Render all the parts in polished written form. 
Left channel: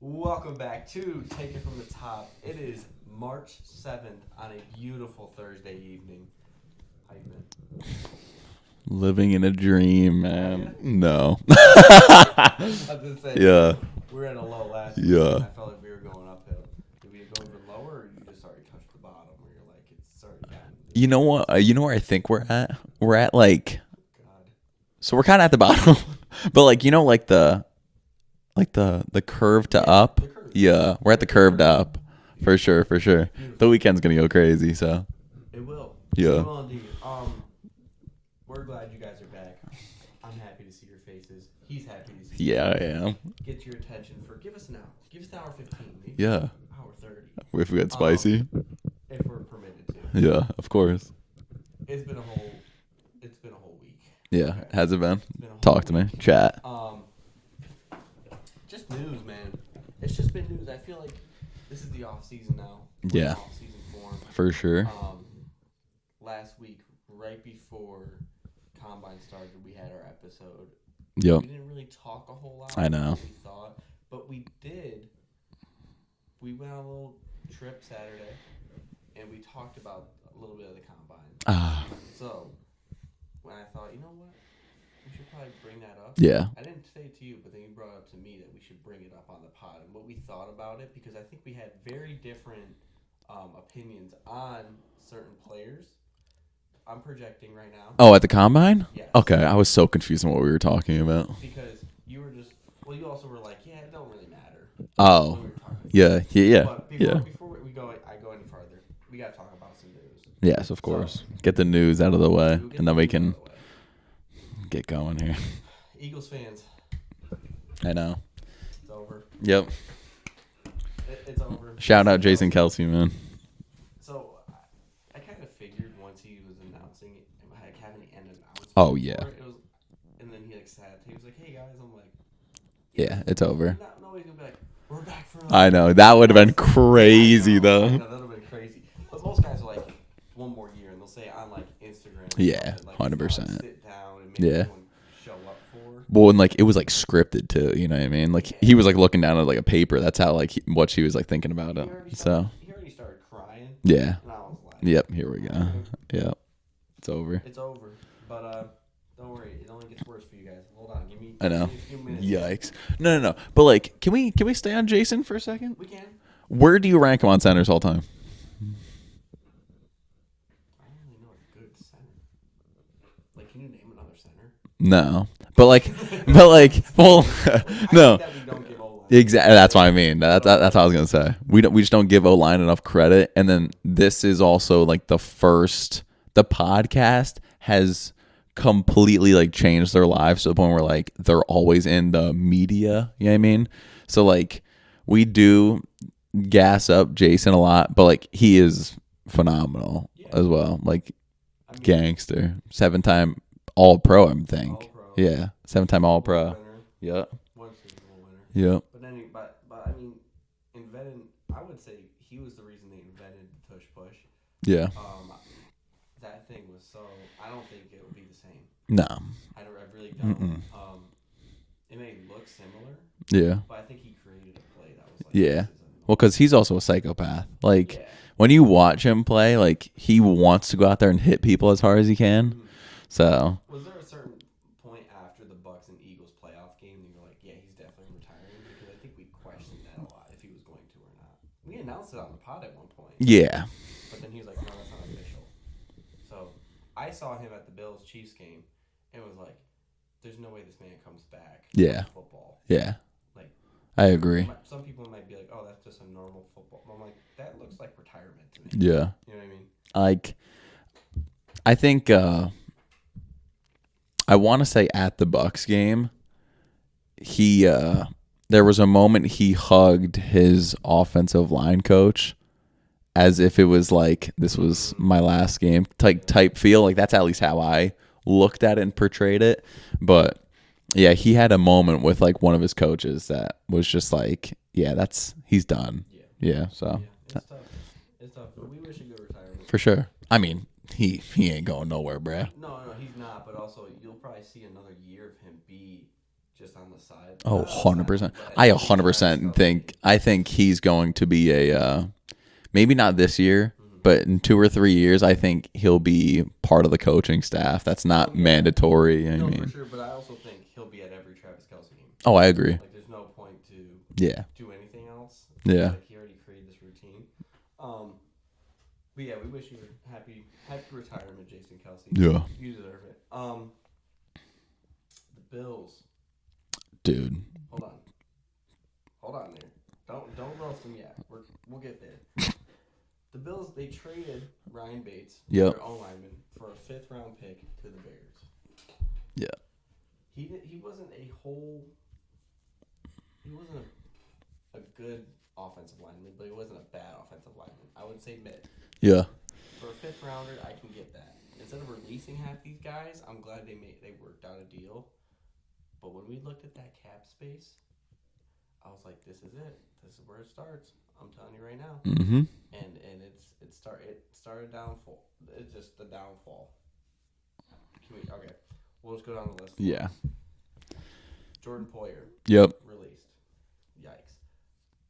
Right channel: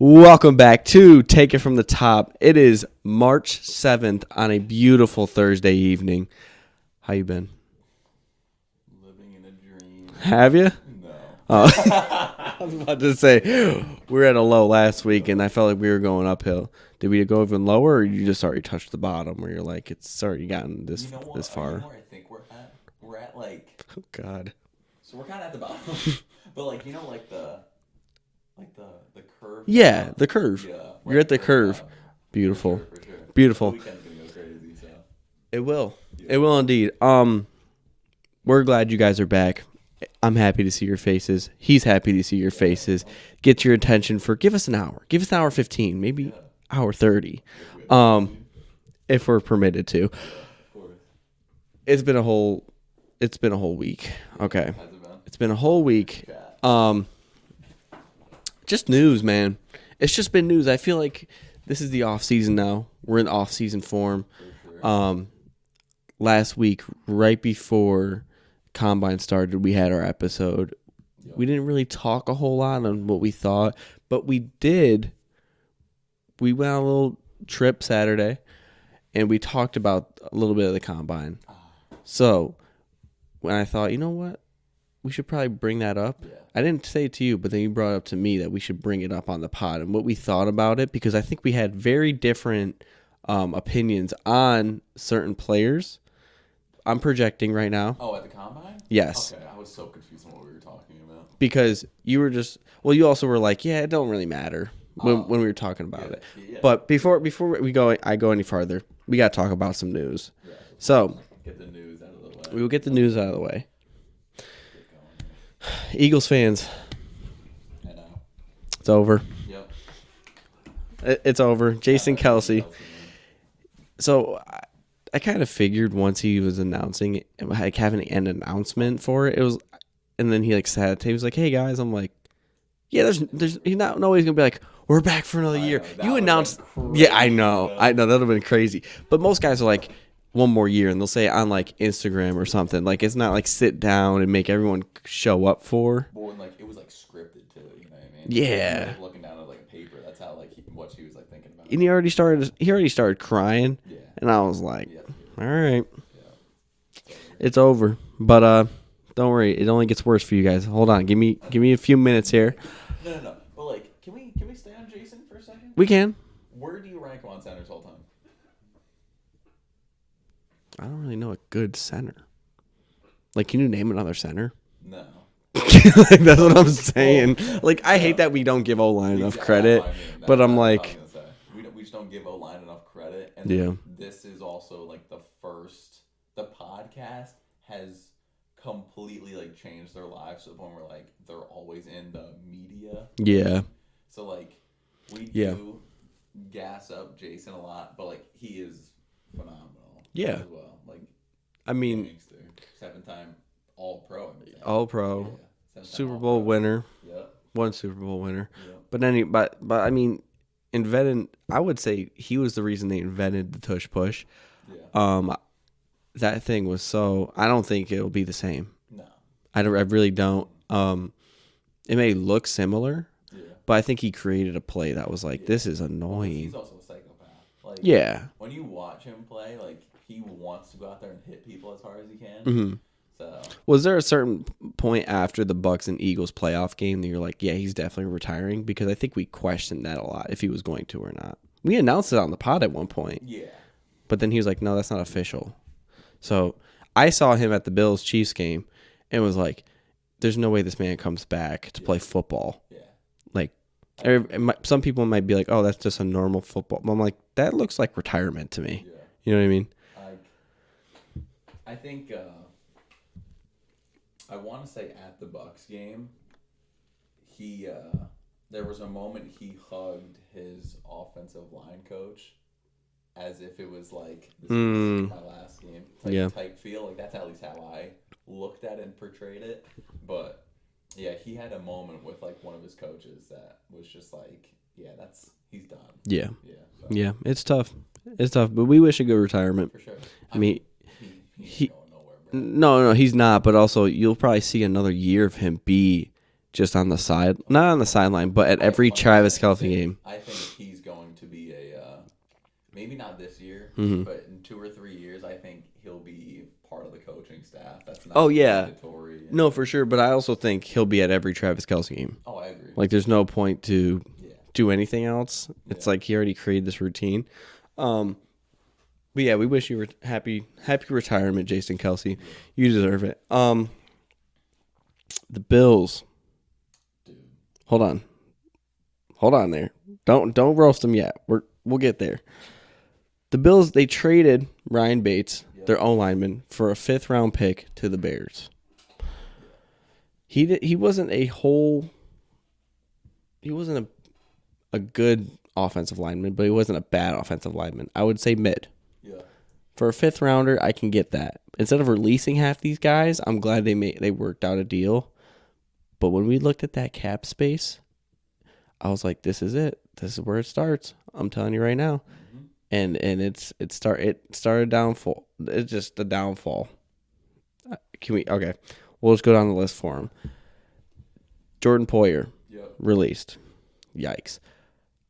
Welcome back to Take It From the Top. It is March 7th on a beautiful Thursday evening. How you been? Living in a dream. Have you? No. I was about to say, Yeah. we were at a low last week, Yeah. and I felt like we were going uphill. Did we go even lower, or you just already touched the bottom where you're like, it's already gotten this? You know what? this far? You know where I think we're at? We're at like, Oh, God. so we're kind of at the bottom, but like, you know, like the curve to up. the curve. Yeah. We're at the curve to up. Beautiful. For sure. Beautiful. The weekend's going to go crazy. So It will. Yeah. It will indeed. We're glad you guys are back. I'm happy to see your faces. He's happy to see your faces. Yeah. Get your attention for give us an hour. Give us an hour 15, maybe hour 30. If we get spicy. If we're permitted to. Yeah, of course. It's been a whole week. Yeah. Okay. Has it been? It's been a whole Talk to me. week. Chat. Just news, man. It's just been news. I feel like this is the off season now. We're in Yeah. off season form. For sure. Last week, right before Combine started, we had our episode. Yep. We didn't really talk a whole lot I of know. what we thought, but we did. We went on a little trip Saturday, and we talked about a little bit of the Combine. So when I thought, you know what? We should probably bring that up. Yeah. I didn't say it to you, but then you brought it up to me that we should bring it up on the pod and what we thought about it, because I think we had very different opinions on certain players. I'm projecting right now. Oh, at the Combine? Yes. Okay. I was so confused on what we were talking about. Because you were just, well, you also were like, yeah, it don't really matter when we were talking about it. Yeah. But before I go any farther, we got to talk about some news. Yes, of So- course. Get the news out of the way. We'll get and the then news we out can of the way. get going here. Eagles fans, I know. it's over. Yep. It's over. Shout out Jason Kelce, man. So I kind of figured once he was announcing it, like having an announcement for it was, and then he like said, he was like, "Hey guys," I'm like, "Yeah, it's over." He's not always gonna be like, "We're back for another I year." know. That You would have been announced- crazy, though. I know that would have been crazy. But most guys are like, one more year, and they'll say it on like Instagram or Yeah, something. Like it's not like 100%. sit down and make Yeah. everyone show up for. Well, and like it was like scripted too. You know what I mean? Like Yeah. he was like looking down at like a paper. That's how like what she was like thinking about. And he already started. So, He already started crying, yeah. and I was like, Yep. Here we go. all right, Yep. It's over. it's over. But don't worry, it only gets worse for you guys. Hold on, give me a few minutes here. Yikes. No. But like, can we stay on Jason for a second? We can. Where do you rank him on centers all time? I don't really know a good center. Like, can you name another center? No. But like, That's what I'm saying. well, Like, I no. hate that we don't give O-line. Exactly. That's what I mean. But That's I'm what I like- was gonna say. We just don't give O-line enough credit. And then Yeah. this is also like the podcast has completely like changed their lives to the point where like they're always in the media. You know what I Yeah. mean? So like we do gas up Jason a lot, but like he is phenomenal as well. Like I mean, gangster. 7-time All-Pro, I think. All-Pro. Yeah. 7-time Super All-Pro. Bowl winner. Yeah. One Super Bowl winner. Yeah. But I mean, I would say he was the reason they invented the tush push. Yeah. That thing was so. I don't think it'll be the same. No. I really don't. It may look similar, Yeah. but I think he created a play that was like, Yeah. this is annoying. Well, because he's also a psychopath. Like, yeah. when you watch him play, like he wants to go out there and hit people as hard as he can. Mm-hmm. So Was there a certain point after the Bucks and Eagles playoff game that you're like, yeah, he's definitely retiring? Because I think we questioned that a lot, if he was going to or not. We announced it on the pod at one point, yeah, but then he was like, no, that's not official. So I saw him at the Bills-Chiefs game and was like, there's no way this man comes back to play football. yeah, Like, I agree. Some people might be like, oh, that's just a normal football. But I'm like, that looks like retirement to me. Yeah, You know what I mean? like I think I want to say at the Bucks game, he there was a moment he hugged his offensive line coach as if it was like this was my last game type feel. Like that's at least how I looked at it and portrayed it. But yeah, he had a moment with like one of his coaches that was just like, yeah, he's done. Yeah. Yeah. So Yeah, it's tough. It's tough, but we wish a good retirement. for sure. I mean, he ain't going nowhere, bro. No, he's not. But also, you'll probably see another year of him be just on the side, not on the 100%. sideline, but at every Travis Kelce game. I think he's going to be a maybe not this year, but in 2 or 3 years, I think he'll be part of the coaching staff. That's not mandatory. No, for sure. But I also think he'll be at every Travis Kelce game. Oh, I agree. Like, there's no point to do anything else. Yeah. It's like he already created this routine. But yeah, we wish you were happy retirement, Jason Kelce. Yeah, you deserve it. The Bills, dude. Hold on there. Don't roast them yet. We'll get there. The Bills, they traded Ryan Bates, their own lineman, for a 5th-round pick to the Bears. Yeah. He wasn't a good offensive lineman, but he wasn't a bad offensive lineman. I would say mid. Yeah. For a 5th-rounder, I can get that. Instead of releasing half these guys, I'm glad they worked out a deal. But when we looked at that cap space, I was like, this is it. This is where it starts. I'm telling you right now. Mm-hmm. And it started downfall. It's just the downfall. Okay. We'll just go down the list for him. Jordan Poyer. Yep. Released. Yikes.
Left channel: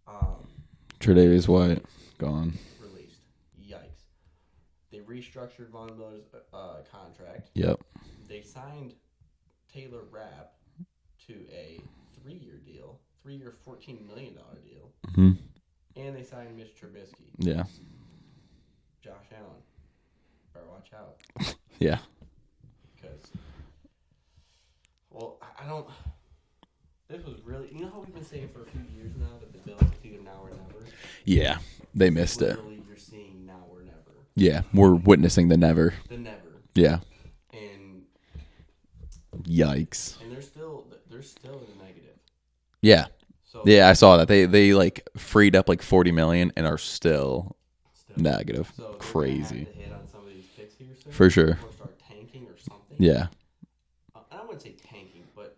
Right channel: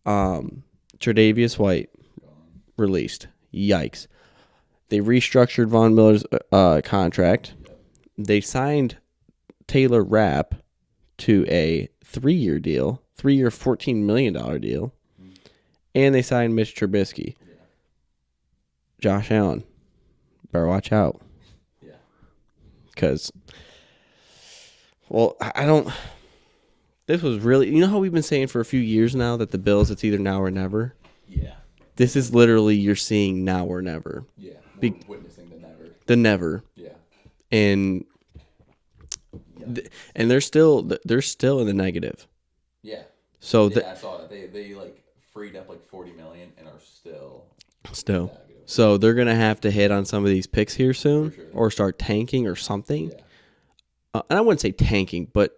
Tre'Davious White. Gone. Released. Yikes. They restructured Von Miller's contract. Yep. They signed Taylor Rapp to a 3-year deal. 3-year, $14 million deal. Mm-hmm. And they signed Mitch Trubisky. Yeah. Josh Allen. Better watch out. Yeah. Because, I don't... This was really... You know how we've been saying for a few years now that the Bills, it's either now or never? Yeah. This is literally you're seeing now or never. Yeah. We're witnessing the never. The never. Yeah. And... Yikes. And they're still in the negative. Yeah. So I saw that they like freed up like $40 million and are still negative. So they're gonna have to hit on some of these picks here soon, for sure, or start tanking or something. Yeah. And I wouldn't say tanking, but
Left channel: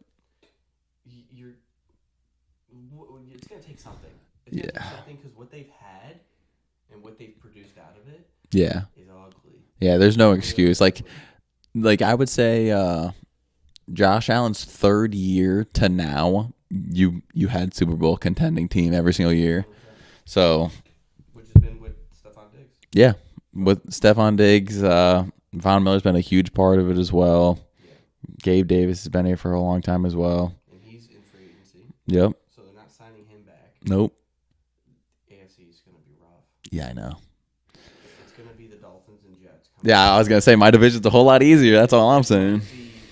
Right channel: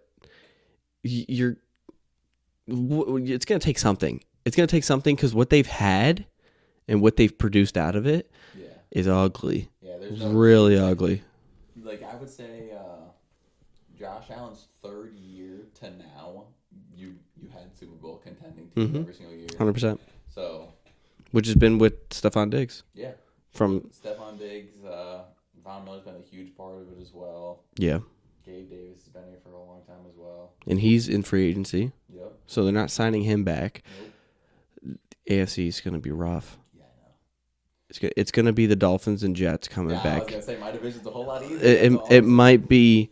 it's gonna take something. It's gonna take something because what they've had and what they've produced out of it, is ugly. Yeah, there's no really excuse. Ugly. Like I would say, Josh Allen's 3rd year to now. You had Super Bowl contending team every single year. 100%. So, which has been with Stephon Diggs. Yeah. With Stephon Diggs, Von Miller's been a huge part of it as well. Yeah. Gabe Davis has been here for a long time as well. And he's in free agency. Yep. So they're not signing him back. Nope. AFC is going to be rough. Yeah, I know. It's going to be the Dolphins and Jets coming back. I was going to say, my division's a whole lot easier. That's all I'm saying. It might be...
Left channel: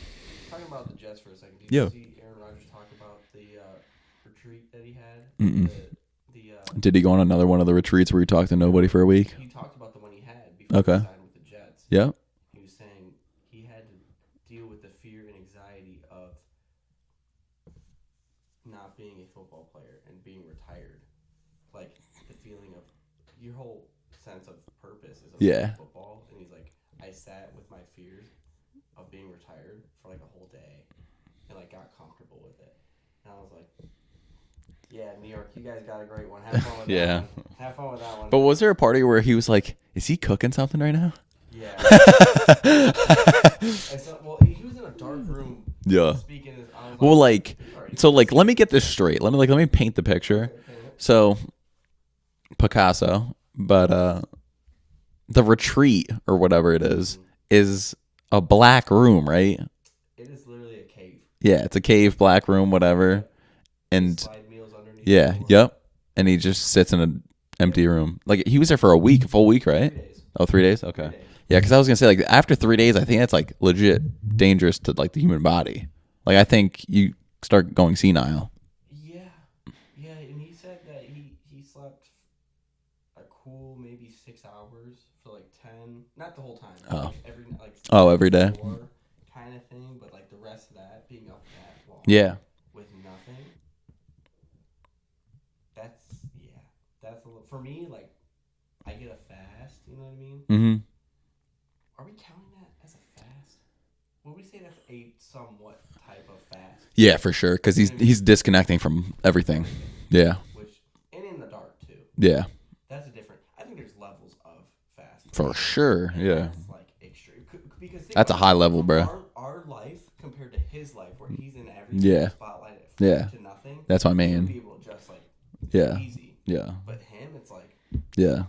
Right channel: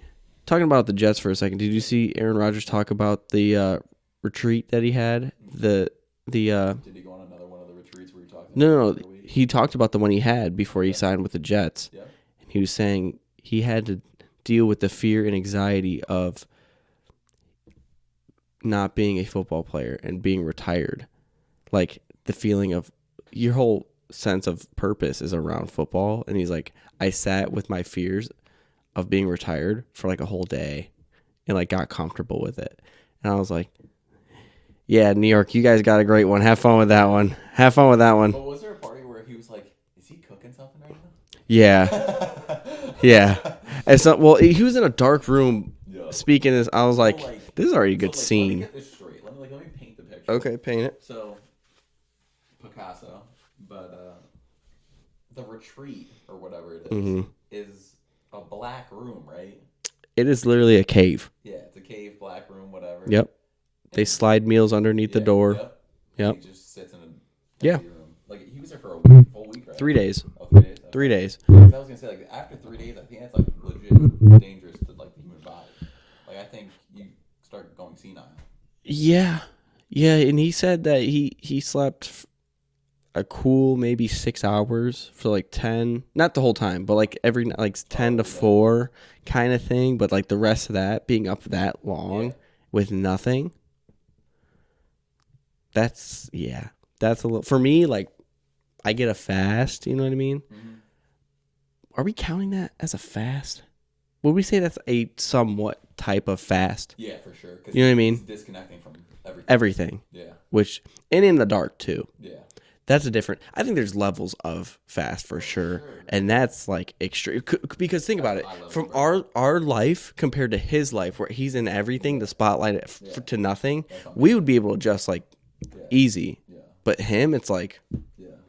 Talking about the Jets for a second, did you see Aaron Rodgers talk about the retreat that he had? Did he go on another one of the retreats where he talked to nobody for a week? He talked about the one he had before he signed with the Jets. Yeah. He was saying he had to deal with the fear and anxiety of not being a football player and being retired. Like the feeling of your whole sense of purpose is around football. And he's like, I sat with my fears of being retired for like a whole day and like got comfortable with it. And I was like, yeah, New York, you guys got a great one. Have fun with that one. Have fun with that one. But was there a party where he was like, is he cooking something right now? Yeah. Yeah. And so, he was in a dark room speaking this. I was like, this is already good. So like, scene. let me get this straight. Let me paint the picture. Okay, paint it. So Picasso, but the retreat or whatever it is a black room, right? It is literally a cave. Yeah, it's a cave, black room, whatever. Yep. And they slide meals underneath the door. Yep. And he just sits in an empty room. Like he was there for a week, full week, right? 3 days. Oh, 3 days? Okay. 3 days. Yeah, because I was going to say, like, after 3 days, I think that's, like, legit dangerous to, like, the human body. Like, I think you start going senile. Yeah. Yeah, and he said that he slept a cool maybe 6 hours for, like, 10. Not the whole time, but, like, every 10 every to day. 4 kind of thing. But, like, the rest of that, being up that long with nothing, that's a little... For me, like, I get a fast, you know what I mean? Mm-hmm. Are we counting that as a fast? Would we say that's a somewhat type of fast? Yeah, for sure. Because you know what I mean? He's disconnecting from everything. Everything. Yeah. And in the dark, too. Yeah. That's a different. I think there's levels of fast for sure. And Yeah. that's like extreme. Because think That's about a high it. level, From bro. our life compared to his life, where he's in everything, Yeah. the spotlight Yeah. to nothing. That's what I We mean. would be able to just like Yeah. easy. Yeah. But him, it's like Yeah.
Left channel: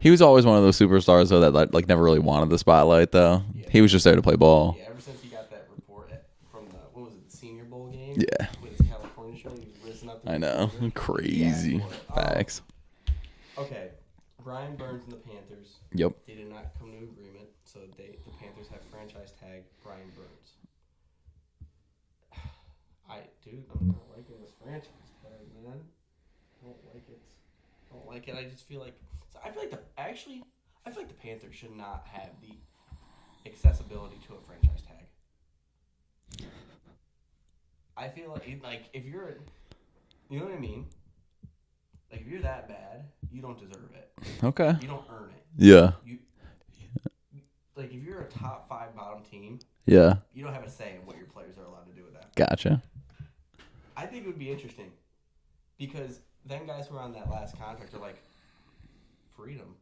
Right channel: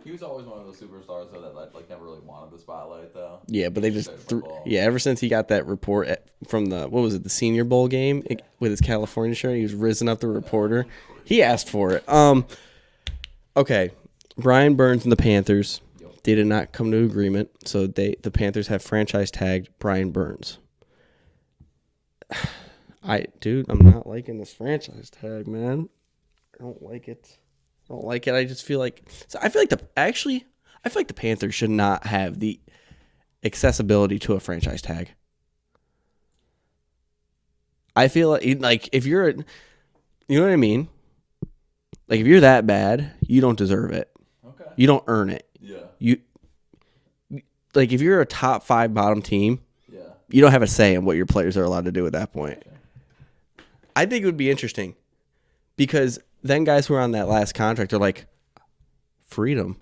He was always one of those superstars though that like never really wanted the spotlight though. yeah. He was just there to play ball. Yeah. Ever since he got that report from the the Senior Bowl game with his California shirt, he was risen up the reporter. Crazy. He asked for it. Facts. Okay. Brian Burns and the Panthers. Yep. They did not come to agreement, so the Panthers have franchise tagged Brian Burns. I'm not liking this franchise tag, man. I don't like it. I just feel like I feel like the Panthers should not have the accessibility to a franchise tag. I feel like if you're, you know what I mean? Like if you're that bad, you don't deserve it. Okay. You don't earn it. Yeah. Like if you're a top 5 bottom team, Yeah. you don't have a say in what your players are allowed to do at that point. Gotcha. I think it would be interesting because then guys who are on that last contract are like, freedom.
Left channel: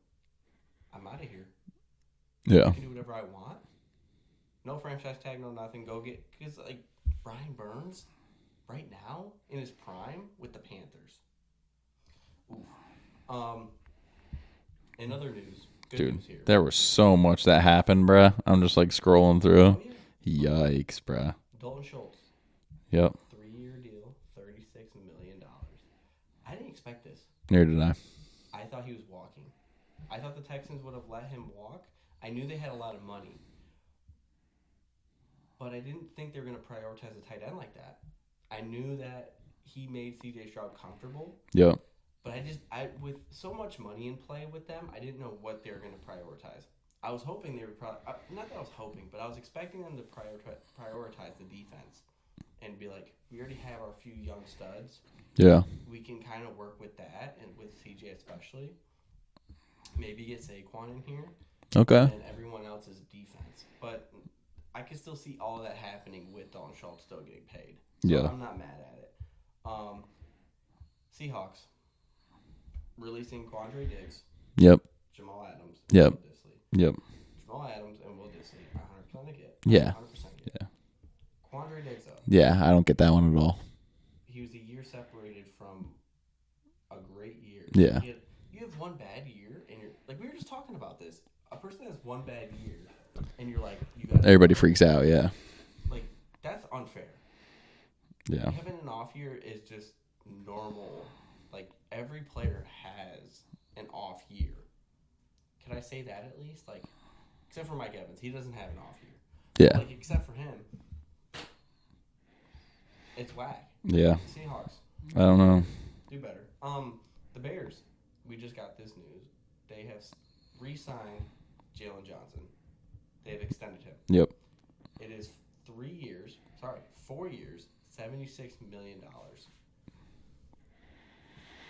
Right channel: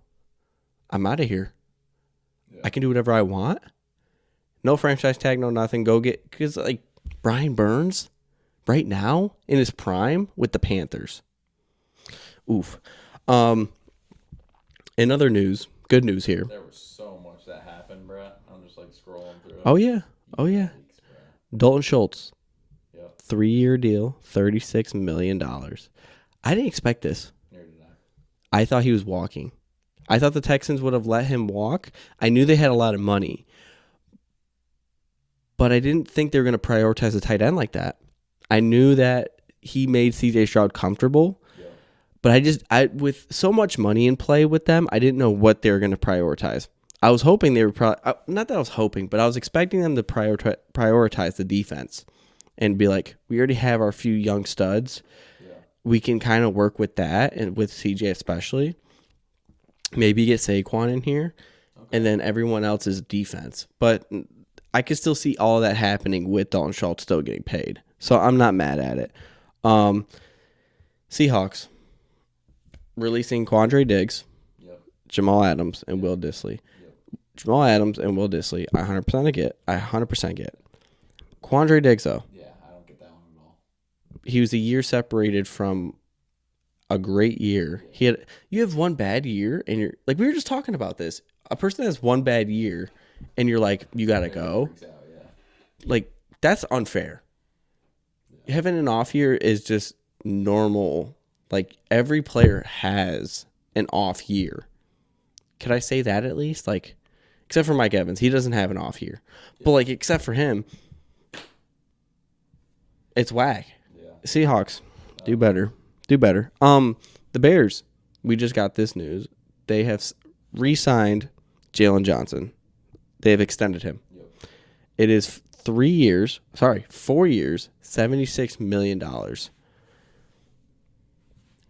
I'm out of here. Yeah. I can do whatever I want. No franchise tag, no nothing. Go get, because like Brian Burns right now in his prime with the Panthers. Oof. In other news, good news here. There was so much that happened, bruh. I'm just like scrolling through. Oh yeah. Yikes, bruh. Dalton Schultz, Yep. 3-year deal, $36 million. I didn't expect this. Neither did I. I thought he was walking. I thought the Texans would have let him walk. I knew they had a lot of money. But I didn't think they were going to prioritize a tight end like that. I knew that he made C.J. Stroud comfortable. Yep. But I with so much money in play with them, I didn't know what they were going to prioritize. I was hoping they were not that I was hoping, but I was expecting them to prioritize the defense and be like, we already have our few young studs. Yeah. We can kind of work with that, and with CJ especially. Maybe get Saquon in here. Okay. And then everyone else is defense. But I could still see all of that happening with Dalton Schultz still getting paid. So I'm not mad at it. Seahawks releasing Quandre Diggs, Yep. Jamal Adams, and Will Dissly. Yep. Jamal Adams and Will Dissly, I 100% get. I 100% get. Quandre Diggs, though. Yeah, I don't get that one at all. He was a year separated from a great year. Yeah. You have one bad year, and you're like, we were just talking about this. A person that has one bad year, and you're like, you got to Everybody freaks out, yeah. Like, that's unfair. Yeah. Having an off year is just normal. Like, every player has an off year. Could I say that at least? Like, except for Mike Evans. He doesn't have an off year. Yeah. But, like, except for him, it's whack. Yeah. Seahawks, I do don't better. know. Do better. The Bears, we just got this news. They have re-signed Jalen Johnson. They have extended him. Yep. It is 4 years, $76 million.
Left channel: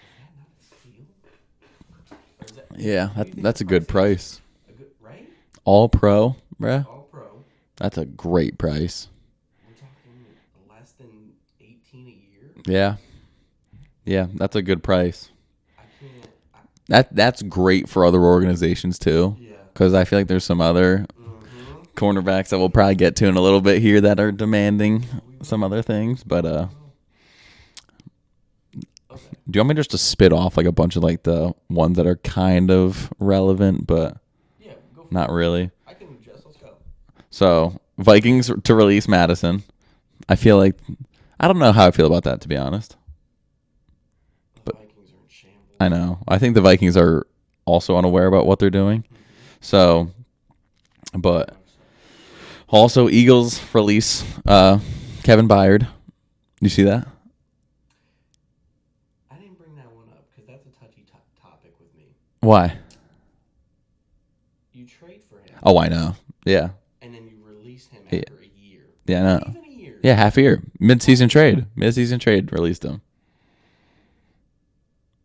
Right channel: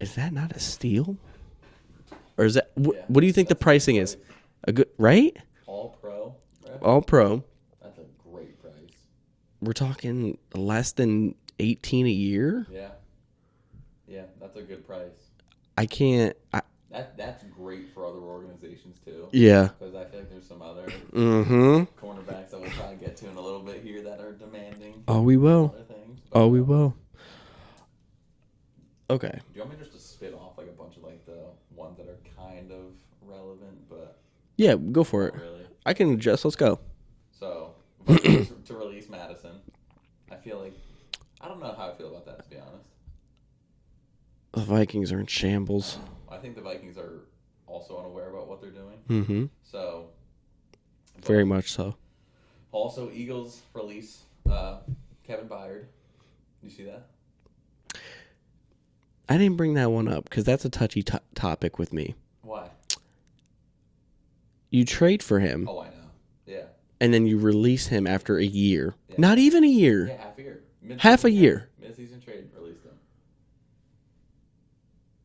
Is that not a steal? Or is that? Yeah. What do you think that's the pricing a good price. is? A good, right? All pro, bruh. All pro. That's a great price. We're talking less than 18 a year. Yeah. Yeah, that's a good price. I can't. That's great for other organizations too. Yeah. Because I feel like there's some other cornerbacks that we'll probably get to in a little bit here that are demanding we will. some other things. But we will. Okay. do you want me just to spit off like a bunch of like the ones that are kind of relevant, but Yeah, go for not it. really? I can adjust. Let's go. So Vikings to release Madison. I feel like I don't know how I feel about that, to be honest. The Vikings are in shambles. I know. I think the Vikings are also unaware about what they're doing. Mm-hmm. So, but Very much so. also Eagles release Kevin Byard. You see that? I didn't bring that one up because that's a touchy topic with me. Why? You trade for him. Oh, I know. Yeah. And then you release him after a year. Yeah, Not no. even a year. Yeah, half a year. Mid-season Half a trade. year. Mid-season trade released him.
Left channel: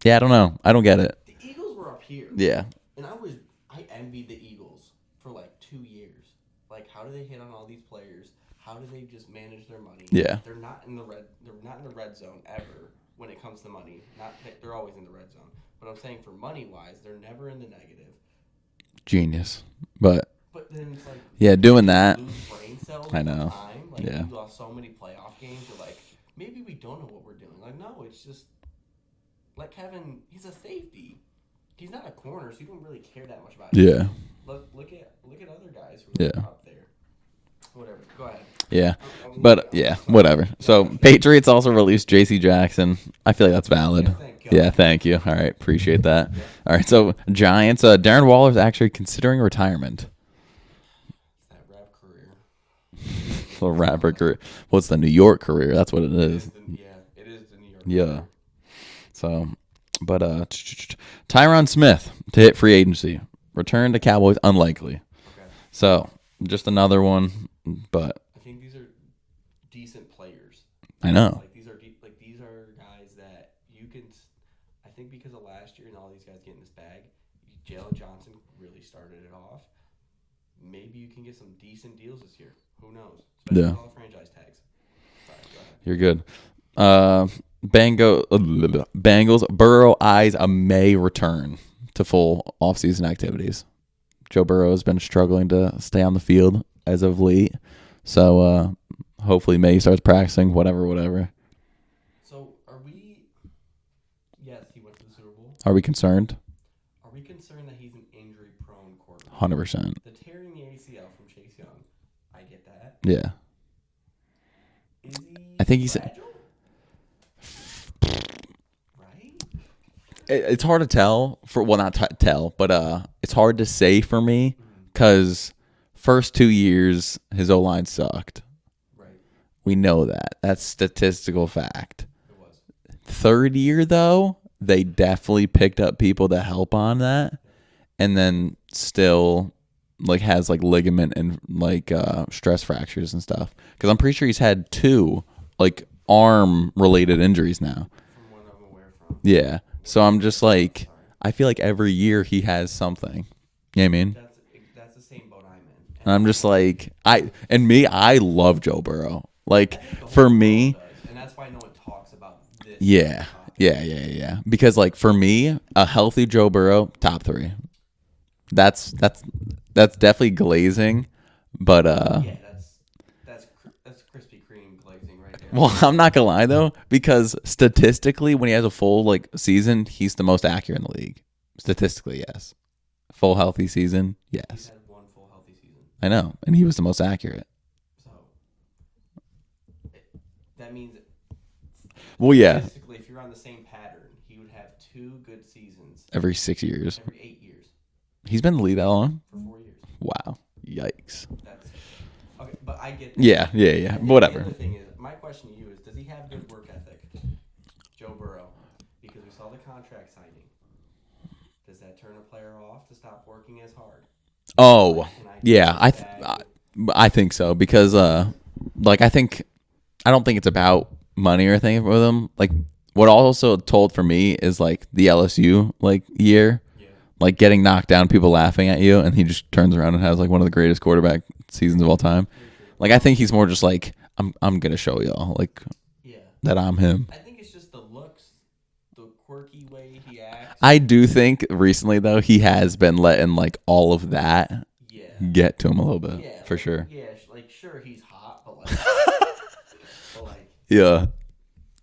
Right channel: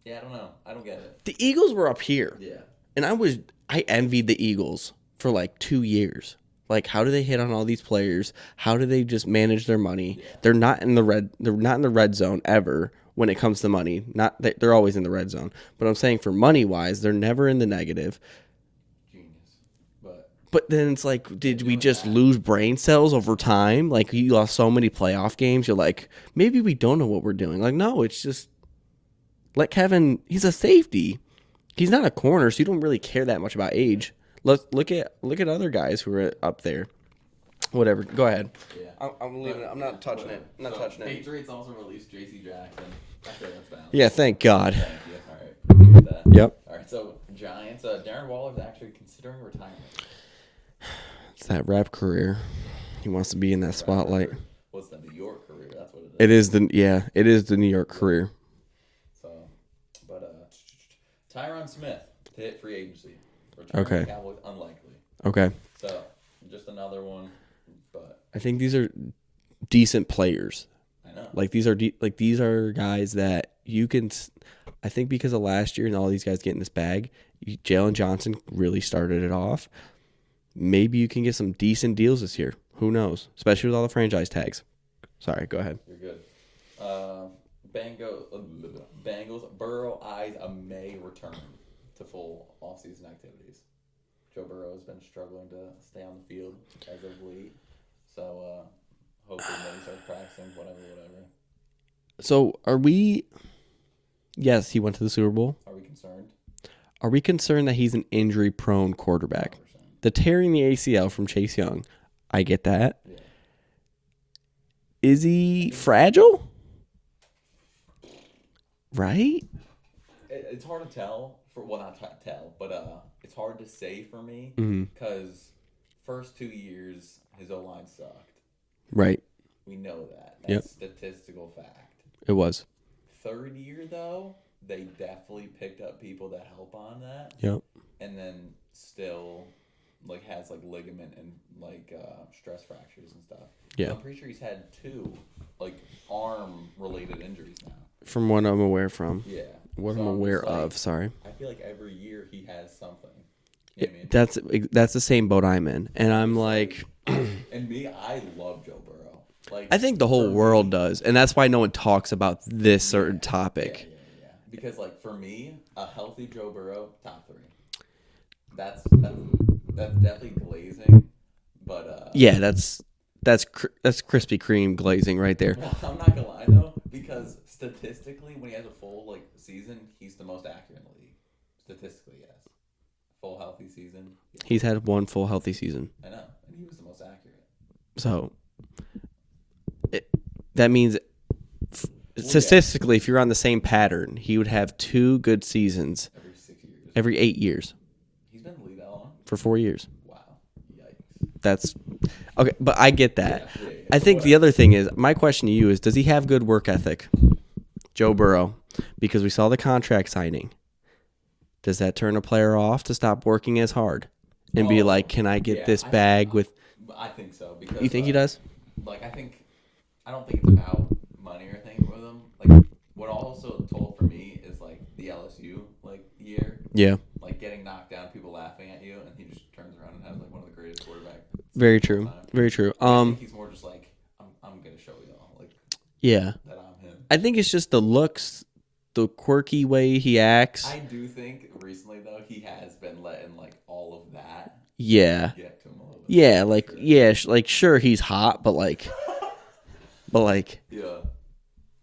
Yeah, I don't know. I don't get it. The Eagles were up here. Yeah. And I envied the Eagles for like 2 years. Like, how do they hit on all these players? How do they just manage their money? Yeah. They're not in the red zone ever. when it comes to money. Not that they're always in the red zone, but I'm saying for money wise, they're never in the negative. Genius. But then it's like, yeah, did we doing just that, lose brain cells over time? Like, Yeah. you lost so many playoff games. You're like, maybe we don't know what we're doing. Like, no, it's just let Kevin. He's a safety. He's not a corner, so you don't really care that much about age. Yeah. Let's look at other guys who are up there. Whatever. Go ahead. Yeah. I'm Whatever. So Patriots also released J.C. Jackson. I feel like that's valid. Yeah, thank God. Yeah, thank you. All right, appreciate that. Yep. All right, so Giants. Darren Waller's actually considering retirement. It's that rap career. He wants to be in that Rapper spotlight. career. Well, it's the New York career. That's what it is. It is the New York career. So, but Tyron Smith to hit free agency. Return to Cowboys, unlikely. Okay. So, just another one, but I think these are decent players. I know. Like, these are guys that you can. I think because of last year and all these guys getting this bag, Jalen Johnson really started it off. Maybe you can get some decent deals this year. Who knows? Especially with all the franchise tags. Sorry, go ahead. You're good. Bengals, Burrow eyes a May return to full offseason activities. Joe Burrow has been struggling to stay on the field as of late. So hopefully May starts practicing, whatever. So are we... Yes, he went to the Super Bowl. Are we concerned? Are we concerned that he's an injury-prone quarterback? 100%. The tearing the ACL from Chase Young, I get that. Yeah. Is he fragile? Right? It's hard to tell but it's hard to say for me because first 2 years his O-line sucked. Right. We know that. That's statistical fact. It was. Third year though, they definitely picked up people to help on that. Yep. And then still has ligament and stress fractures and stuff. Because I'm pretty sure he's had 2 arm related injuries now. From what I'm aware from. Yeah. So I'm just sorry. I feel like every year he has something. You know what I mean? That's the same boat I'm in. And I'm just I love Joe Burrow. I think the whole world does. And that's why no one talks about this certain topic. Yeah. Because for me, a healthy Joe Burrow, top 3. That's definitely glazing, but that's Krispy Kreme glazing right there. Well, I'm not gonna lie though, because statistically, when he has a full season, he's the most accurate in the league. Statistically, yes. Full healthy season, yes. He's had one full healthy season. I know, and he was the most accurate. So that means statistically, if you're on the same pattern, he would have 2 good seasons every 6 years, every 8 years. He's been in the league that long? For 4 years. Wow. Yikes. That's okay, but I get that. Yeah. I think the other thing is, my question to you is, does he have good work ethic? Joe Burrow. Because we saw the contract signing. Does that turn a player off to stop working as hard? And be like, can I get this bag with... I think so, because you think he does? I don't think it's about money or anything with him. What also told for me is the LSU year. Yeah. Getting knocked down, people laughing at you, and he just turns around and has one of the greatest quarterback seasons of all time. Very true. I think he's more just I'm gonna show y'all that I'm him. I think it's just the looks, the quirky way he acts. I do think recently though he has been letting all of that get to him a little bit. Yeah, sure. Sure he's hot, but yeah,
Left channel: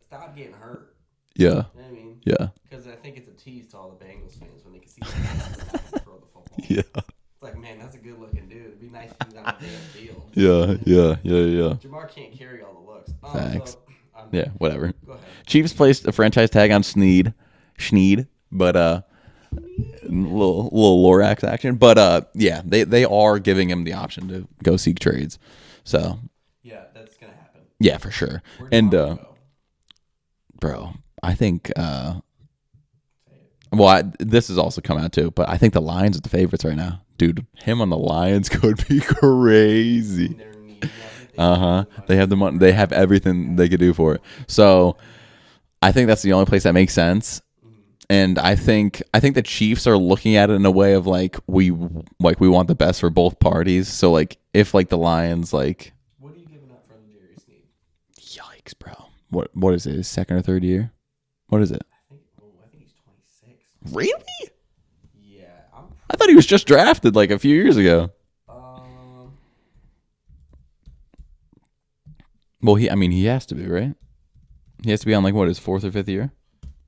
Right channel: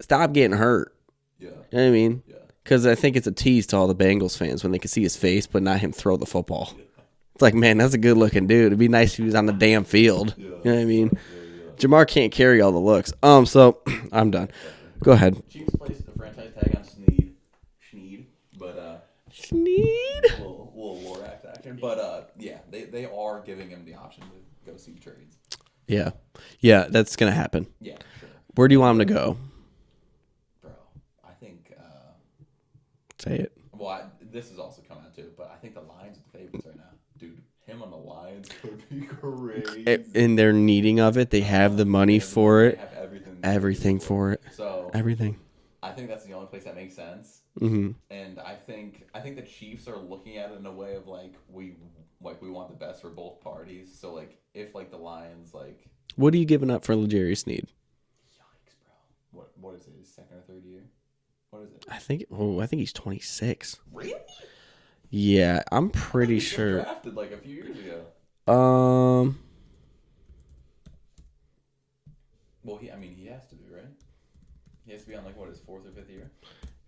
stop getting hurt. Yeah. You know what I mean? Yeah. Because I think it's a tease to all the Bengals fans when they can see his face, but not him throw the football. Yeah. It's like, man, that's a good looking dude. It'd be nice if he was on the damn field. Yeah. You know what I mean? Yeah. Jamar can't carry all the looks. So I'm done. Yeah, whatever. Go ahead. Chiefs placed a franchise tag on Schneed, but Schneed. little Lorax action. But they are giving him the option to go seek trades. So yeah, that's gonna happen. Yeah, for sure. Where do you want him to go? Bro, I think say it. Well, this has also come out too, but I think the Lions are the favorites right now. Dude, him on the Lions could be crazy. In their needing of it, they have the money. They have They have everything they could do for it. So everything. I think that's the only place that makes sense. Mm-hmm. And I think the Chiefs are looking at it in a way of we want the best for both parties. So if the Lions what are you giving up for L'Jarius Sneed? Yikes, bro. What is it? His second or third year? What is it? I think he's 26. Really? Yeah, I'm pretty I thought he was just sure. drafted like a few years ago. Well, he has to be, right? He has to be on like what, his 4th or 5th year?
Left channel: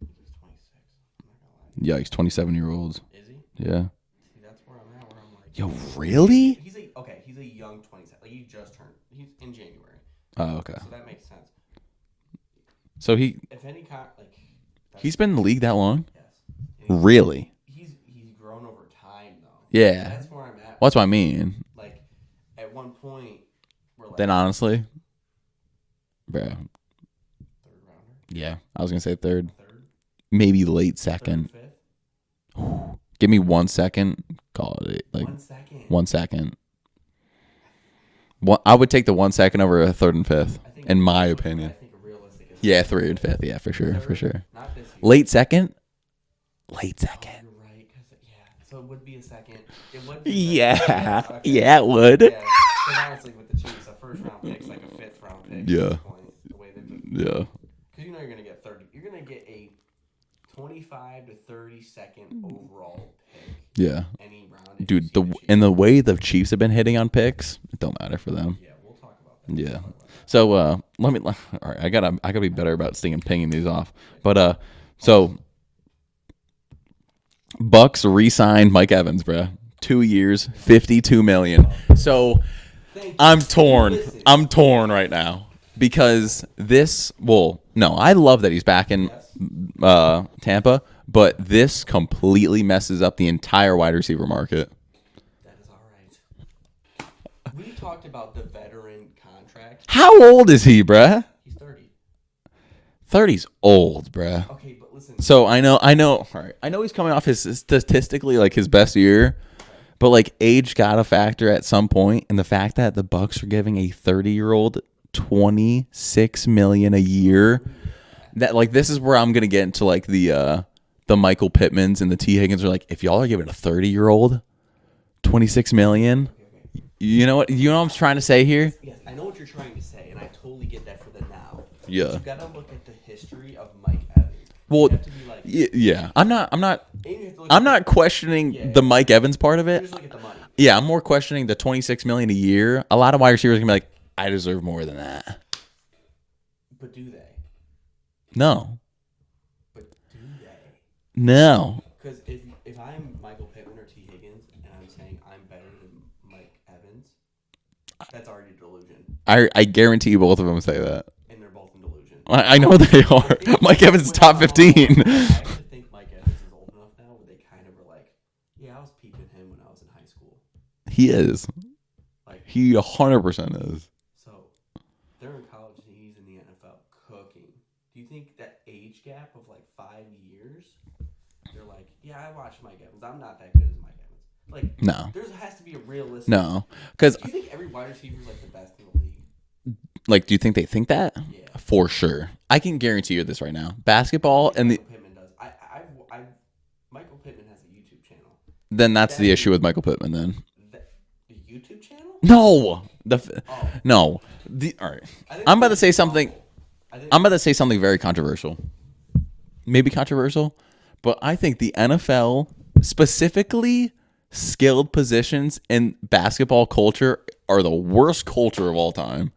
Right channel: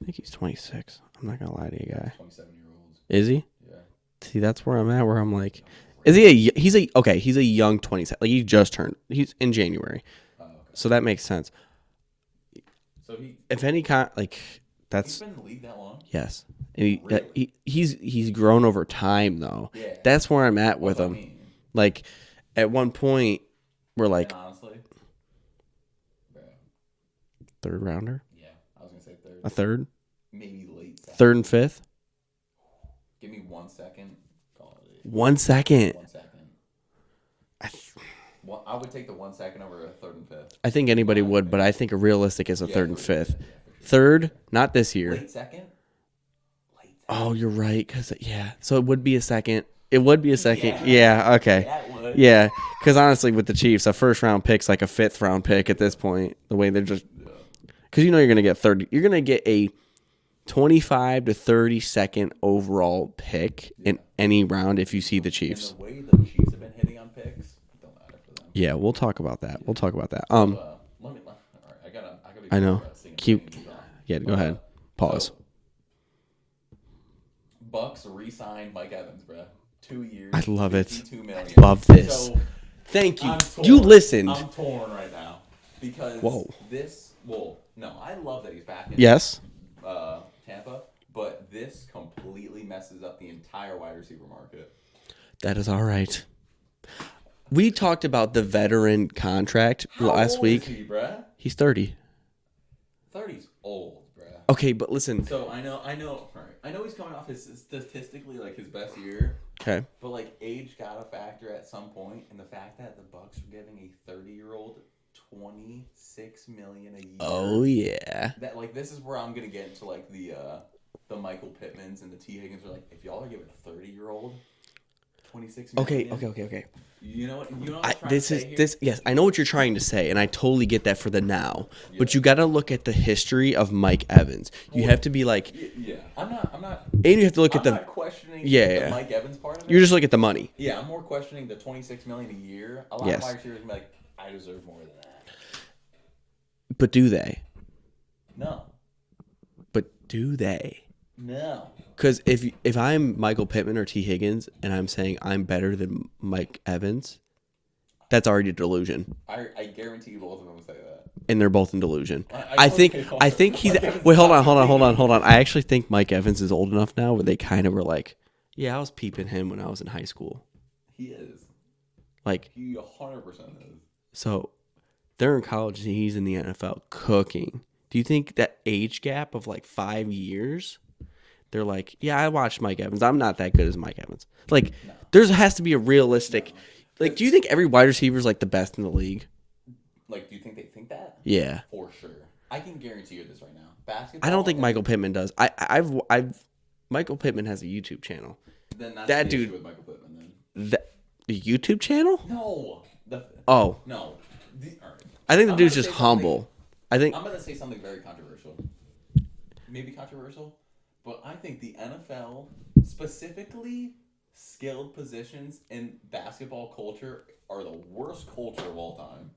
I think he's 26. I'm not gonna lie to you. Yeah, he's 27-year-olds. Is he? Yeah. See, that's where I'm at. Where I'm like, Yo, is really? he? He's a young 27. Like he just turned. He's in January. Oh, okay. So that makes sense. So If any kind, like that's he's been in the league that long? yes. And Really? He's grown over time though. Yeah. That's where I'm at. Well, that's with what I him. mean. Like at one point, we're like And honestly, bro. 3rd rounder, Yeah. I was going to say 3rd. a 3rd, Maybe late 2nd. 3rd and 5th. Give me 1 second. Call it. 1 second. 1 second. I would take the 1 second over a 3rd and 5th. I think in anybody my would, but opinion. I think a realistic is a Yeah, 3rd and 5th. Yeah, for sure. 3rd, for sure. not this year. Late second? Late second. Oh, you're right. Cause so it would be a second. It would be a second. Yeah. Yeah. Okay. Yeah, it would. Yeah. Because honestly, with the Chiefs, a 1st round pick's like a 5th round pick at Yeah. this point. The way they're just Yeah. because you're gonna get 30. You're gonna get a 25 to 32nd overall pick in any round if you see the Chiefs. And the way the Chiefs have been hitting on picks, it don't matter for them. Yeah, we'll talk about that. Yeah. We'll talk about that. So all right, I gotta be better know. about pinging these off. Yeah, go but ahead. Pause. so Bucks re-signed Mike Evans, bro. 2 years, I love $52 million. Love this. So thank you. I'm torn. Dude, listen. I'm torn right now because no, I love that he's back in Tampa, but this completely messes up the entire wide receiver market. That is all right. We talked about the veteran contract. How old is he, bruh? He's 30. 30's old, bruh. Okay, but listen. So I know. All right, I know he's coming off his statistically like his best year. Okay. But like age got a factor at some point, and the fact that the Bucks are giving a 30-year-old $26 million a year. Oh yeah. That like this is where I'm gonna get into like the Michael Pittmans and the T Higgins are like, if y'all are giving a 30-year-old $26 million. Okay. You know what I'm trying to say here? Yes, I know what you're trying to say, and I totally get that for the now. Yeah. But you got to look at the history of Mike Evans. You have to be like, Yeah. I'm not and you have to look. I'm not questioning the Mike Evans part of it. You just look at the money. Yeah, I'm more questioning the $26 million a year. A lot of wide receivers are gonna be like, I deserve more than that. But do they? No. But do they? No. Because if I'm Michael Pittman or T. Higgins and I'm saying I'm better than Mike Evans, that's already a delusion. I guarantee you both of them say that. And they're both in delusion. I know they are. I think Mike Evans is top 15. Hold on. I actually think Mike Evans is old enough now where they kind of were like, yeah, I was peeping him when I was in high school. He is. Like He 100% is. So they're in college and he's in the NFL cooking. Do you think that age gap of like 5 years, they're like, yeah, I watched Mike Evans. I'm not that good as Mike Evans. Like, No. There has to be a realistic. No. Because do you think every wide receiver is like the best in the league? Like, do you think they think that? Yeah. For sure. I can guarantee you this right now. I Basketball. don't think Michael Pittman does. I've Michael Pittman has a YouTube channel. Then that's That the dude- issue with Michael Pittman then. The YouTube channel? No. Oh. No. All right. I think I'm the about to dude's say just something. humble. I'm I'm about to say something very controversial. Maybe controversial, but I think the NFL, specifically skilled positions in basketball culture, are the worst culture of all time.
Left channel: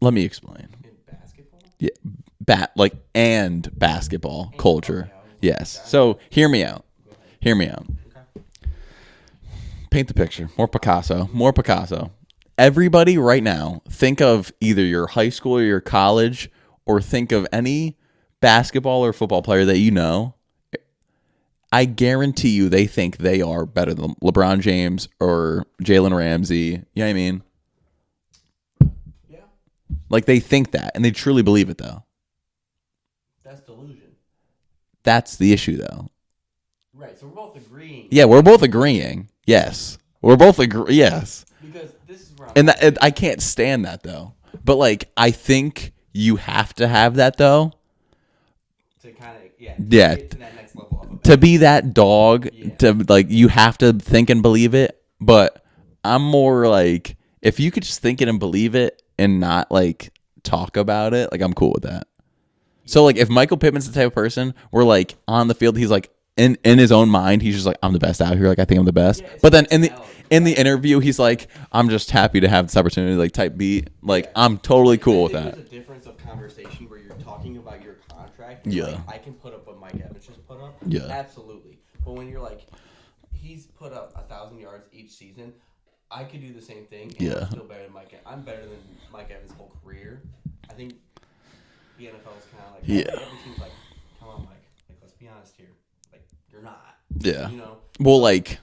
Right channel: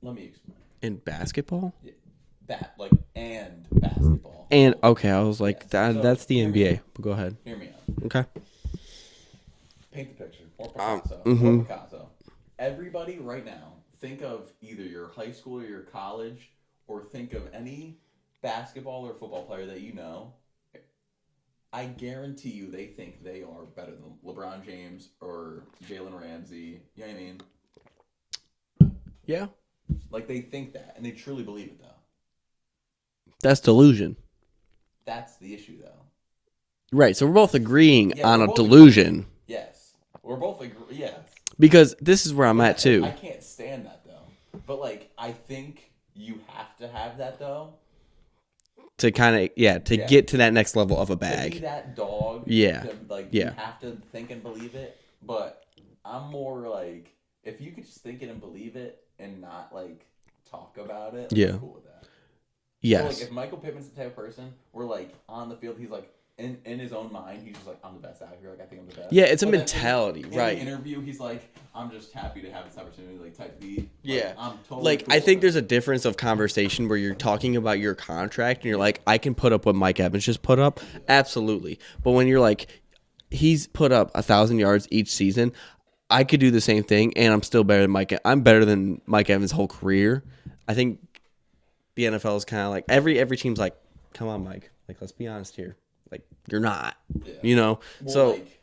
Let me explain. in basketball. Yeah, and basketball And, culture. okay, I was like, yes. so So hear me NBA. out. Go ahead. Hear me out. Okay. Paint the picture. More Picasso. More Picasso. Everybody right now, think of either your high school or your college, or think of any basketball or football player that you know. I guarantee you they think they are better than LeBron James or Jalen Ramsey. You know what I mean? Yeah. Like they think that, and they truly believe it, though. That's delusion. That's the issue, though. Right. So we're both agreeing. Yeah, on we're both delusion. agreeing. Yes. We're both agreeing. Yes. Because this is where I'm And at, too. I can't stand that, though. But, like, I think you have to have that, though. to kind of, get to that next level of a bag. To be that dog. Yeah. To, like, you have to think and believe it. But I'm more like, if you could just think it and believe it and not, like, talk about it, like, I'm cool with that. Yes. So like if Michael Pittman's the type of person where like on the field he's like in his own mind he's just like I'm the best out here, like I think I'm the best. Yeah, it's but a then mentality, in the interview he's like I'm just happy to have this opportunity, like type beat. Like I'm totally cool with that. I think there's a difference of conversation where you're talking about your contract and you're like, I can put up what Mike Evans just put up. Yeah. Absolutely. But when you're like, he's put up 1,000 yards each season, I could do the same thing and I'm still better than Mike. I'm better than Mike Evans' whole career. I think the NFL is kind of like every team's like, come on, Mike. Like, let's be honest here. Like, you're not. Yeah. You know? Well, So, like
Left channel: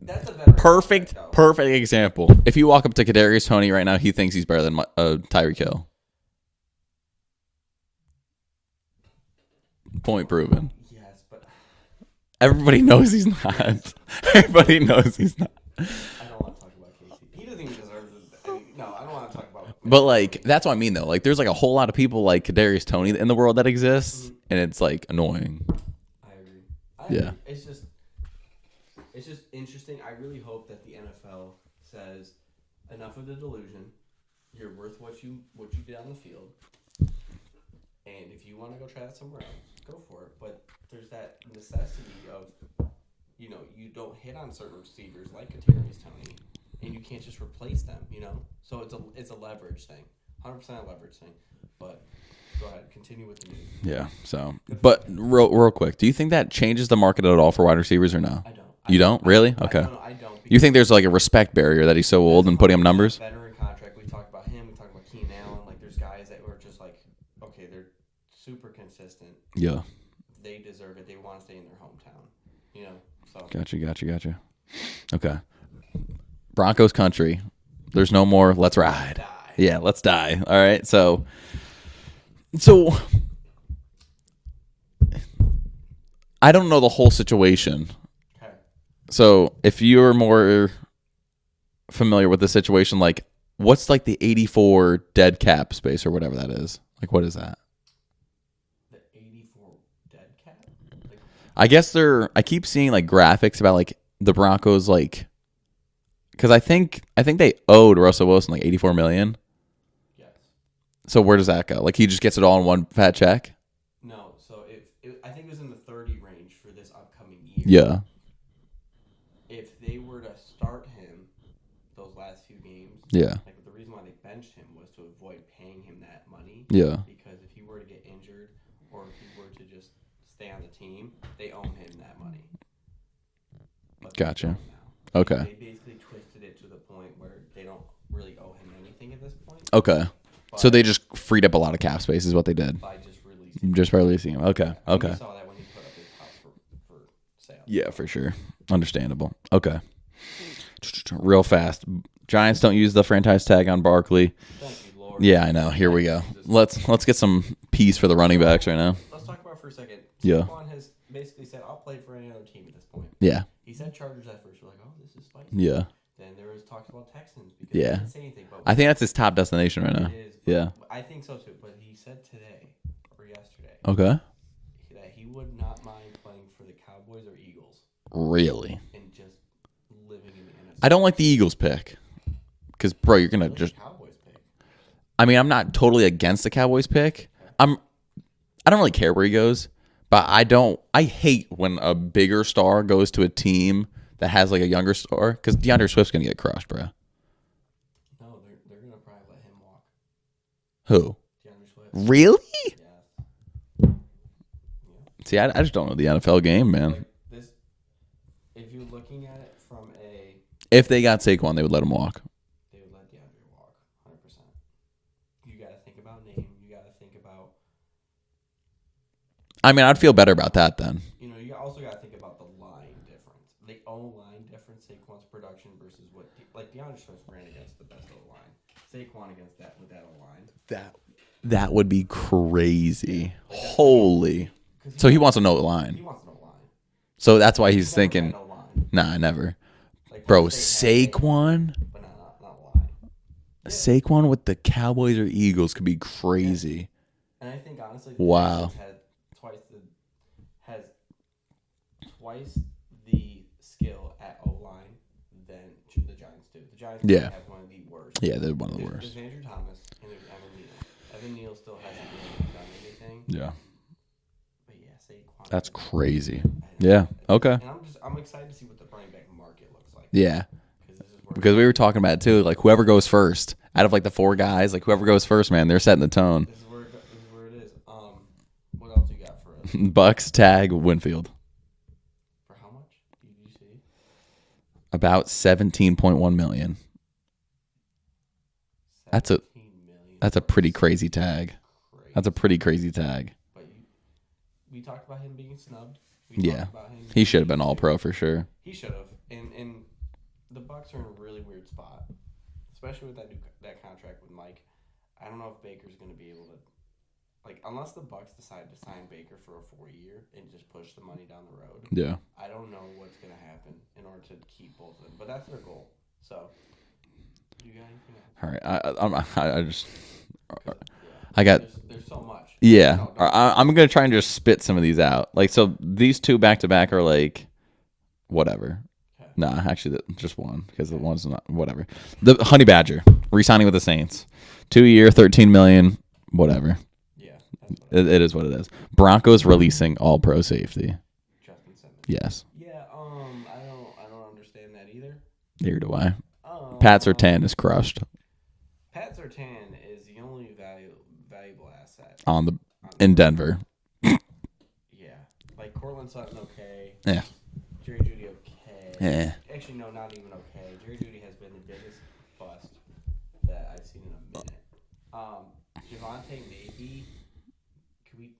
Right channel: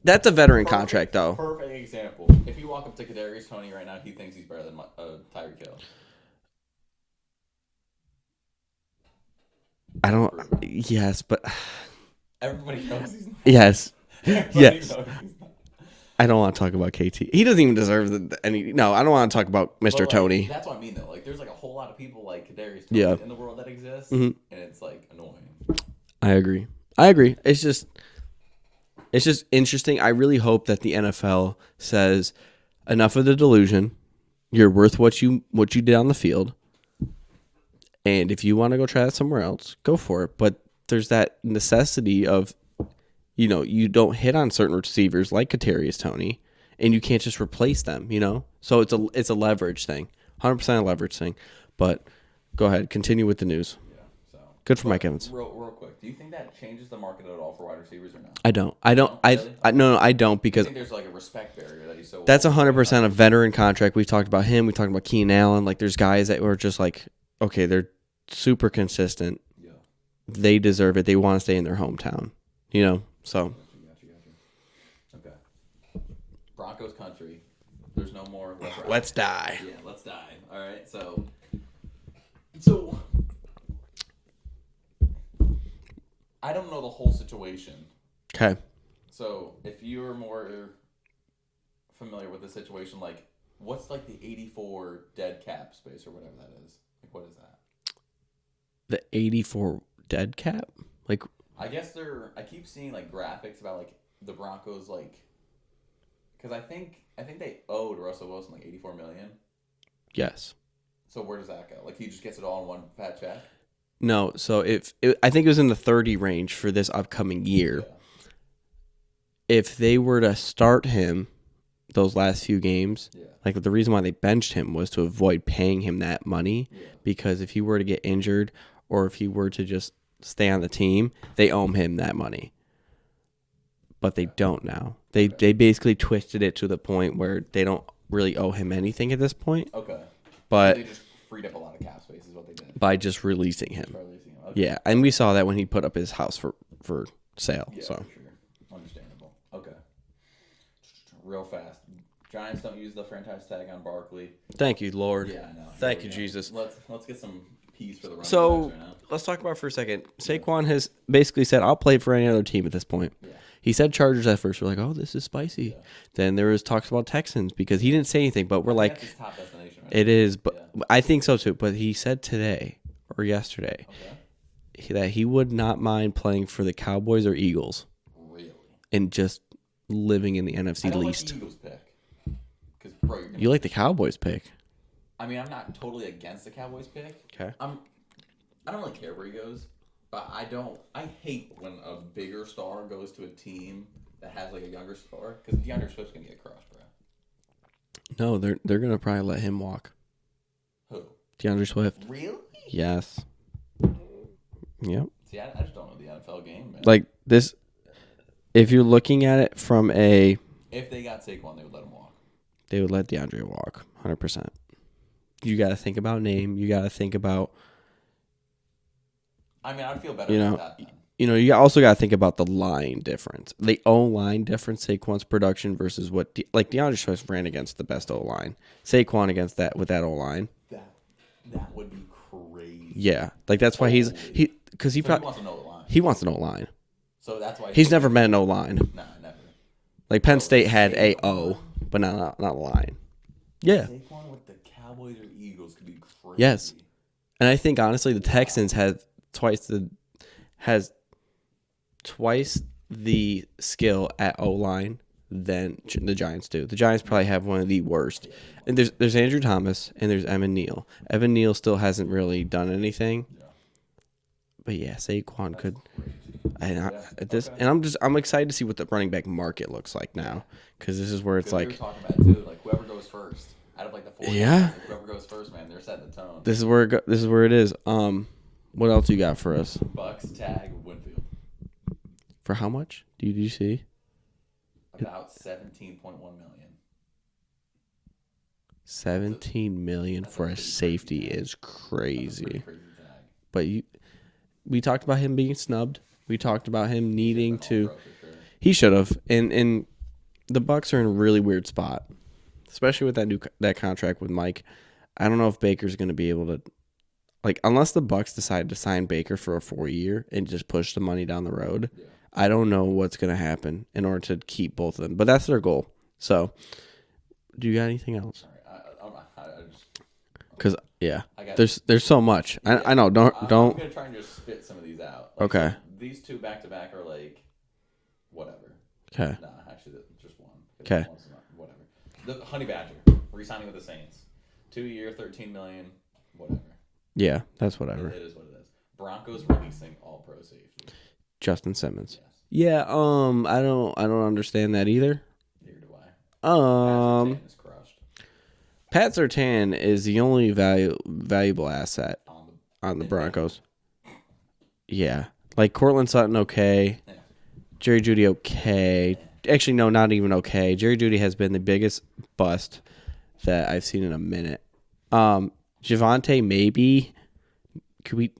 that's a veteran contract, though. Perfect example. If you walk up to Kadarius Toney right now, he thinks he's better than Tyreek Hill. Point proven. Yes, but Everybody knows he's not. Yes. Everybody knows he's not. I don't want to talk about KT. He doesn't even deserve any. No, I don't want to talk about Mr. But like, Tony. that's what I mean, though. Like, there's like a whole lot of people like Kadarius Toney in the world that exists, and it's like annoying. I agree. Yeah. It's just interesting. I really hope that the NFL says enough of the delusion. You're worth what you did on the field, and if you want to go try that somewhere else, go for it. But there's that necessity of, you don't hit on certain receivers like Kadarius Toney, and you can't just replace them. So it's a leverage thing, 100% a leverage thing. But go ahead, continue with the news. Yeah, so good for Mike Evans. Real quick, do you think that changes the market at all for wide receivers or no? I don't. You don't? Really? Okay. No, I don't. Because you think there's like a respect barrier that he's so that's old and putting up 100% a numbers? veteran contract. We've talked about him. We talked about Keenan Allen. Like, there's guys that were just like, okay, they're super consistent. Yeah. They deserve it. They want to stay in their hometown. So Gotcha. Okay. Broncos country. There's no more. Let's ride. Let's die. Yeah, let's die. All right. So I don't know the whole situation. Okay. So if you're more familiar with the situation, like what's like the 84 dead cap space or whatever that is? Like what is that? The 84 dead cap? Like, I guess I keep seeing like graphics about like the Broncos, like, because I think they owed Russell Wilson like $84 million. yes. So where does that go? Like he just gets it all in one fat check? No. So I think it was in the 30 range for this upcoming year. Yeah. If they were to start him those last few games, Yeah. like the reason why they benched him was to avoid paying him that money. Yeah. Because if he were to get injured or if he were to just stay on the team, they owe him that money. But they don't now. They basically twisted it to the point where they don't really owe him anything at this point. Okay. But so they just freed up a lot of cap space is what they did. by just releasing him. Just by releasing him. Okay. Yeah, and we saw that when he put up his house for sale. Yeah, so. for sure. Understandable. Okay. Real fast. Giants don't use the franchise tag on Barkley. Thank you, Lord. Yeah, I know. Here we go. Jesus. Let's get some peace for the running backs right now. Let's talk about it for a second. Yeah. Saquon has basically said, I'll play for any other team at this point. Yeah. He said Chargers at first. We're like, oh, this is spicy. Yeah. Then there was talks about Texans because he Yeah. didn't say anything. But I think that's his top destination right now. it is. But Yeah. I think so too. But he said today or yesterday Okay. that he would not mind playing for the Cowboys or Eagles Really? and just living in the NFC. I don't like East. the Eagles pick. Because, bro, you're going to You like the Cowboys pick. I mean, I'm not totally against the Cowboys pick. Okay. I don't really care where he goes, but I hate when a bigger star goes to a team that has like a younger star because DeAndre Swift's going to get crushed, bro. No, they're gonna probably let him walk. Who? DeAndre Swift. Really? Yes. Yep. See, I just don't know the NFL game, man. Like this, if you're looking at it from if they got Saquon, they would let him walk. they would let DeAndre walk 100%. You got to think about name. You got to think about, I mean, I'd feel better about that then. you also got to think about the line difference. The O-line difference, Saquon's production versus what, like DeAndre Swift ran against the best O-line. Saquon against that with that O-line. That would be crazy. Yeah. Like that's Holy. why he wants to know the line. He wants an O-line. So that's why He's never thinking, been an O-line. Nah, never. Like Penn Bro, State had Saquon? A-O, but not a line. Yeah. Saquon with the Cowboys or Eagles could be crazy. Yes. And I think honestly the Texans has twice the skill at O-line than the Giants do. The Giants probably have one of the worst. Yeah, they're one and there's Andrew Thomas and there's Evan Neal. Evan Neal still hasn't really done anything. Yeah. But yeah, Saquon. That's crazy. Yeah. Okay. And I'm excited to see what the running back market looks like. Yeah. Because this is where because we were talking about it too. Like whoever goes first out of like the four guys, like whoever goes first, man, they're setting the tone. This is where it is. What else you got for us? Bucks tag Winfield. For how much? Did you see? About $17.1 million. 17 million. That's a pretty crazy tag. It's crazy. That's a pretty crazy tag. But we talked about him being snubbed. We talked about him. He should have been all pro for sure. He should have. And the Bucks are in a really weird spot, especially with that contract with Mike. I don't know if Baker's going to be able to, like, unless the Bucks decide to sign Baker for a 4-year and just push the money down the road. Yeah, I don't know what's going to happen in order to keep both of them, but that's their goal. So, do you got anything else? All right, I just. Because I got there's so much. Yeah, I know. I'm gonna try and just spit some of these out. Like Okay. so, these two back to back are like, whatever. Okay. Nah, actually, just one because Okay. the one's not whatever. The Honey Badger re-signing with the Saints, 2-year, $13 million, whatever. Yeah, that's what It is what it is. Broncos releasing all pro safety. Justin Simmons. Yes, Yeah. I don't understand that either. neither do I. Pat Surtain is crushed Pat Surtain is the only valuable asset on the Broncos. Denver. Yeah, like Cortland Sutton, okay. Yeah. Jerry Jeudy, okay. Actually, no, not even okay. Jerry Jeudy has been the biggest bust that I've seen in a minute. Javonte, maybe. Could we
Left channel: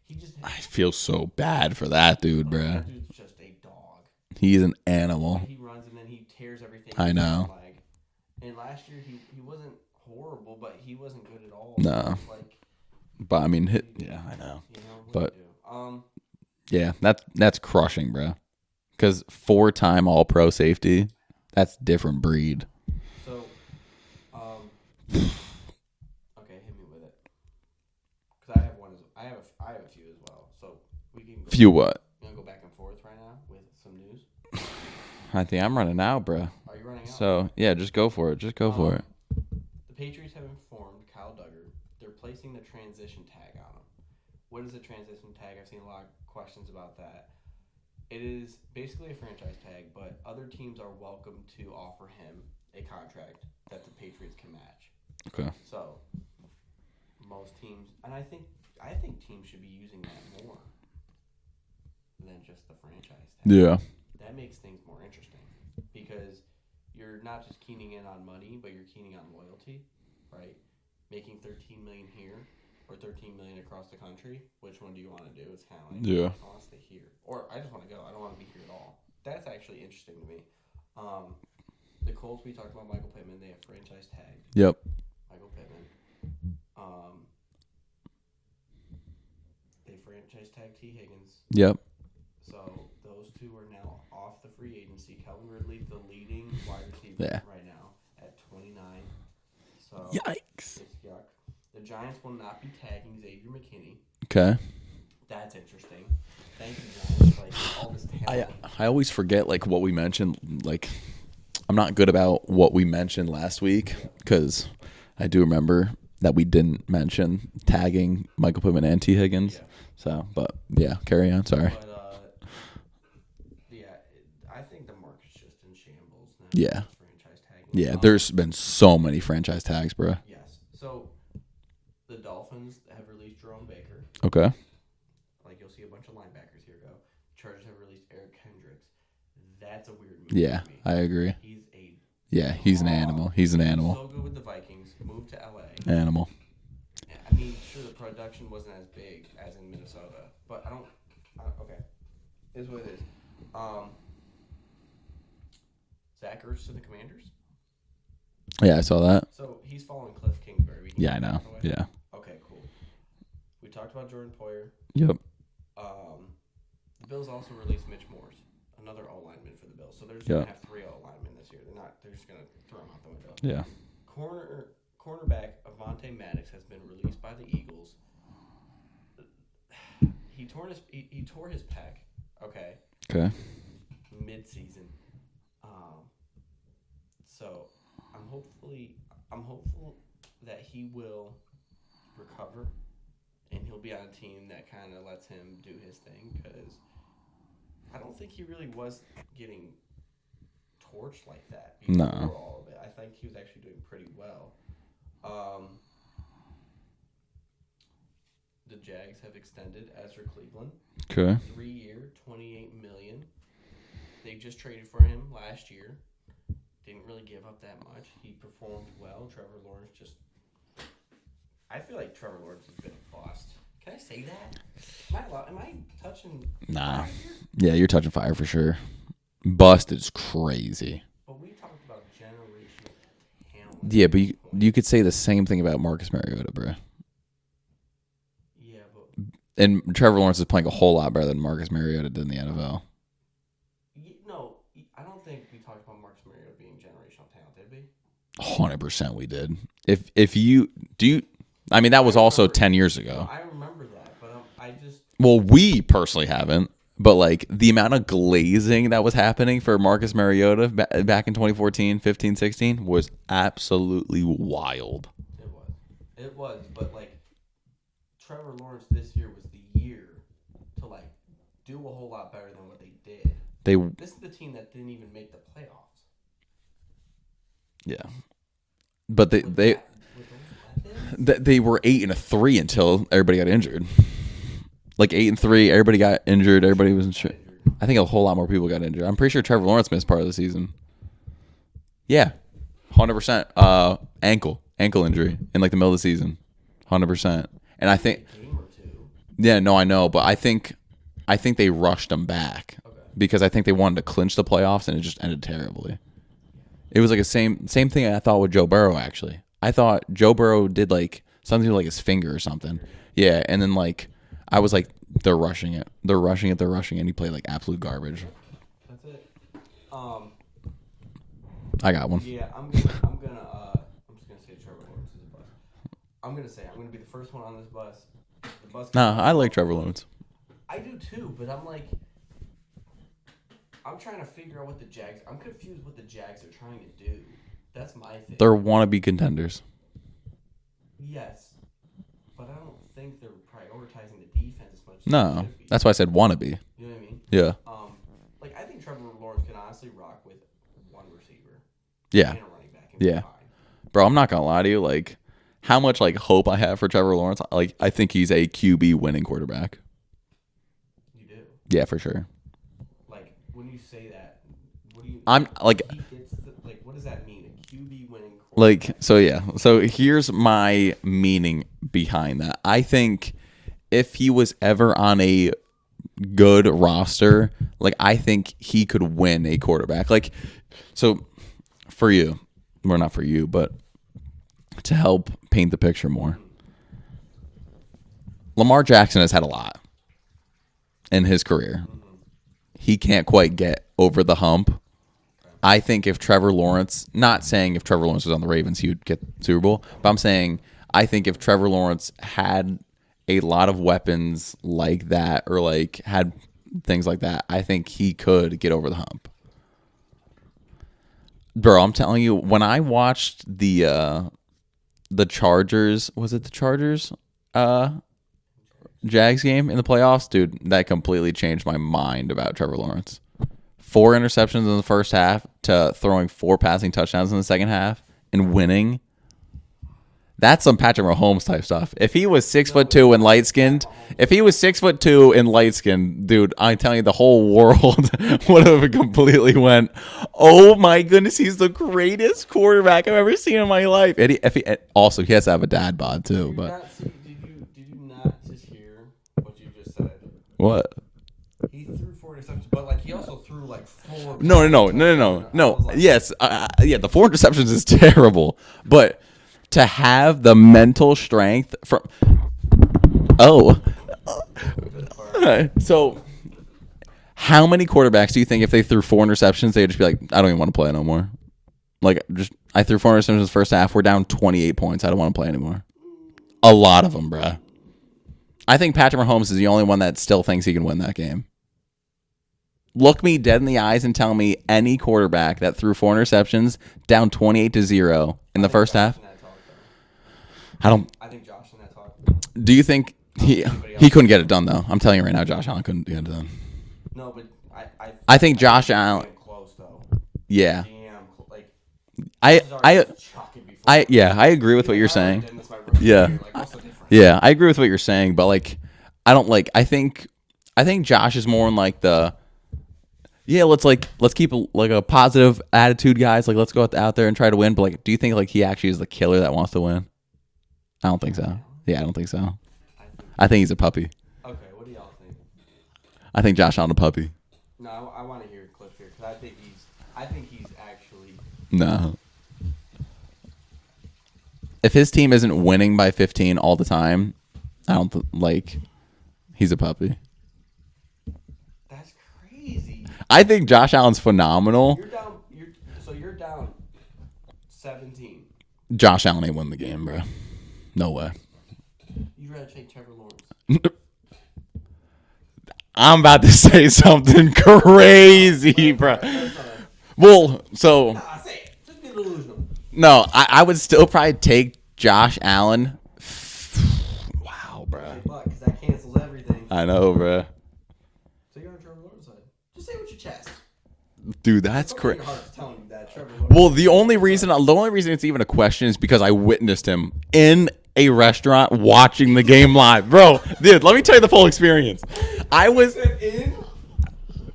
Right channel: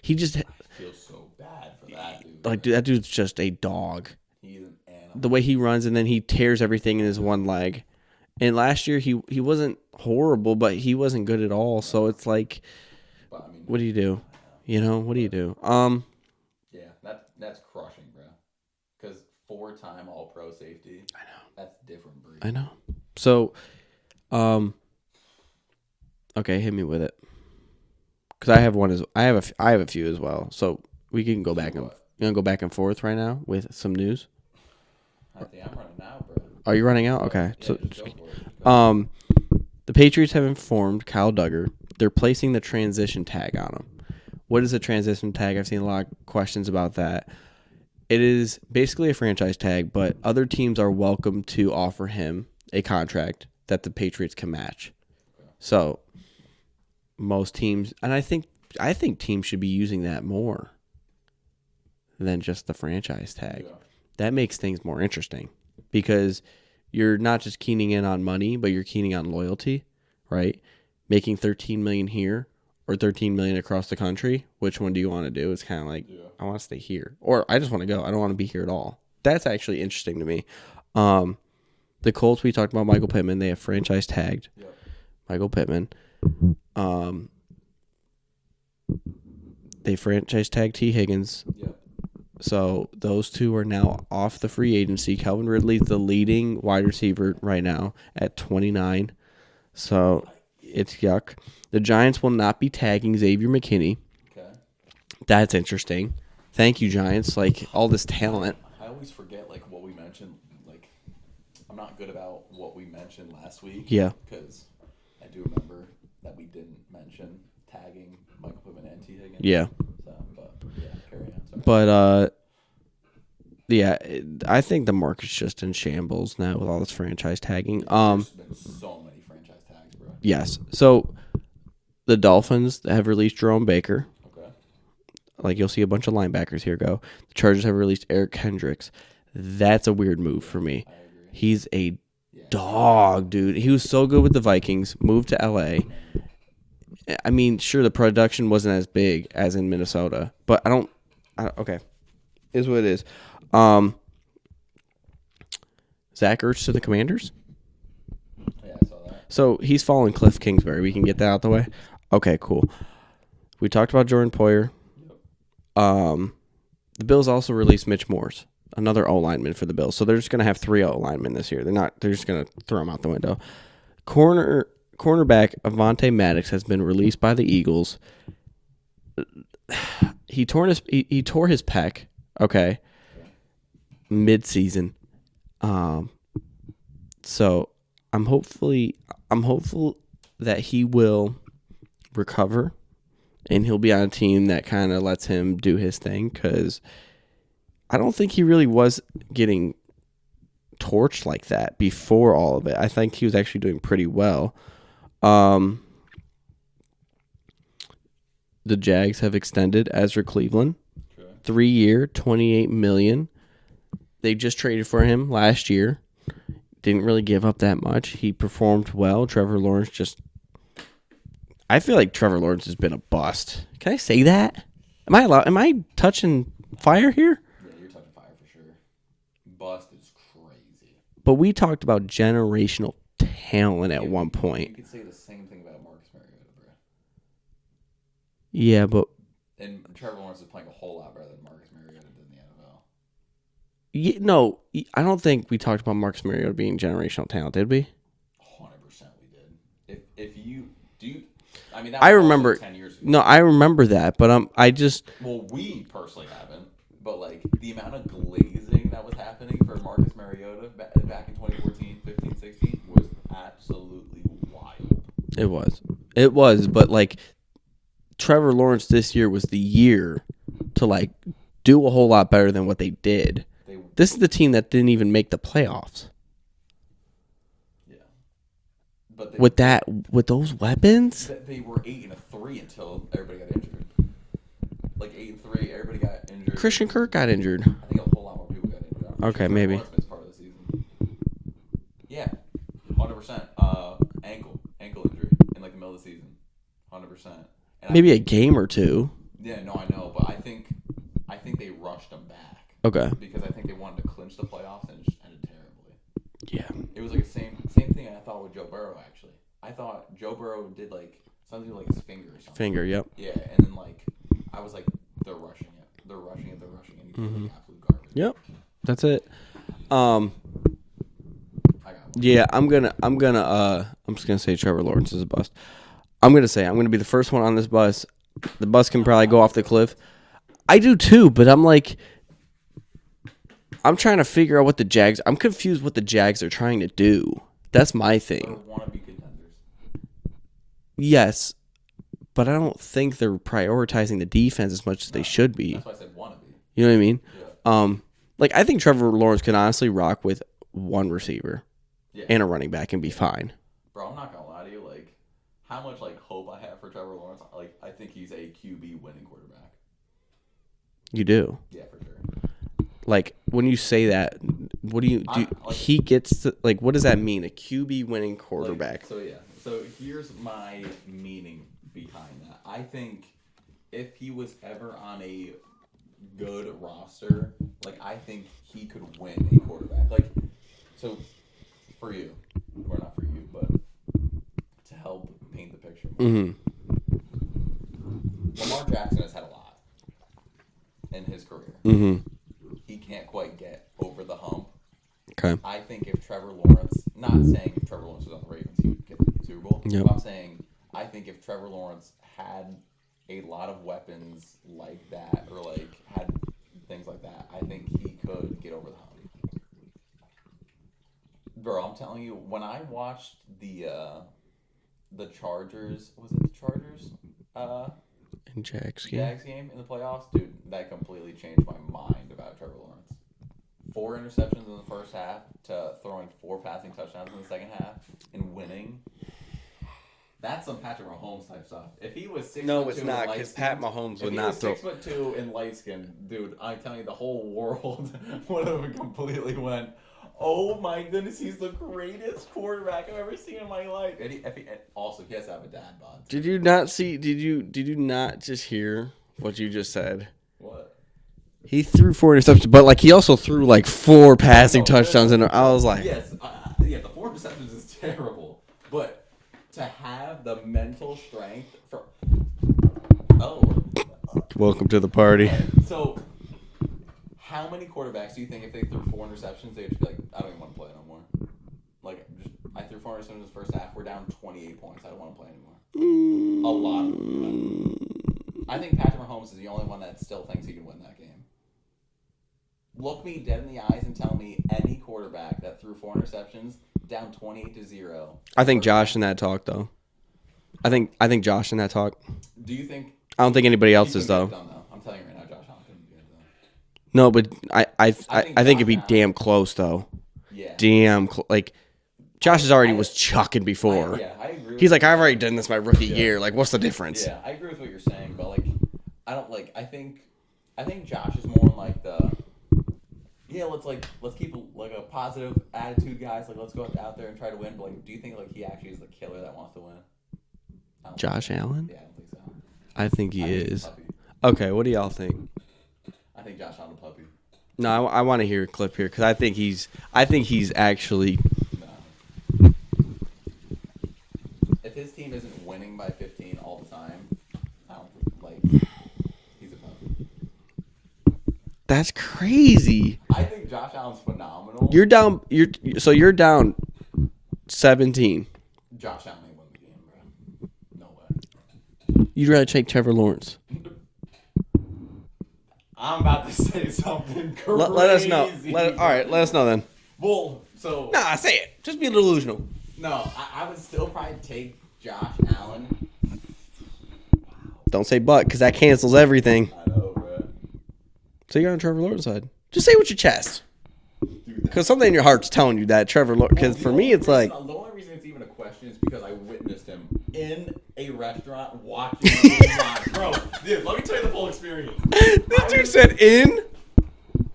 he just? I feel so bad for that dude. Like, bro. dude, that dude's just a dog. He's an animal. The way he runs and then he tears everything in his one leg. And last year he wasn't horrible, but he wasn't good at all. No. So it's like, but I mean, what do you do? I know. You know, what do you do? Yeah, that's crushing, bro. Because 4-time All Pro safety, I know. That's different breed. I know. So, okay, hit me with it. Because I have one I have a few as well. So we can go. Few back what? You want to go back and forth right now with some news? I think I'm running out, bro. Are you running out? So, okay. Yeah, just go for it. Just go for it. The Patriots have informed Kyle Duggar they're placing the transition tag on him. What is a transition tag? I've seen a lot of questions about that. It is basically a franchise tag, but other teams are welcome to offer him a contract that the Patriots can match. Okay. So most teams, and I think teams should be using that more than just the franchise tag. Yeah. That makes things more interesting because you're not just keying in on money, but you're keying on loyalty, right? Making $13 million here or $13 million across the country. Which one do you want to do? It's kind of like, I want to stay here, or I just want to go. I don't want to be here at all. That's actually interesting to me. The Colts, we talked about Michael Pittman. They have franchise tagged. Yep. Michael Pittman. They franchise tagged T. Higgins. Yep. So those two are now off the free agency. Calvin Ridley's the leading wide receiver right now at 29. So It's yuck. The Giants will not be tagging Xavier McKinney. Okay. That's interesting. Thank you, Giants. Like, all this talent. I always forget, like, what we mentioned. Like, I'm not good about what we mentioned last week. Yeah. Because I do remember that we didn't mention tagging Michael Pittman and T. Higgins. Yeah. So, but, yeah, carry on. Sorry. But, yeah, I think the market's just in shambles now with all this franchise tagging. Yeah, there's been so many franchise tags, bro. Yes. So, the Dolphins have released Jerome Baker. Okay. Like, you'll see a bunch of linebackers here go. The Chargers have released Eric Hendricks. That's a weird move for me. I agree. He's a dog, he's an animal. dude. He was so good with the Vikings, moved to L.A. Animal. I mean, sure, the production wasn't as big as in Minnesota, but I don't okay. Is what it is. Zach Ertz to the Commanders? Yeah, I saw that. So he's following Cliff Kingsbury. We can get that out the way? Yeah. Okay, cool. We talked about Jordan Poyer. Yep. The Bills also released Mitch Morse, another O-lineman for the Bills. So they're just going to have 3 O-linemen this year. They're just going to throw them out the window. Yeah. Cornerback Avonte Maddox has been released by the Eagles. He tore his pec, okay. Okay. Mid-season. So I'm hopeful that he will recover and he'll be on a team that kind of lets him do his thing, because I don't think he really was getting torched like that before all of it. I think he was actually doing pretty well. The Jags have extended Ezra Cleveland. Okay. 3-year, $28 million. They just traded for him last year. Didn't really give up that much. He performed well. Trevor Lawrence I feel like Trevor Lawrence has been a bust. Can I say that? Am I touching fire here? Yeah, you're touching fire for sure. Bust is crazy. But we talked about generational talent at one point. You could say the same thing about Marcus Mariota, bro. Yeah, but... And Trevor Lawrence is playing a whole lot better than Marcus Mariota did in the NFL. No, I don't think we talked about Marcus Mariota being generational talent, did we? 100% we did. If you... Do you... I mean, that was also 10 years ago. No, I remember that, but I just... Well, we personally haven't, but like the amount of glazing that was happening for Marcus Mariota back in 2014, 15, 16 was absolutely wild. It was, but like Trevor Lawrence this year was the year to like do a whole lot better than what they did. This is the team that didn't even make the playoffs. Yeah. But with those weapons, they were 8-3 until everybody got injured. Like 8-3, everybody got injured. Christian Kirk got injured. I think a whole lot more people got injured. I'm pretty sure Trevor Lawrence missed part of the season. Yeah, 100%. Ankle injury in like the middle of the season, 100%. And maybe a game or two. Yeah, no, I know, but I think they rushed him back. Okay, because I think they wanted to clinch the playoffs, and it just ended terribly. Yeah. It was like a same thing I thought with Joe Burrow, actually. I thought Joe Burrow did like something with like his finger or something. Yep. Yeah, and then like I was like, they're rushing it. And he played like absolute garbage. Yep. That's it. I got one. Yeah, I'm just gonna say Trevor Lawrence is a bust. I'm gonna be the first one on this bus. The bus can probably go off the cliff. Lawrence. I do too, but I'm trying to figure out what the Jags... I'm confused what the Jags are trying to do. That's my thing. They're wannabe contenders. Yes, but I don't think they're prioritizing the defense as much as they should be. That's why I said wannabe. You know what I mean? Yeah. Like, I think Trevor Lawrence can honestly rock with one receiver. Yeah. And a running back and be fine. Bro, I'm not going to lie to you. Like, how much like hope I have for Trevor Lawrence, like I think he's a QB winning quarterback. You do? Yeah, for sure. Like, when you say that, what do you... he gets... To, like, what does that mean? A QB winning quarterback? Like, so, yeah. So, here's my meaning behind that. I think if he was ever on a good roster, like, I think he could win a quarterback. Like, so, for you... Well, not for you, but to help paint the picture more. Mm-hmm. Lamar Jackson has had a lot in his career. Mm-hmm. He can't quite get over the hump. Okay. I think if Trevor Lawrence, not saying if Trevor Lawrence was on the Ravens, he would get the Super Bowl. Yep. But I'm saying I think if Trevor Lawrence had a lot of weapons like that or like had things like that, I think he could get over the hump. Bro, I'm telling you, when I watched the Chargers, was it the Chargers? Jags game in the playoffs, dude, that completely changed my mind about Trevor Lawrence. 4 interceptions in the first half to throwing 4 passing touchdowns in the second half and winning. That's some Patrick Mahomes type stuff. If he was 6'2" and light skinned, and light skinned, dude, I'm telling you, the whole world would have completely went, "Oh my goodness, he's the greatest quarterback I've ever seen in my life." And also, he has to have a dad bod too. Did you not just hear what you just said? What? He threw 4 interceptions, but like he also threw like 4 passing touchdowns. No. I was like, yes, the 4 interceptions is terrible, but to have the mental strength from welcome to the party. Right. So, how many quarterbacks do you think if they threw 4 interceptions, they'd just be like, I don't even want to play no more? Like, I threw 4 interceptions in the first half. We're down 28 points. I don't want to play anymore. A lot of them, bro. I think Patrick Mahomes is the only one that still thinks he can win that game. Look me dead in the eyes and tell me any quarterback that threw 4 interceptions down 28-0 I think first Josh half. in that talk though. I think Josh in that talk. Do you think? I don't think anybody else. He couldn't get though. it done though. I'm telling you right now, Josh Allen couldn't get it done. No, but I think Josh it'd be Allen. damn close though. Yeah. Like Josh is already I- was chucking before. I agree with He's what like, you're I've already saying. done this my rookie Yeah. year. Like, what's the difference? Yeah, I agree with what you're saying, but like, I don't like. I think Josh is more in like the. Yeah, let's keep a positive attitude, guys. Like, let's go out there and try to win. But like, do you think like he actually is the killer that wants to win? I don't think Josh so. Allen? Yeah, I don't think so. I think he's a puppy. Okay, what do y'all think? I think Josh Allen a puppy. No, I want to hear a clip here because I think he's actually No. If his team isn't winning by 15 all the time, I don't like. He's a puppy. That's crazy. I think Josh Allen's phenomenal. You're down. You're down 17. Josh Allen ain't win the game, bro. No way. You'd rather take Trevor Lawrence. I'm about to say something crazy, bro. All right, let us know then. Well, so Nah, say it. Just be delusional. no, I would still probably take Josh Allen. Wow. Don't say but because that cancels everything. I know, bro. So you're on Trevor Lawrence's side. Just say it with your chest. Dude, Because that's something in cra- your heart's telling you that Trevor Lawrence. Well, the only reason it's even a question is because I witnessed him in a restaurant watching the game live, bro. Dude, let me tell you the full experience. I was in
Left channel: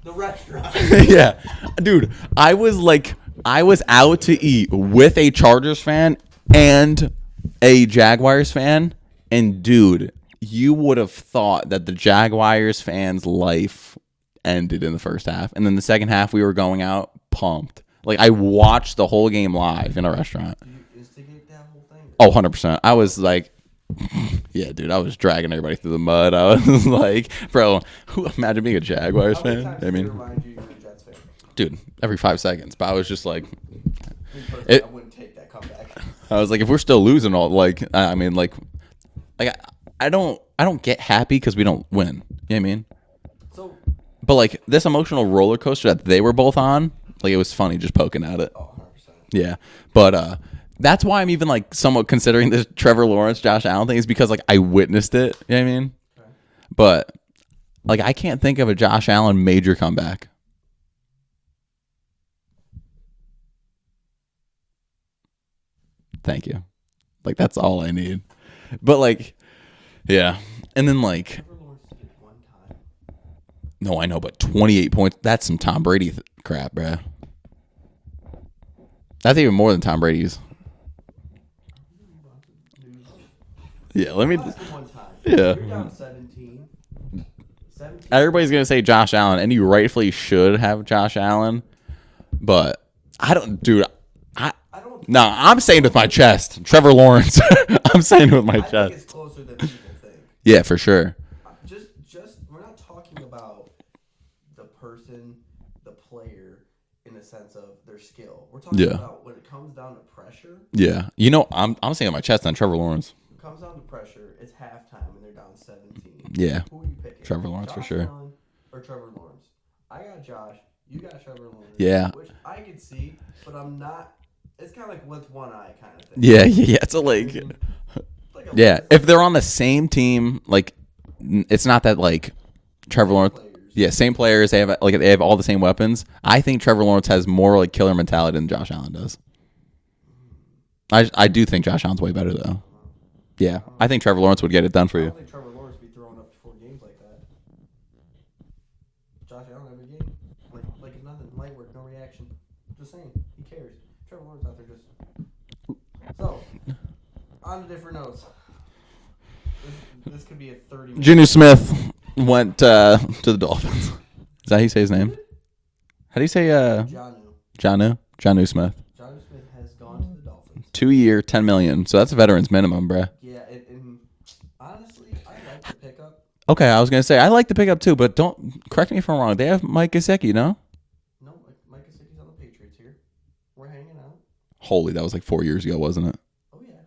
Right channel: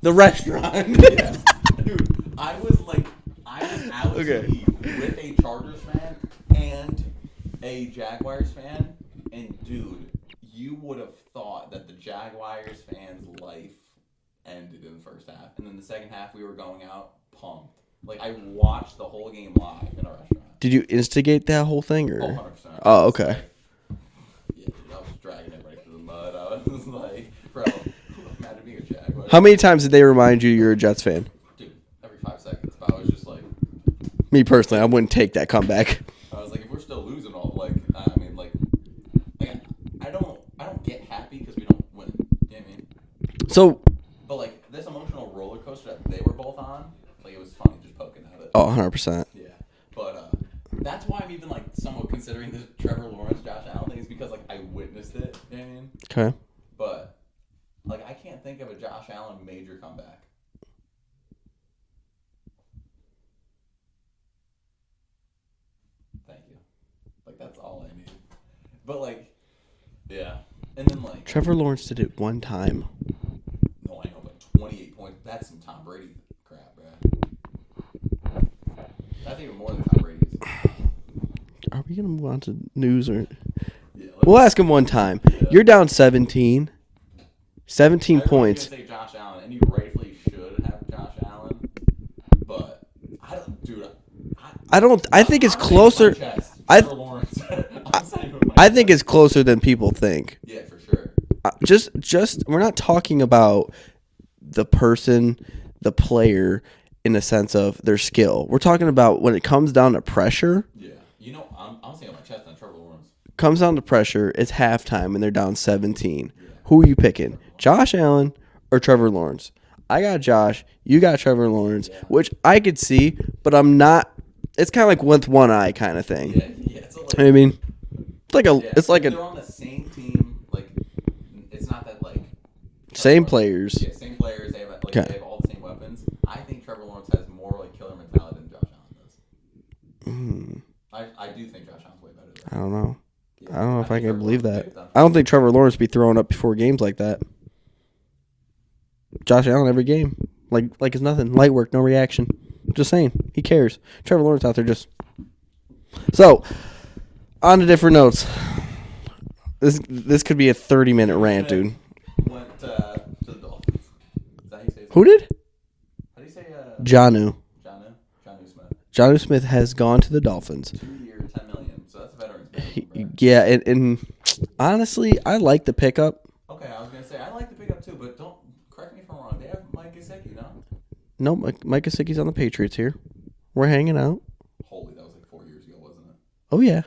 the restaurant. yeah, dude. I was out to eat with a Chargers fan and a Jaguars fan, and dude, you would have thought that the Jaguars fan's life ended in the first half, and then the second half we were going out pumped. Like, I watched the whole game live in a restaurant. Did you instigate that whole thing? Or? Oh, 100%. I was okay. like, yeah, dude, I was dragging everybody through the mud. I was like, bro, imagine being a Jaguars How many fan. times did they remind you you're a Jets fan? Dude, every 5 seconds. But I was just like, Me personally, I wouldn't take that comeback. I was like, if we're still losing all, like, I mean, like I don't get happy because we don't win. You know what I mean? So, But like this emotional roller coaster that they were both on, like, it was funny just poking at it. oh, 100%. Yeah. But that's why I'm even like somewhat considering this Trevor Lawrence, Josh Allen thing, is because like I witnessed it. You know what I mean? Okay. But like I can't think of a Josh Allen major comeback. Thank you. Like, that's all I need. But like, yeah. And then like, Trevor Lawrence did it one time. no, I know, but 28 points, that's some Tom Brady crap, bruh. That's even more than Tom Brady's. Are we going to move on to news or? Yeah, We'll ask him one time. Yeah. You're down 17. 17 Everybody's points. going to say Josh Allen, and you rightfully should have Josh Allen. But I don't, dude. I Nah, think it's I'm saying it with my closer- chest. Trevor Lawrence. I'm saying it with my chest. I think it's closer than people think. Yeah, for sure. Just we're not talking about the person, the player, in the sense of their skill. We're talking Yeah. about when it comes down to pressure. Yeah. You know, I'm saying it with my chest on Trevor Lawrence. Comes down to pressure. It's halftime and they're down 17. Yeah. Who are you picking? Trevor Lawrence, Josh for sure. Allen or Trevor Lawrence? I got Josh. You got Trevor Lawrence. Yeah. Which I could see, but I'm not. It's kind of like with one eye kind of thing. Yeah. It's a You know what I mean, it's like a. Yeah, It's like if they're on the same team, like, it's not that like Trevor Same Lawrence, players. Yeah, same players. They have they have all the same weapons. I think Trevor Lawrence has more like killer mentality than Josh Allen does. I do think Josh Allen's way better I though. don't know. Yeah, don't know I if think I Trevor can Lawrence believe would get that. it done for I you. don't think Trevor Lawrence be throwing up before games like that. Josh Allen every game, like it's nothing. Light work, no reaction. Just saying, he cares. Trevor Lawrence out there just. So, on to different notes. This could be a 30-minute. Junior rant, Smith dude. went to the Dolphins. Is that how you say his name? Who did? How do you say Jonnu. Jonnu Smith? Jonnu Smith has gone to the Dolphins. 2-year, $10 million. So that's a veteran's minimum, bruh. Yeah, and honestly, I like the pickup. Okay, I was gonna say I like the pickup too, but don't correct me if I'm wrong. They have Mike Gesicki, no? No, Mike Gesicki's on the Patriots here. We're hanging out. Holy, that was like 4 years ago, wasn't it? Oh yeah.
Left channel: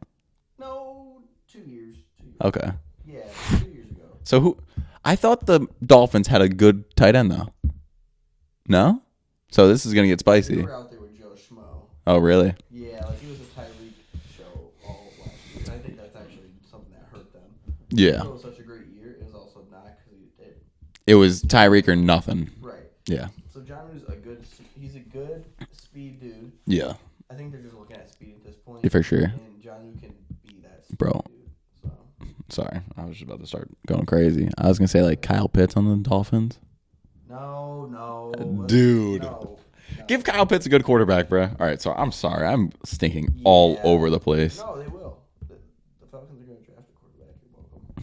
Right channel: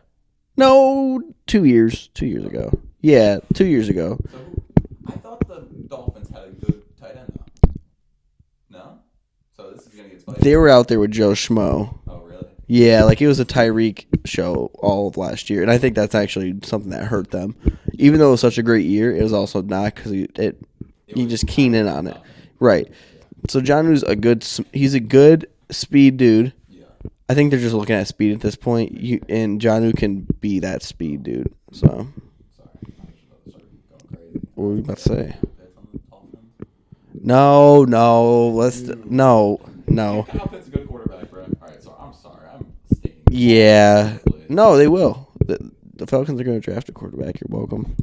No, 2 years. 2 years Okay. ago. Yeah, 2 years ago. So who? I thought the Dolphins had a good tight end though. No? So this is going to get spicy. They were out there with Joe Schmo. Oh, really? Yeah, like it was a Tyreek show all of last year. And I think that's actually something that hurt them. Yeah. Even though it was such a great year, it was also not because it was Tyreek or nothing. Right. Yeah. So Jonnu's he's a good speed dude. Yeah. I think they're just looking at speed at this point. For sure. And Jonnu can be that speed dude. So sorry. I was just about to start going crazy. I was going to say like Kyle Pitts on the Dolphins. No. Dude. No. Give Kyle Pitts a good quarterback, bro. All right, so I'm sorry. I'm stinking all over the place. No, they will. The Falcons are going to draft a quarterback. You're welcome.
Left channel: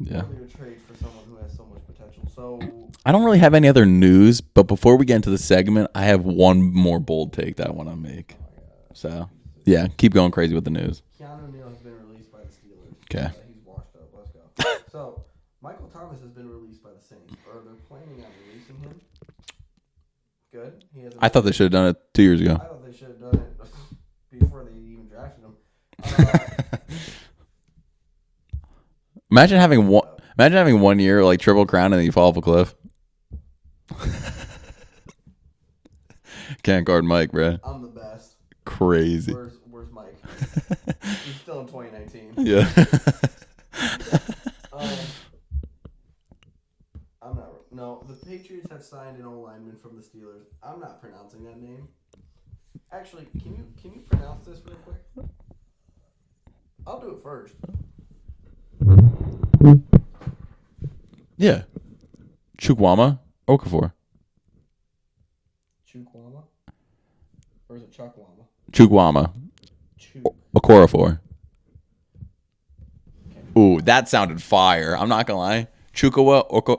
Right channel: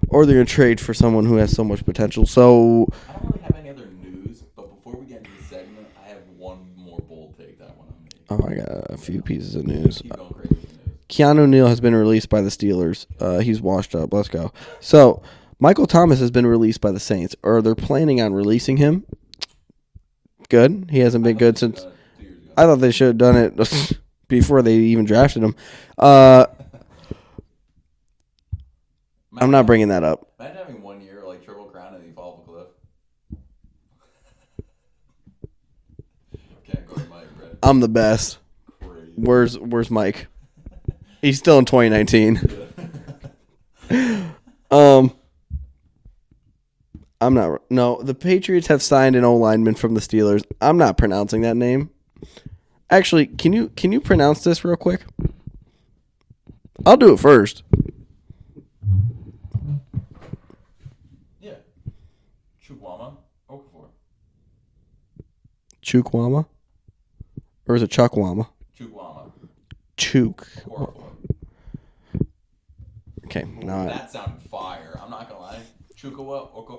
Yeah. Or they're going to trade for someone who has so much potential. So I don't really have any other news, but before we get into the segment, I have one more bold take that I want to make. Oh, I got a few pieces of news. Yeah, keep going crazy with the news. Keanu Neal has been released by the Steelers. Okay. He's washed up. Let's go. So Michael Thomas has been released by the Saints, or they're planning on releasing him. Good. He hasn't been good. I thought they should have done it 2 years ago. I thought they should have done it before they even drafted him. Imagine having 1 year like Triple Crown and then you fall off a cliff. Can't guard Mike, bro. I'm the best. Crazy. Where's Mike? He's still in 2019. Yeah. I'm not. No, the Patriots have signed an O-lineman from the Steelers. I'm not pronouncing that name. Actually, can you pronounce this real quick? I'll do it first. Yeah. Chukwuma Okafor. Chukwama? Or is it Chukwama? Chukwuma. Okorafor. Okay. Ooh, that sounded fire. I'm not going to lie. Chukawa Oko.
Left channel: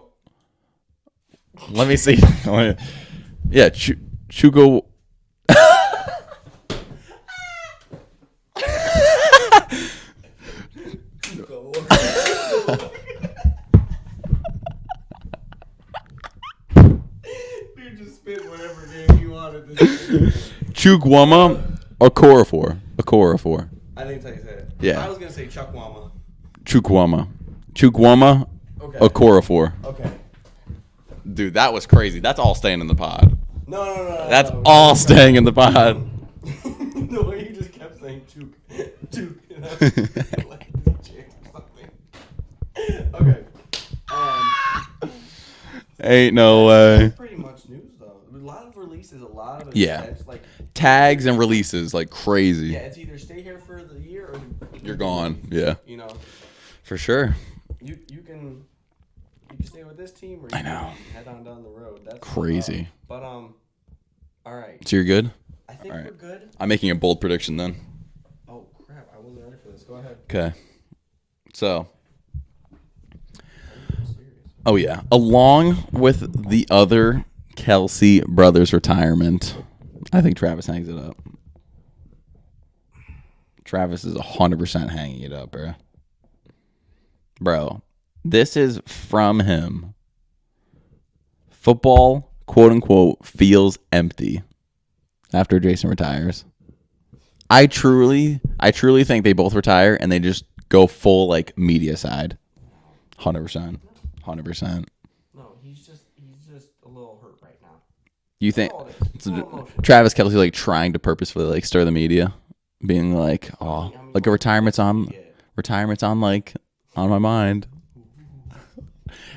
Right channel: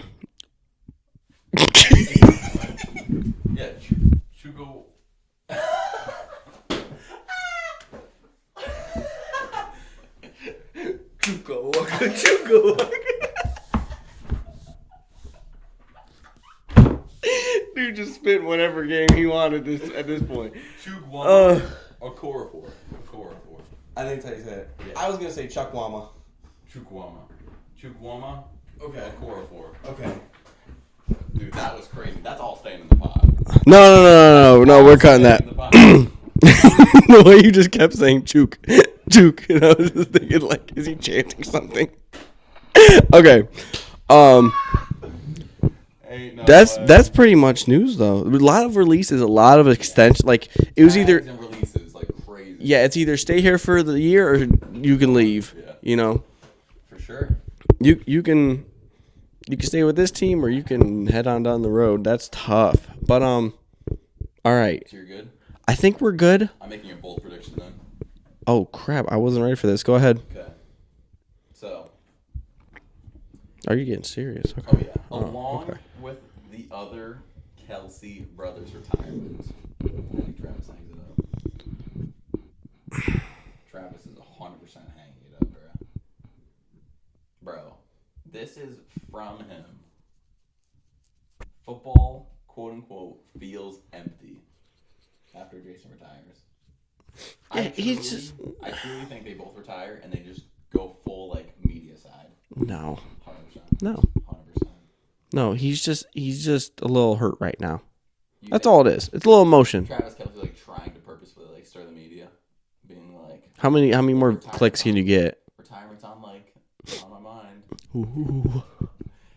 Let me see. Yeah, Chuko. Dude just spit whatever game he wanted at this point. Chukwuma Okorafor. I think that's how you say it. Yeah. I was going to say Chukwama. Chukwuma Okay. Okorafor. Okay. Dude, that was crazy. That's all staying in the pod. No. We're staying in the pod. The way you just kept saying chook. And I was just thinking, like, is he chanting something? Okay. Ain't no way. That's pretty much news, though. A lot of releases, a lot of extension. Like tags and releases, like crazy. Yeah, it's either stay here for the year or you can leave. Yeah. You know? For sure. You can stay with this team or you can head on down the road. That's crazy. Tough. But all right. So you're good? I think we're good. I'm making a bold prediction then. Oh crap, I wasn't ready for this. Go ahead. Okay. So are you getting serious? Okay. Oh yeah. Along with the other Kelce brothers retirement, I think Travis hangs it up. Travis is 100% hanging it up, bro. Bro, this is from him. Football, quote unquote, feels empty after Jason retires. I truly think they both retire and they just go full like media side. No. 100%. No. 100%. No, he's just a little hurt right now. That's think all it is. It's a little emotion. Travis Kelce like trying to purposefully like stir the media, being like, how many like more clicks can you get? Retirement's on my mind.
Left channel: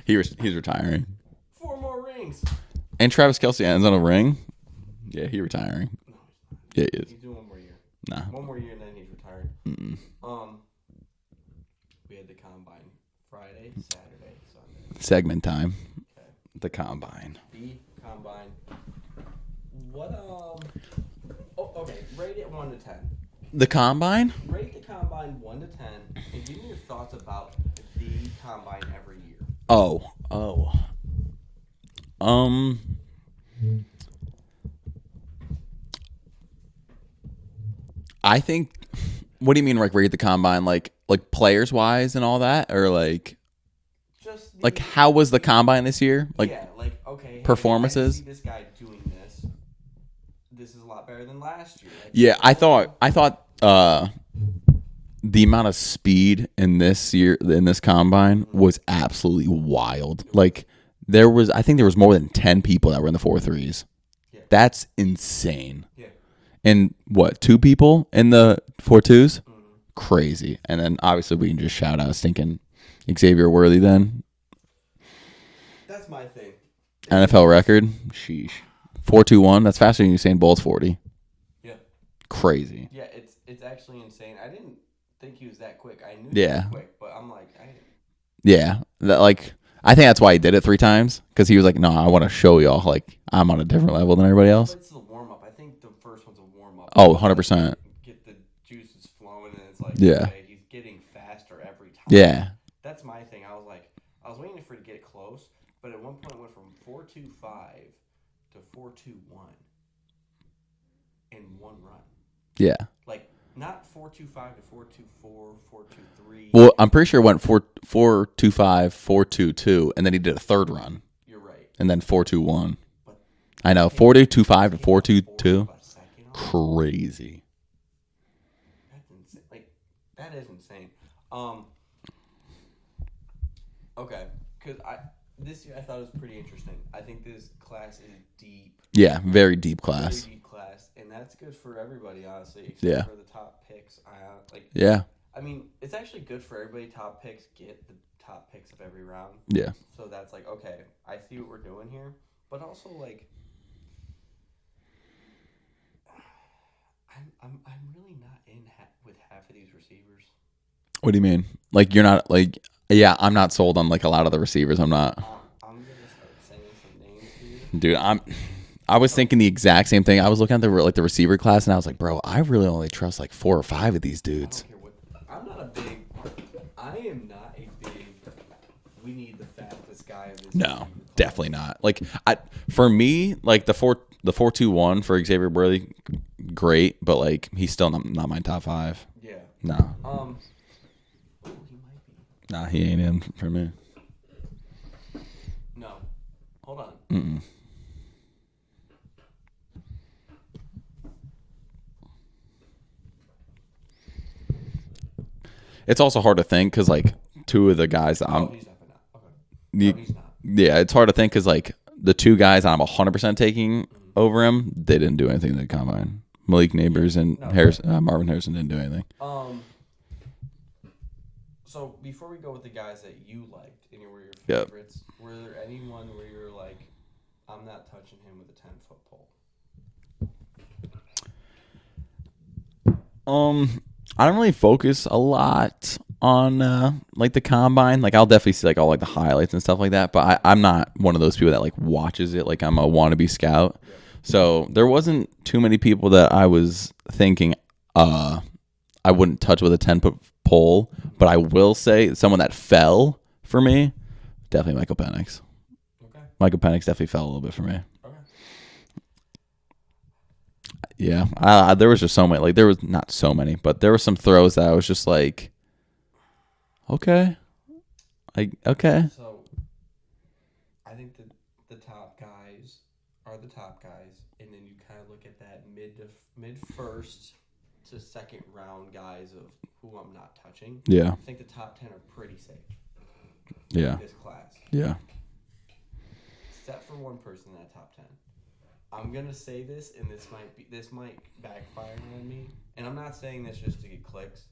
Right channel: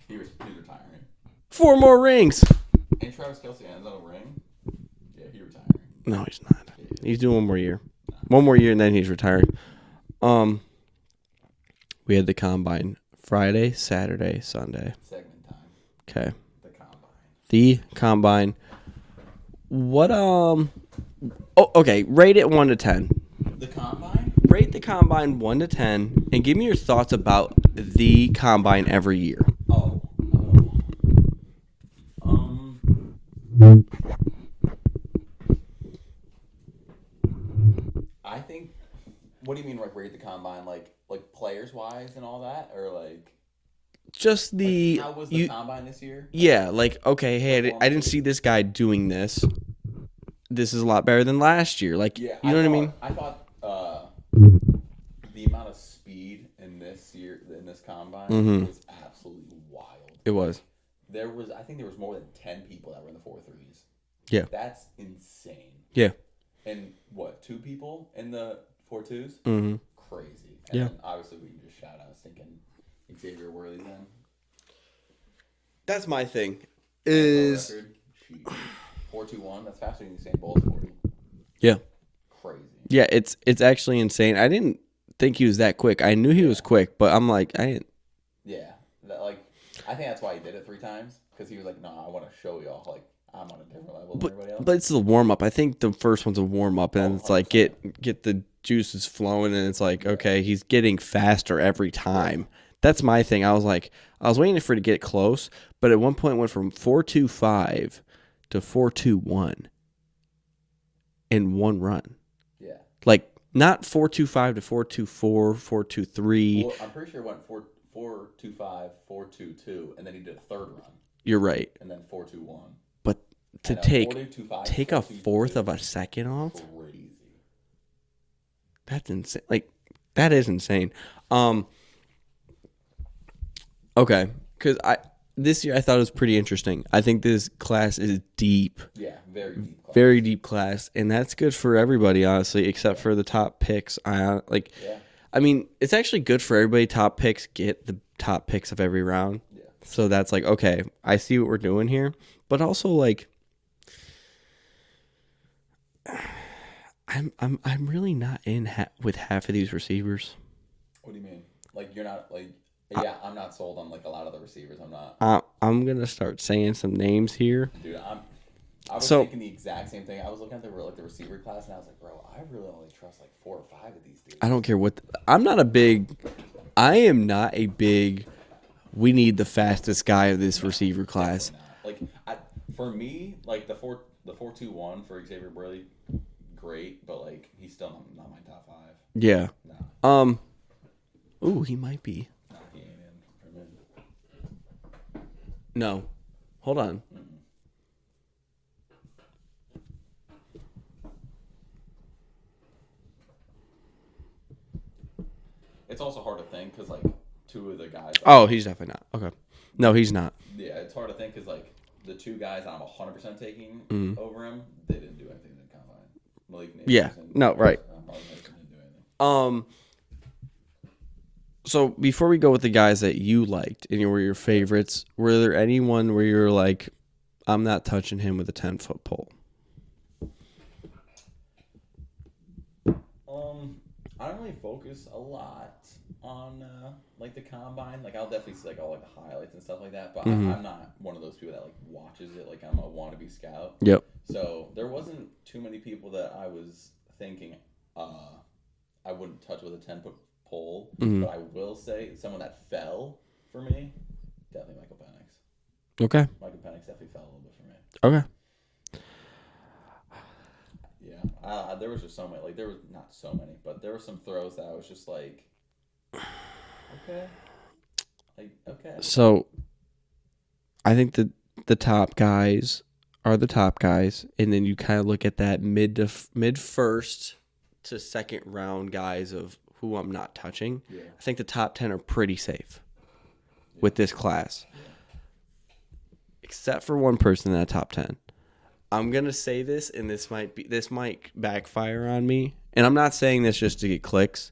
He's retiring. 4 more rings. And Travis Kelce ends on a ring. Yeah, he's retiring. No, he's not. Yeah, he's doing 1 more year. Nah. 1 more year and then he's retiring. Mm-mm. We had the combine Friday, Saturday, Sunday. Segment time. Okay. The combine. What okay, rate it 1 to 10. The combine? Rate the combine 1 to 10 and give me your thoughts about the combine every year. I think. What do you mean, like rate the combine, like players wise and all that, or like just the like how was the combine this year? Like, yeah, like okay, hey, I didn't see this guy doing this. This is a lot better than last year. Like yeah, I thought the amount of speed in this combine was absolutely wild. I think there was more than 10 people that were in the 4.3s. Yeah. That's insane. Yeah. And what, 2 people in the 4.2s? Mm-hmm. Crazy. And then obviously we can just shout out stinking Xavier Worthy then. That's my thing. NFL record. Sheesh. 4.21. That's faster than Usain Bolt's 40. Yeah. Crazy. Yeah, it's actually insane. I didn't think he was that quick. I knew he was quick, but I'm like, Yeah. I think that's why he did it 3 times, because he was like, no, I want to show y'all like I'm on a different level than everybody else. But it's a warm up. I think the first one's a warm up. Oh, 100%. Like get the juices flowing, and it's like, okay, he's getting faster every time. Yeah. That's my thing. I was waiting for it to get close, but at one point it went from 4.25 to 4.21 in one run. Yeah. Like not 4.25 to 4.24, 4.23. Well, I'm pretty sure it went 4.25, 4.22, and then he did a third run. You're right. And then 4.21. But I know, 4.25 and 4.22. A fourth of a second off? Crazy. That's insane. Like, that is insane. Okay, because this year I thought it was pretty interesting. I think this class is deep. Yeah, very deep class. Very deep class, and that's good for everybody, honestly, except Yeah. for the top picks. Yeah. I mean, it's actually good for everybody. Top picks get the top picks of every round. Yeah. So that's like, okay, I see what we're doing here, but also like, I'm really not in with half of these receivers. What do you mean? Like, you're not like, yeah, I'm not sold on like a lot of the receivers. I'm not. I'm gonna start saying some names here, Dude, I was thinking the exact same thing. I was looking at the receiver class, and I was like, bro, I really only trust like 4 or 5 of these dudes. I don't care what. I am not a big. We need the fastest guy of this receiver class. Definitely not. Like, for me, like the 4.21 for Xavier Worthy, great, but like he's still not my top 5. Yeah. No. Ooh, he might be. Nah, he ain't in for me. No. Hold on. Mm-mm. It's also hard to think because, like, 2 of the guys... He's definitely not. Okay. No, he's not. Yeah, it's hard to think because, like, the 2 guys I'm 100% taking over him, they didn't do anything in the combine. Malik Neighbors and Marvin Harrison didn't do anything. So before we go with the guys that you liked and were your favorites, were there anyone where you're like, I'm not touching him with a 10-foot pole? I don't really focus a lot on like the combine. Like, I'll definitely see like all like the highlights and stuff like that, but I'm not one of those people that like watches it like I'm a wannabe scout. Yep. So there wasn't too many people that I was thinking I wouldn't touch with a 10-foot pole, but I will say someone that fell for me, definitely Michael Penix. Okay. Michael Penix definitely fell a little bit for me. Okay. Yeah, there was just so many. Like, there was not so many, but there were some throws that I was just like, okay. So, I think that the top guys are the top guys, and then you kind of look at that mid first to second round guys of who I'm not touching. Yeah. I think the top 10 are pretty safe Yeah. with this class. Yeah. Except for one person in that top 10. I'm going to say this, and this might backfire on me. And I'm not saying this just to get clicks.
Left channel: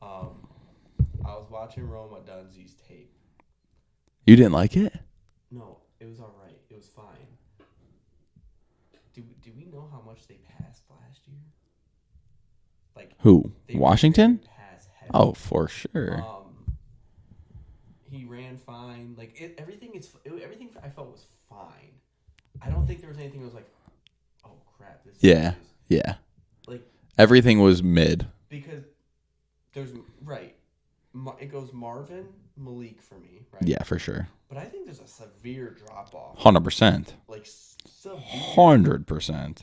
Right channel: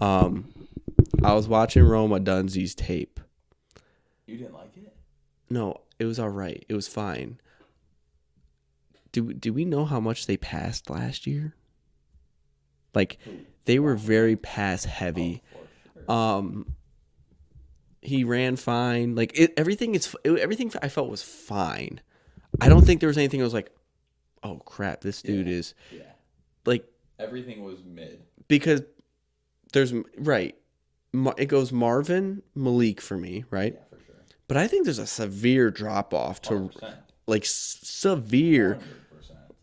I was watching Roma Dunzee's tape. You didn't like it? No, it was all right. It was fine. Do we know how much they passed last year? Like, who? They Washington? were very pass heavy. Oh, for sure. He ran fine. Like, everything I felt was fine. I don't think there was anything that was like, oh crap, this dude is like, everything was mid. Because there's it goes Marvin, Malik for me, right? Yeah, for sure. But I think there's a severe drop off. 100%. Like, severe. 100%.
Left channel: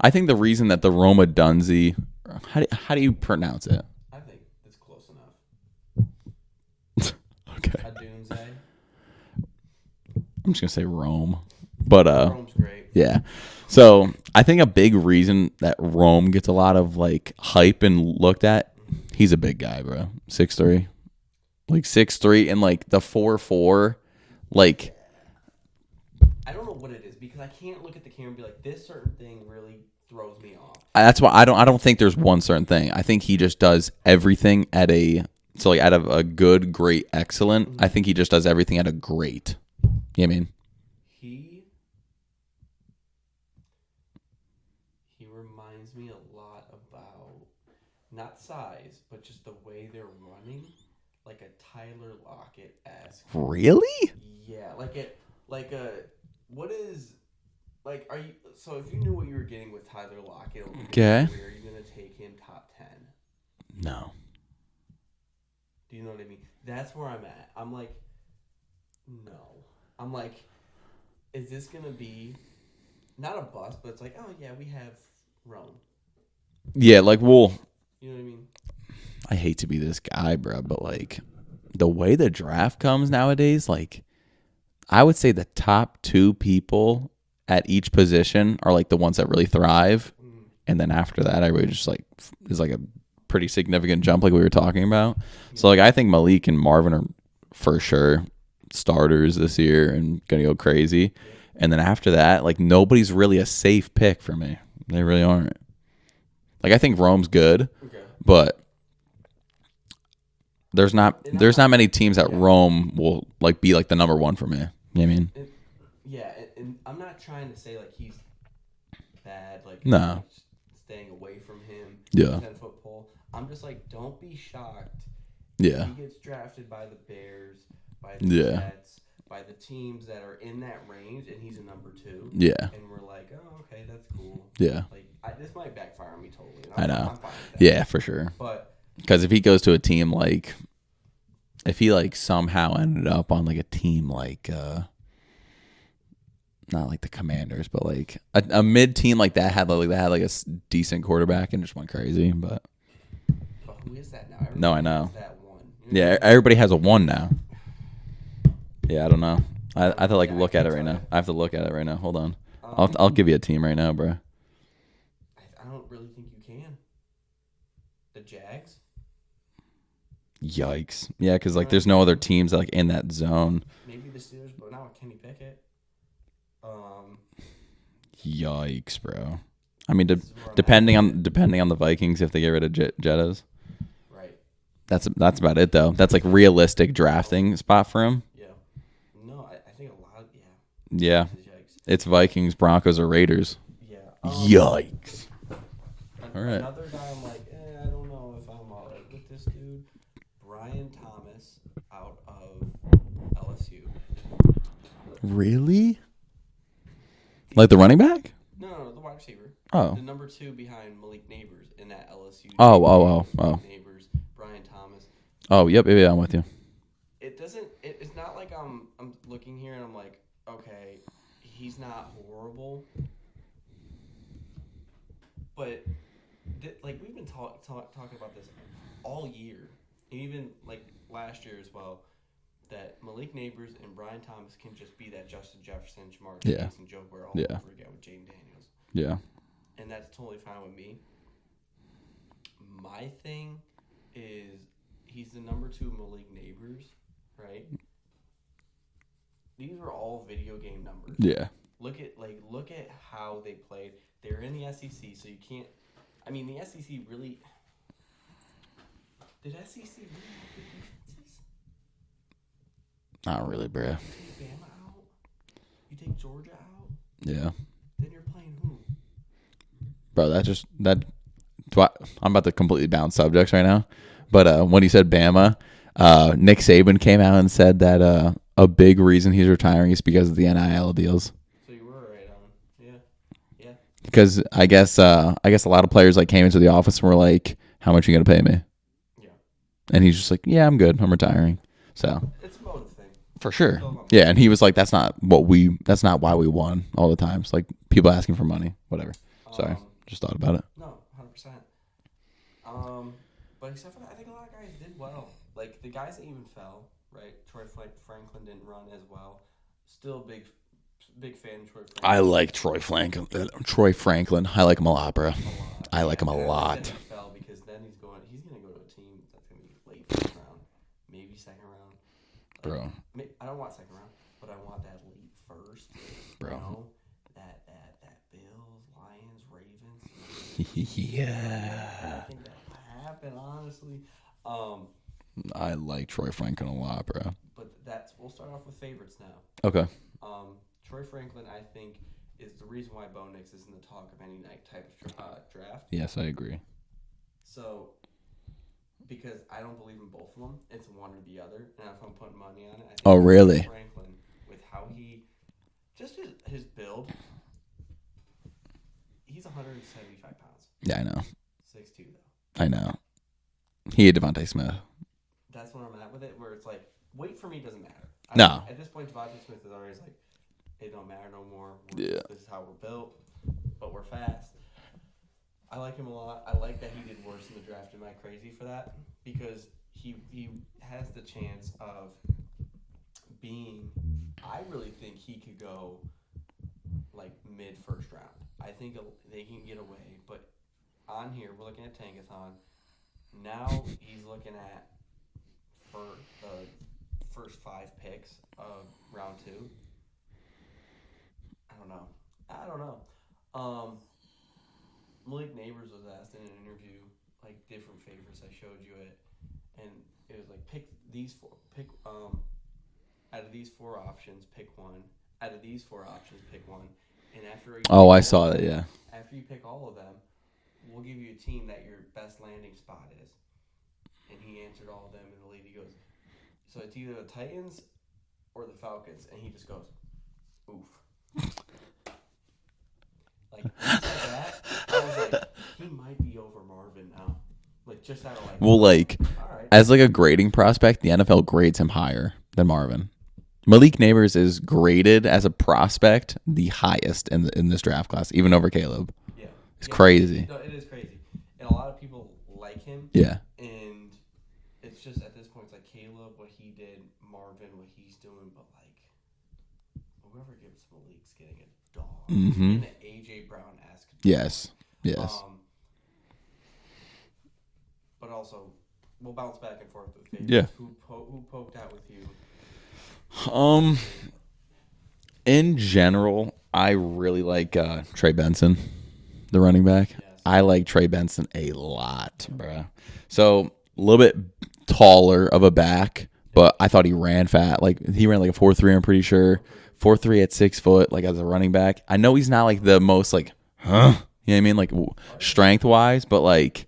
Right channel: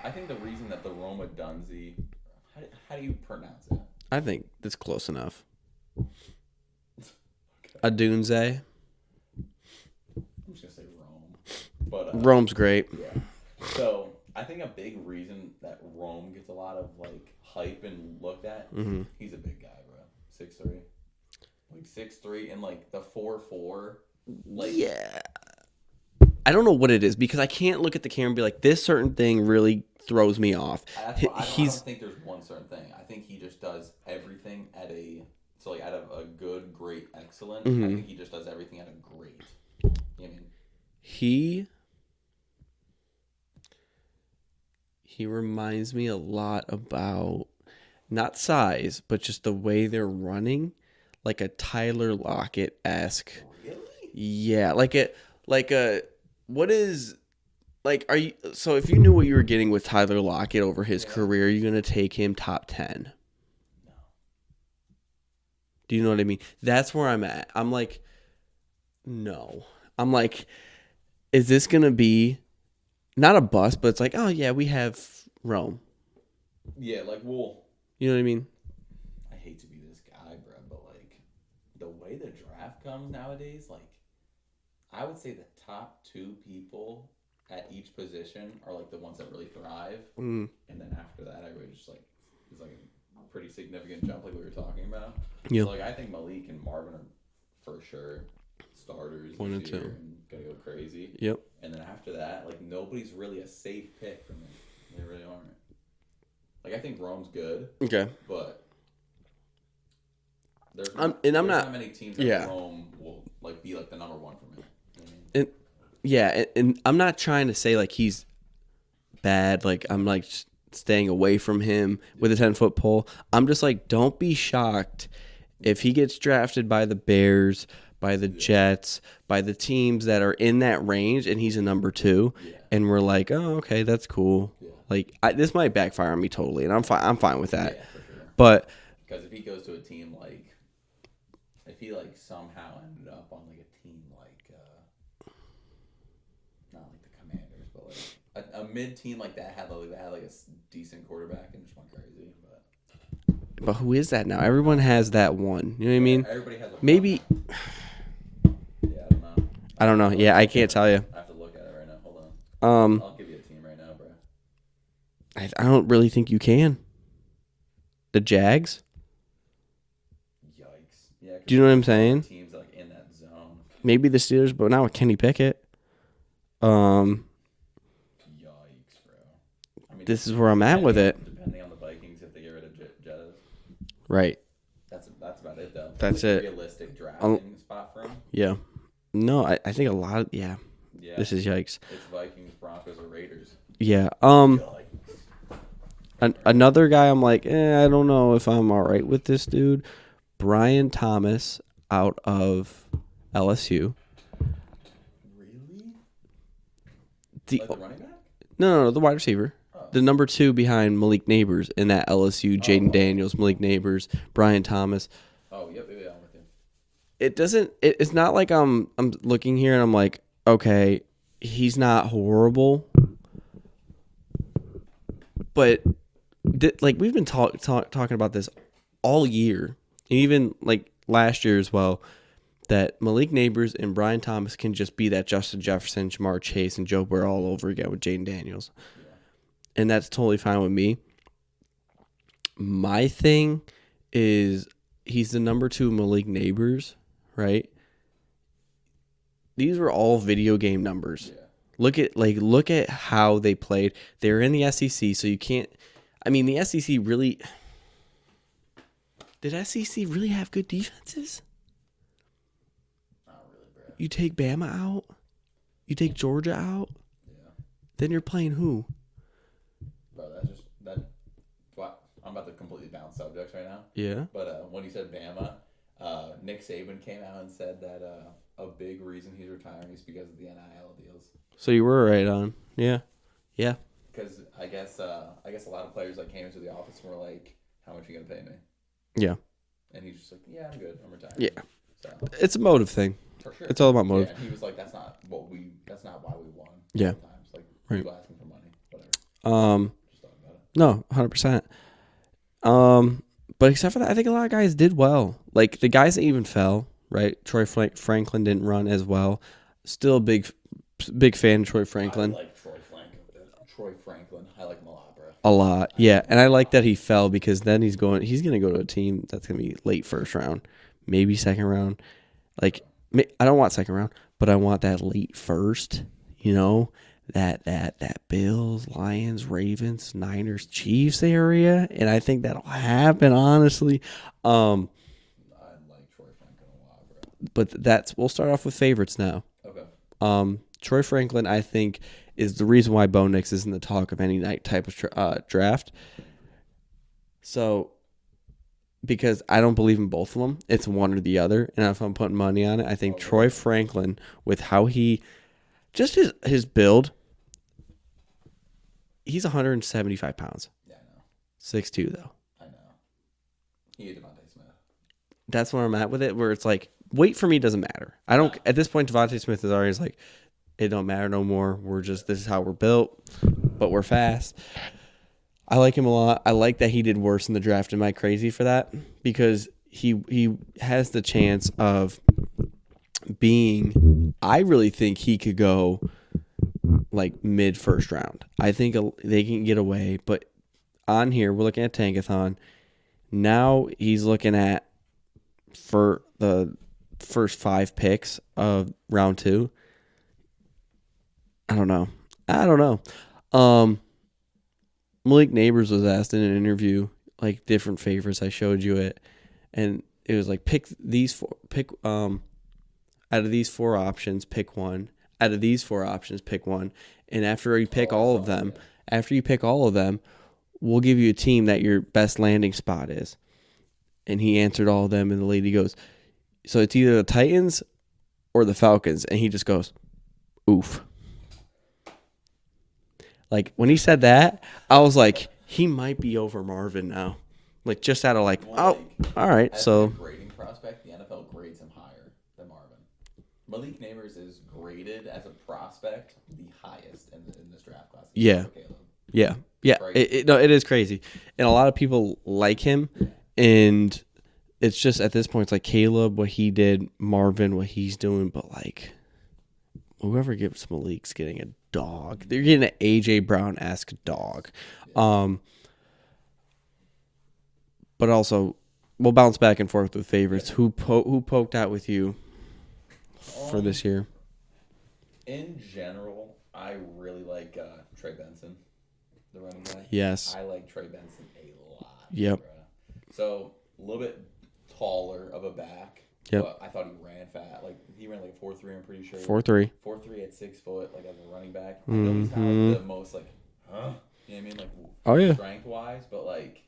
I think the reason that the Roma Dunzee, how do you pronounce it? I think that's close enough. Okay. Adunze. I'm just gonna say Rome, but Rome's great. Yeah. So I think a big reason that Rome gets a lot of like hype and looked at, he's a big guy, bro. 6'3", like 6'3", and like the 4.4, like I don't know what it is because I can't look at the camera and be like, this certain thing really throws me off. That's why I don't think there's one certain thing. I think he just does everything at out of a good, great, excellent. Mm-hmm. I think he just does everything at a great. You know what I mean? He reminds me a lot about not size, but just the way they're running, like a Tyler Lockett-esque. Really? Yeah, are you? So if you knew what you were getting with Tyler Lockett over his career, are you gonna take him top 10? No. Do you know what I mean? That's where I'm at. I'm like, no. I'm like, is this gonna be not a bust, but it's like, oh yeah, we have Rome. Yeah, like, well, you know what I mean? I hate to be this guy, bro, but like the way the draft comes nowadays, like I would say the top 2 people at each position are like the ones that really thrive. And then after that, I really just like is like a pretty significant jump like we were talking about. Yep. So like I think Malik and Marvin are for sure starters this year and gonna go crazy. Yep. And then after that, like nobody's really a safe pick for me. They really aren't. Like I think Rome's good. Okay. But there's not many teams that Rome will like be like the number 1 for me. You know what I mean? And I'm not trying to say like he's bad. Like I'm like staying away from him with a 10-foot pole. I'm just like, don't be shocked if he gets drafted by the Bears, by the Jets, by the teams that are in that range, and he's a number 2. Yeah. And we're like, oh, okay, that's cool. Yeah. Like this might backfire on me totally, and I'm fine. I'm fine with that. Yeah, for sure. But because if he goes to a team like, if he like somehow ended up on like a team like, not like the Commanders, but like a mid team like that had a decent quarterback and just went crazy. But who is that now? Everyone has that one. You know what I mean? Everybody has a one now. Yeah, I don't know. I don't know. I can't tell you. I have to look at it right now. Hold on. I'll give you a team right now, bro. I don't really think you can. The Jags? Yikes. Yeah, because like, there's no other teams like in that zone. Maybe the Steelers, but not with Kenny Pickett. Yikes, bro. I mean, this is where I'm at with it. Depending on the Vikings, if they get rid of Jettas. Right. That's about it, though. That's like it. Realistic drafting spot for him. Yeah. No, I think a lot of, Yeah. This is yikes. It's Vikings, Broncos, or Raiders. Yeah. Yikes. Another guy I'm like, I don't know if I'm all right with this dude. Brian Thomas out of LSU. Really? Like the running back? No, the wide receiver. Oh. The number 2 behind Malik Neighbors in that LSU. Jaden Daniels, Malik Neighbors, Brian Thomas. Oh, yep, I'm with you. It's not like I'm looking here and I'm like, okay, he's not horrible. But like we've been talking about this all year, and even like last year as well, that Malik Neighbors and Brian Thomas can just be that Justin Jefferson, Jamar Chase, and Joe Burrow all over again with Jaden Daniels. Yeah. And that's totally fine with me. My thing is he's the number 2 Malik Neighbors, right? These were all video game numbers. Yeah. Look at how they played. They're in the SEC, so you can't. I mean, the SEC really. Did SEC really have good defenses? Not really, bro. You take Bama out. You take Georgia out. Yeah. Then you're playing who? Bro, I'm about to completely bounce subjects right now. Yeah. But when he said Bama, Nick Saban came out and said that a big reason he's retiring is because of the NIL deals. So you were right on. Yeah. Yeah. Because I guess a lot of players like came into the office and were like, "How much are you gonna pay me?" Yeah. And he's just like, "Yeah, I'm good. I'm retiring." Yeah. So it's a motive thing. For sure. It's all about motive. Yeah, and he was like, that's not why we won all the time. It's like people asking for money, whatever. Just thought about it. No, 100%. But except for that, I think a lot of guys did well. Like the guys that even fell, right? Troy Franklin didn't run as well. Still a big fan of Troy Franklin. I like Troy Franklin. I like him a lot, bro. A lot. I like that he fell because then he's going to go to a team that's going to be late first round, maybe second round. Like, I don't want second round, but I want that late first. You know, that Bills, Lions, Ravens, Niners, Chiefs area, and I think that'll happen. Honestly, I like Troy Franklin a lot, bro. but we'll start off with favorites now. Okay. Troy Franklin, I think, is the reason why Bo Nix is in the talk of any night type of draft. Yes, I agree. So, because I don't believe in both of them, it's one or the other. And if I'm putting money on it, I think Troy Franklin, with how he, just his build, he's 175 pounds. Yeah, I know. 6'2", though. I know. He had Devontae Smith. That's where I'm at with it, where it's like, weight for me doesn't matter. I don't. No. At this point, Devontae Smith is already like, it don't matter no more. We're just, this is how we're built, but we're fast. I like him a lot. I like that he did worse in the draft. Am I crazy for that? Because he has the chance of being, I really think he could go like mid first round. I think they can get away, but on here, we're looking at Tankathon. Now he's looking at for the first 5 picks of round 2. I don't know. Malik Neighbors was asked in an interview, like different favorites. I showed you it, and it was like pick out of these 4 options, pick one. Out of these 4 options, pick one. And after you pick after you pick all of them, we'll give you a team that your best landing spot is. And he answered all of them, and the lady goes, so it's either the Titans or the Falcons, and he just goes, oof. Like, when he said that, I was like, he might be over Marvin now. Like, just out of like, well, all right. As like a grading prospect, the NFL grades him higher than Marvin. Malik Neighbors is graded as a prospect the highest in this draft class, even over Caleb. Yeah. It's crazy. It is crazy. And a lot of people like him. Yeah. And it's just, at this point, it's like Caleb, what he did, Marvin, what he's doing, but like, whoever gives Malik's getting a dog. Mm-hmm. They're getting an A.J. Brown-esque dog. Yes. But also, we'll bounce back and forth with favorites. Yeah. Who poked out with you this year? In general, I really like Trey Benson, the running back. Yes. I like Trey Benson a lot, yep. Bro. So, a little bit taller of a back. Yep. But I thought he ran fat. Like, he ran like a 4.3, I'm pretty sure. 4.3. 4.3 at 6 foot, like, as a running back. I know he's not, like, the most, like, you know what I mean? Like, strength-wise. But, like,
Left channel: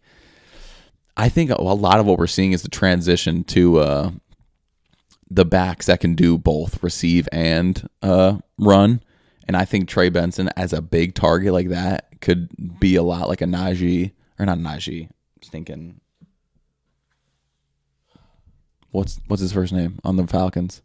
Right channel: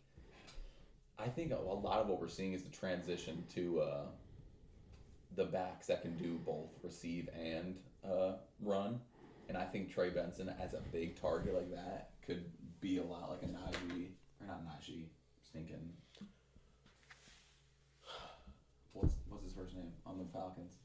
I think a lot of what we're seeing is the transition to the backs that can do both receive and run. And I think Trey Benson, as a big target like that, could be a lot like a Najee. Or not Najee. I was thinking... What's his first name on the Falcons?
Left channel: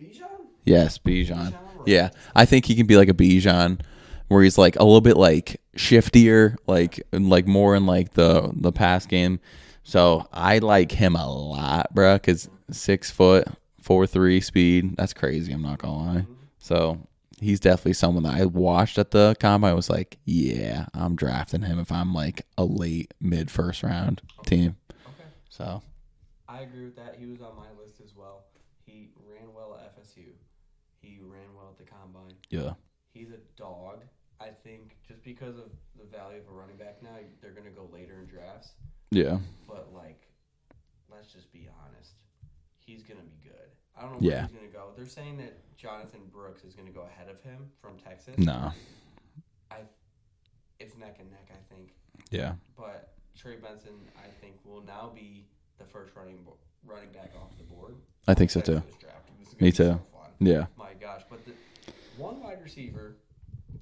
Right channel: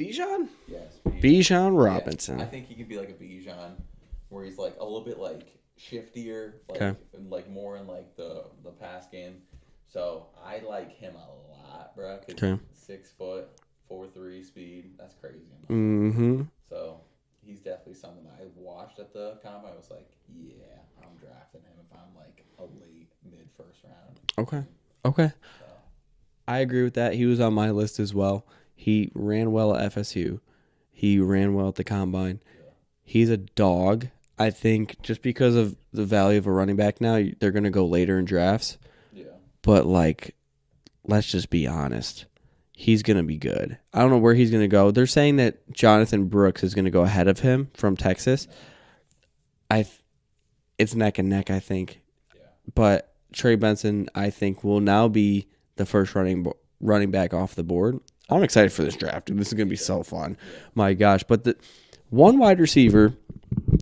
Bijan? Yes, Bijan. Bijan Robinson. Yeah, I think he can be like a Bijan, where he's like a little bit like shiftier, like and like more in like the pass game. So I like him a lot, bro, because 6 foot, 4.3 speed. That's crazy. I'm not gonna lie. So he's definitely someone that I watched at the combine. I was like, yeah, I'm drafting him if I'm like a late mid first round team. Okay. So. I agree with that. He was on my list as well. He ran well at FSU. He ran well at the combine. Yeah. He's a dog. I think just because of the value of a running back now, they're going to go later in drafts. Yeah. But, like, let's just be honest. He's going to be good. I don't know where he's going to go. They're saying that Jonathan Brooks is going to go ahead of him from Texas. No. It's neck and neck, I think. Yeah. But Trey Benson, I think, will now be the first running back off the board. I'm excited for this draft, dude. This is going to be so fun. Yeah. My gosh. But the one wide receiver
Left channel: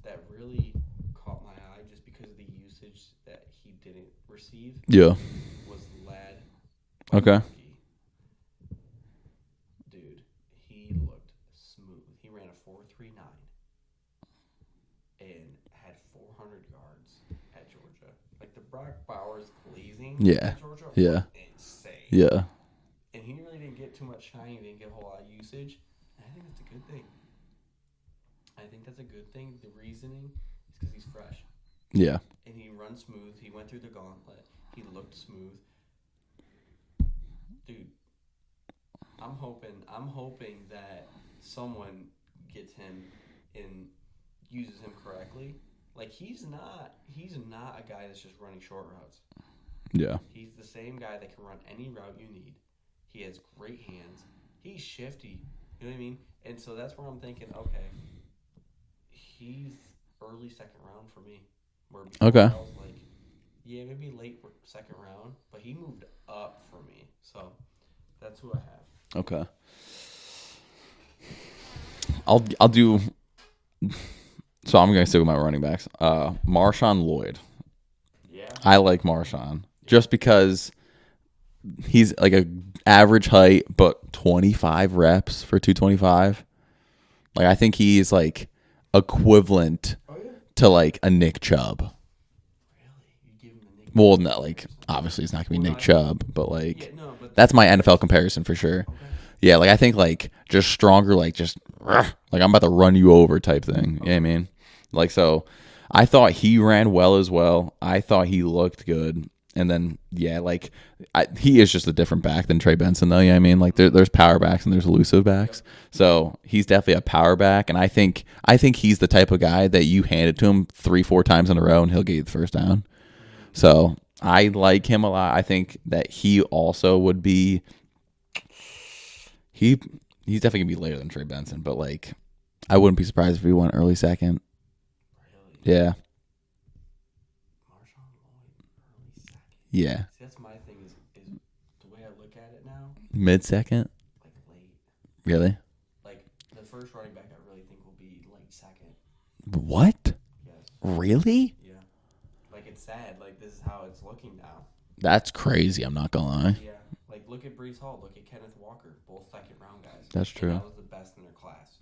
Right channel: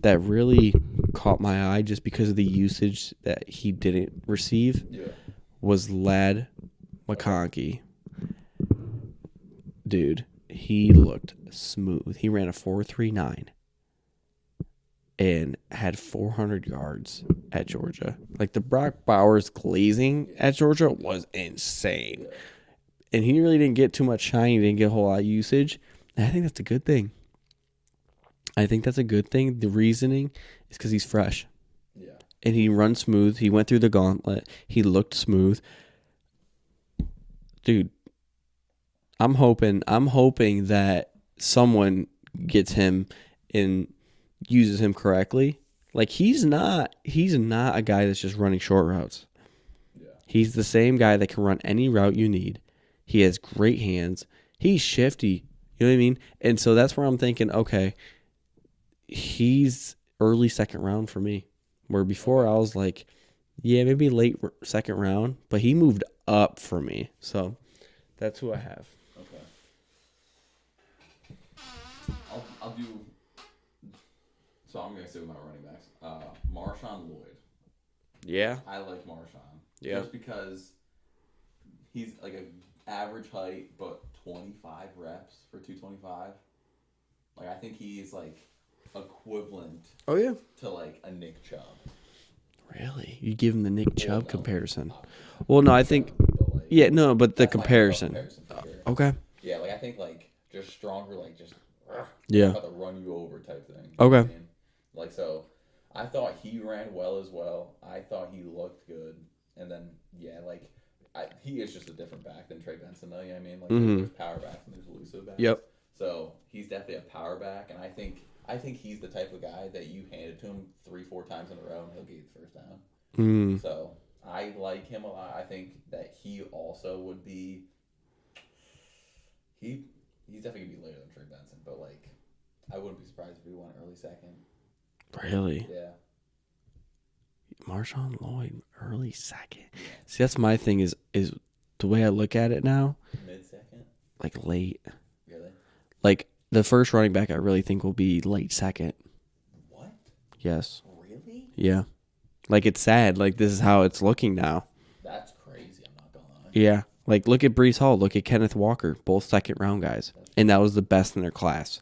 that really caught my eye just because of the usage that he didn't receive was Lad McConkey. Okay. Dude, he looked smooth. He ran a 4.39 and had 400 yards at Georgia. Like, the Brock Bowers glazing at Georgia was insane. Yeah. And he really didn't get too much shine. He didn't get a whole lot of usage. And I think that's a good thing. The reasoning is because he's fresh. Yeah. And he runs smooth. He went through the gauntlet. He looked smooth. Dude, I'm hoping that someone gets him and uses him correctly, like he's not a guy that's just running short routes. Yeah. He's the same guy that can run any route you need. He has great hands. He's shifty. You know what I mean? And so that's where I'm thinking, okay, he's early second round for me. Where before I was like, yeah, maybe late second round, but he moved up for me. So that's who I have. Okay. I'll do. So I'm gonna stick with my running backs. Marshawn Lloyd. Yeah. I like Marshawn just because he's like a average height, but 25 reps for 225. Like I think he's like equivalent. Oh yeah. To like a Nick Chubb. Really? You give him the Nick Well, Chubb no, comparison? like, obviously, it's not going to be Nick Chubb, but like, yeah, no, but that's my NFL comparison for sure. Okay. Yeah, like I think like just stronger, like just like I'm about to run you over type thing. You know what I mean? Like so, I thought he ran well as well. I thought he looked good, and then like he is just a different back than Trey Benson, though. You know what I mean? Like there's power backs and there's elusive backs. Yep. So he's definitely a power back, and I think he's the type of guy that you hand it to him 3-4 times in a row and he'll get you the first down. So I like him a lot. I think that he also would be. He's definitely gonna be later than Trey Benson, but like I wouldn't be surprised if he went early second. Really? Yeah. Marshawn Lloyd, early second. Yeah. See, that's my thing is the way I look at it now. Mid second? Like late. Really? Like the first running back I really think will be late second. What? Yes. Really? Yeah. Like it's sad. Like this is how it's looking now. That's crazy. I'm not gonna lie. Yeah. Like look at Breece Hall. Look at Kenneth Walker. Both second round guys. That's true. And that was the best in their class.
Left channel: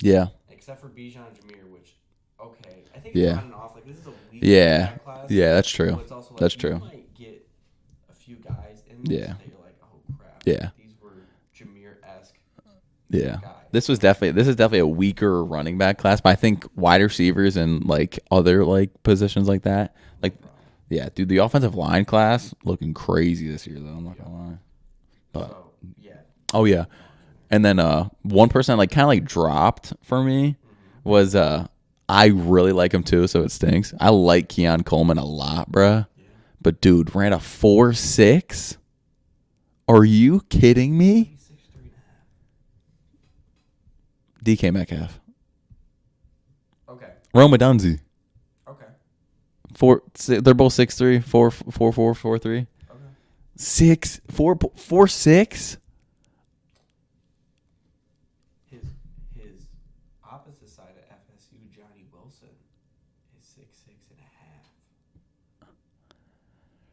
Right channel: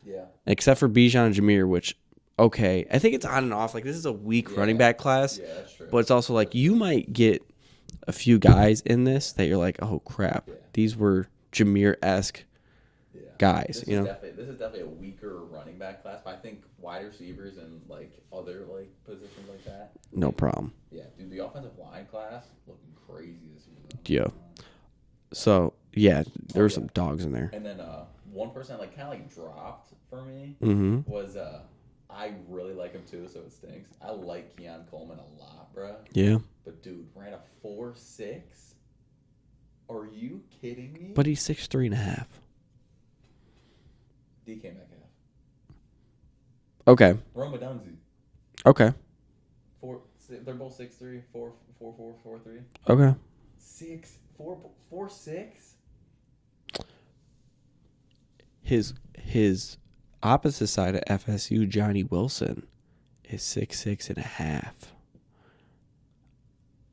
Yeah. Except for Bijan and Jameer, which okay, I think it's on and off. Like this is a weak running back class. Yeah, that's true. But it's also like you might get a few guys in this that you're like, oh crap. Yeah. These were Jameer-esque guys. This is definitely a weaker running back class, but I think wide receivers and like other like positions like that. No problem. Yeah, dude, the offensive line class looking crazy this year though. Yeah. So yeah. Some dogs in there. And then one person like kind of like dropped for me was I really like him too, so it stinks. I like Keon Coleman a lot, bruh. Yeah. But dude, ran a 4.6. Are you kidding me? But he's 6'3.5". DK Metcalf. Okay. Roma Dunzi. Okay. They're both 6'3", 4'4", 4'3". Okay. 4'6". His opposite side of FSU, Johnny Wilson, is 6'6.5".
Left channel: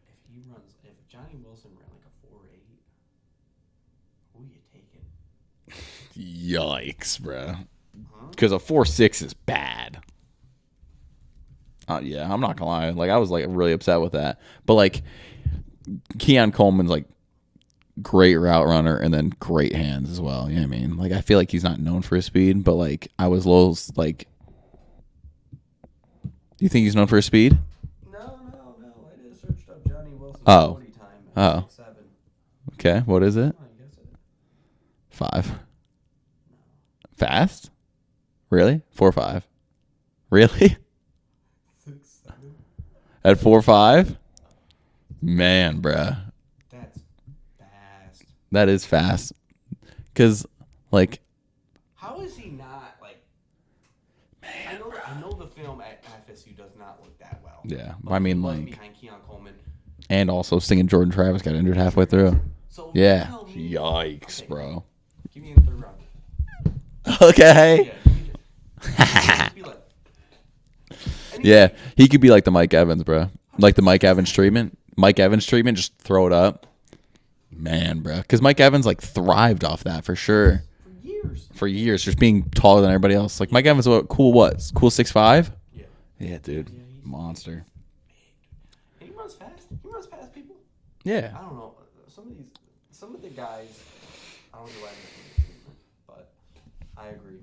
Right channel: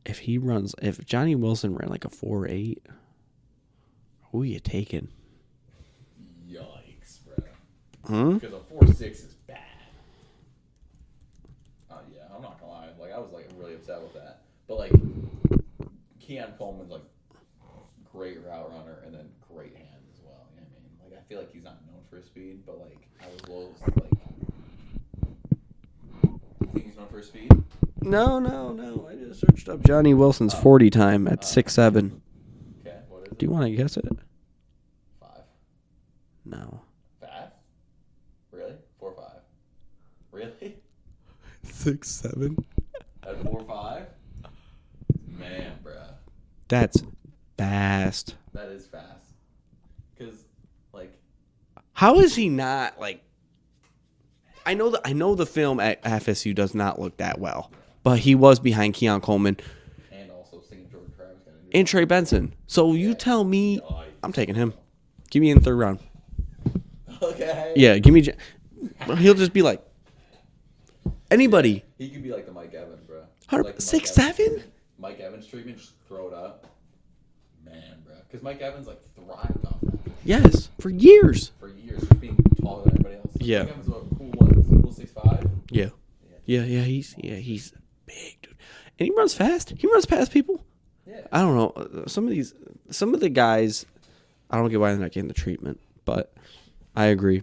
If Johnny Wilson ran like a 4.8, who are you taking? Yikes, bro. Because a 4.6 is bad. Yeah, I'm not gonna lie. Like I was like really upset with that. But like Keon Coleman's like great route runner and then great hands as well. You know what I mean? Like I feel like he's not known for his speed, but like I was a little like. You think he's known for his speed? No. I just searched up Johnny Wilson's 40 time at 6'7". Okay, what is it? You want to guess it? 5. No. Fast? Really? 4.5. Really? 6'7". At 4.5? Man, bruh. That's fast. That is fast. Because, like... How is he not, like... I know the film at FSU does not look that well. Yeah. But he was behind Keon Coleman. And also singing Jordan Travis got injured and Trey Benson. Through. So you tell me... Yikes, I'm taking him. Give me in the third round. Okay. Yeah, give me... He'll just be like... Anybody. Yeah, he could be like the Mike Evans, bro. Like the Mike 6'7"? Evans treatment. Mike Evans treatment, just throw it up. Man, bro. Because Mike Evans like thrived off that for sure. Yes, for years. For years, just being taller than everybody else. Like Mike Evans, cool 6'5"? Yeah. Yeah, dude. Yeah, he's big, dude. And he runs fast. He runs past people. Yeah. I don't know. Some of the guys, I don't get why they're not getting the treatment, but I agree.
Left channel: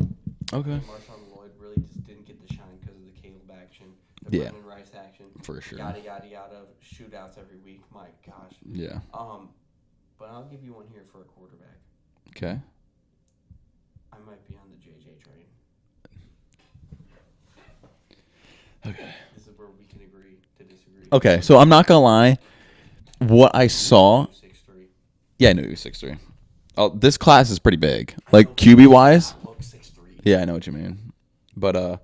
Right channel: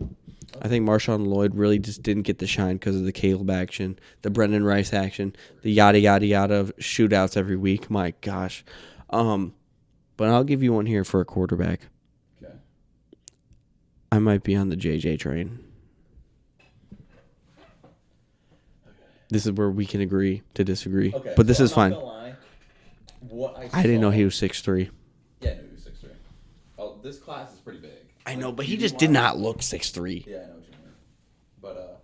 Okay. I think Marshawn Lloyd really just didn't get the shine because of the Caleb action, the Brendan Rice action, the yada yada yada of shootouts every week. My gosh. Yeah. But I'll give you one here for a quarterback. Okay. I might be on the J.J. train. This is where we can agree to disagree. Okay, but so I'm not gonna lie. What I didn't saw, know he was 6'3". yeah, I knew he was 6'3". Oh, this class is pretty big, I like know, but he QB just wise. did not look 6'3". Yeah, I know what you mean, but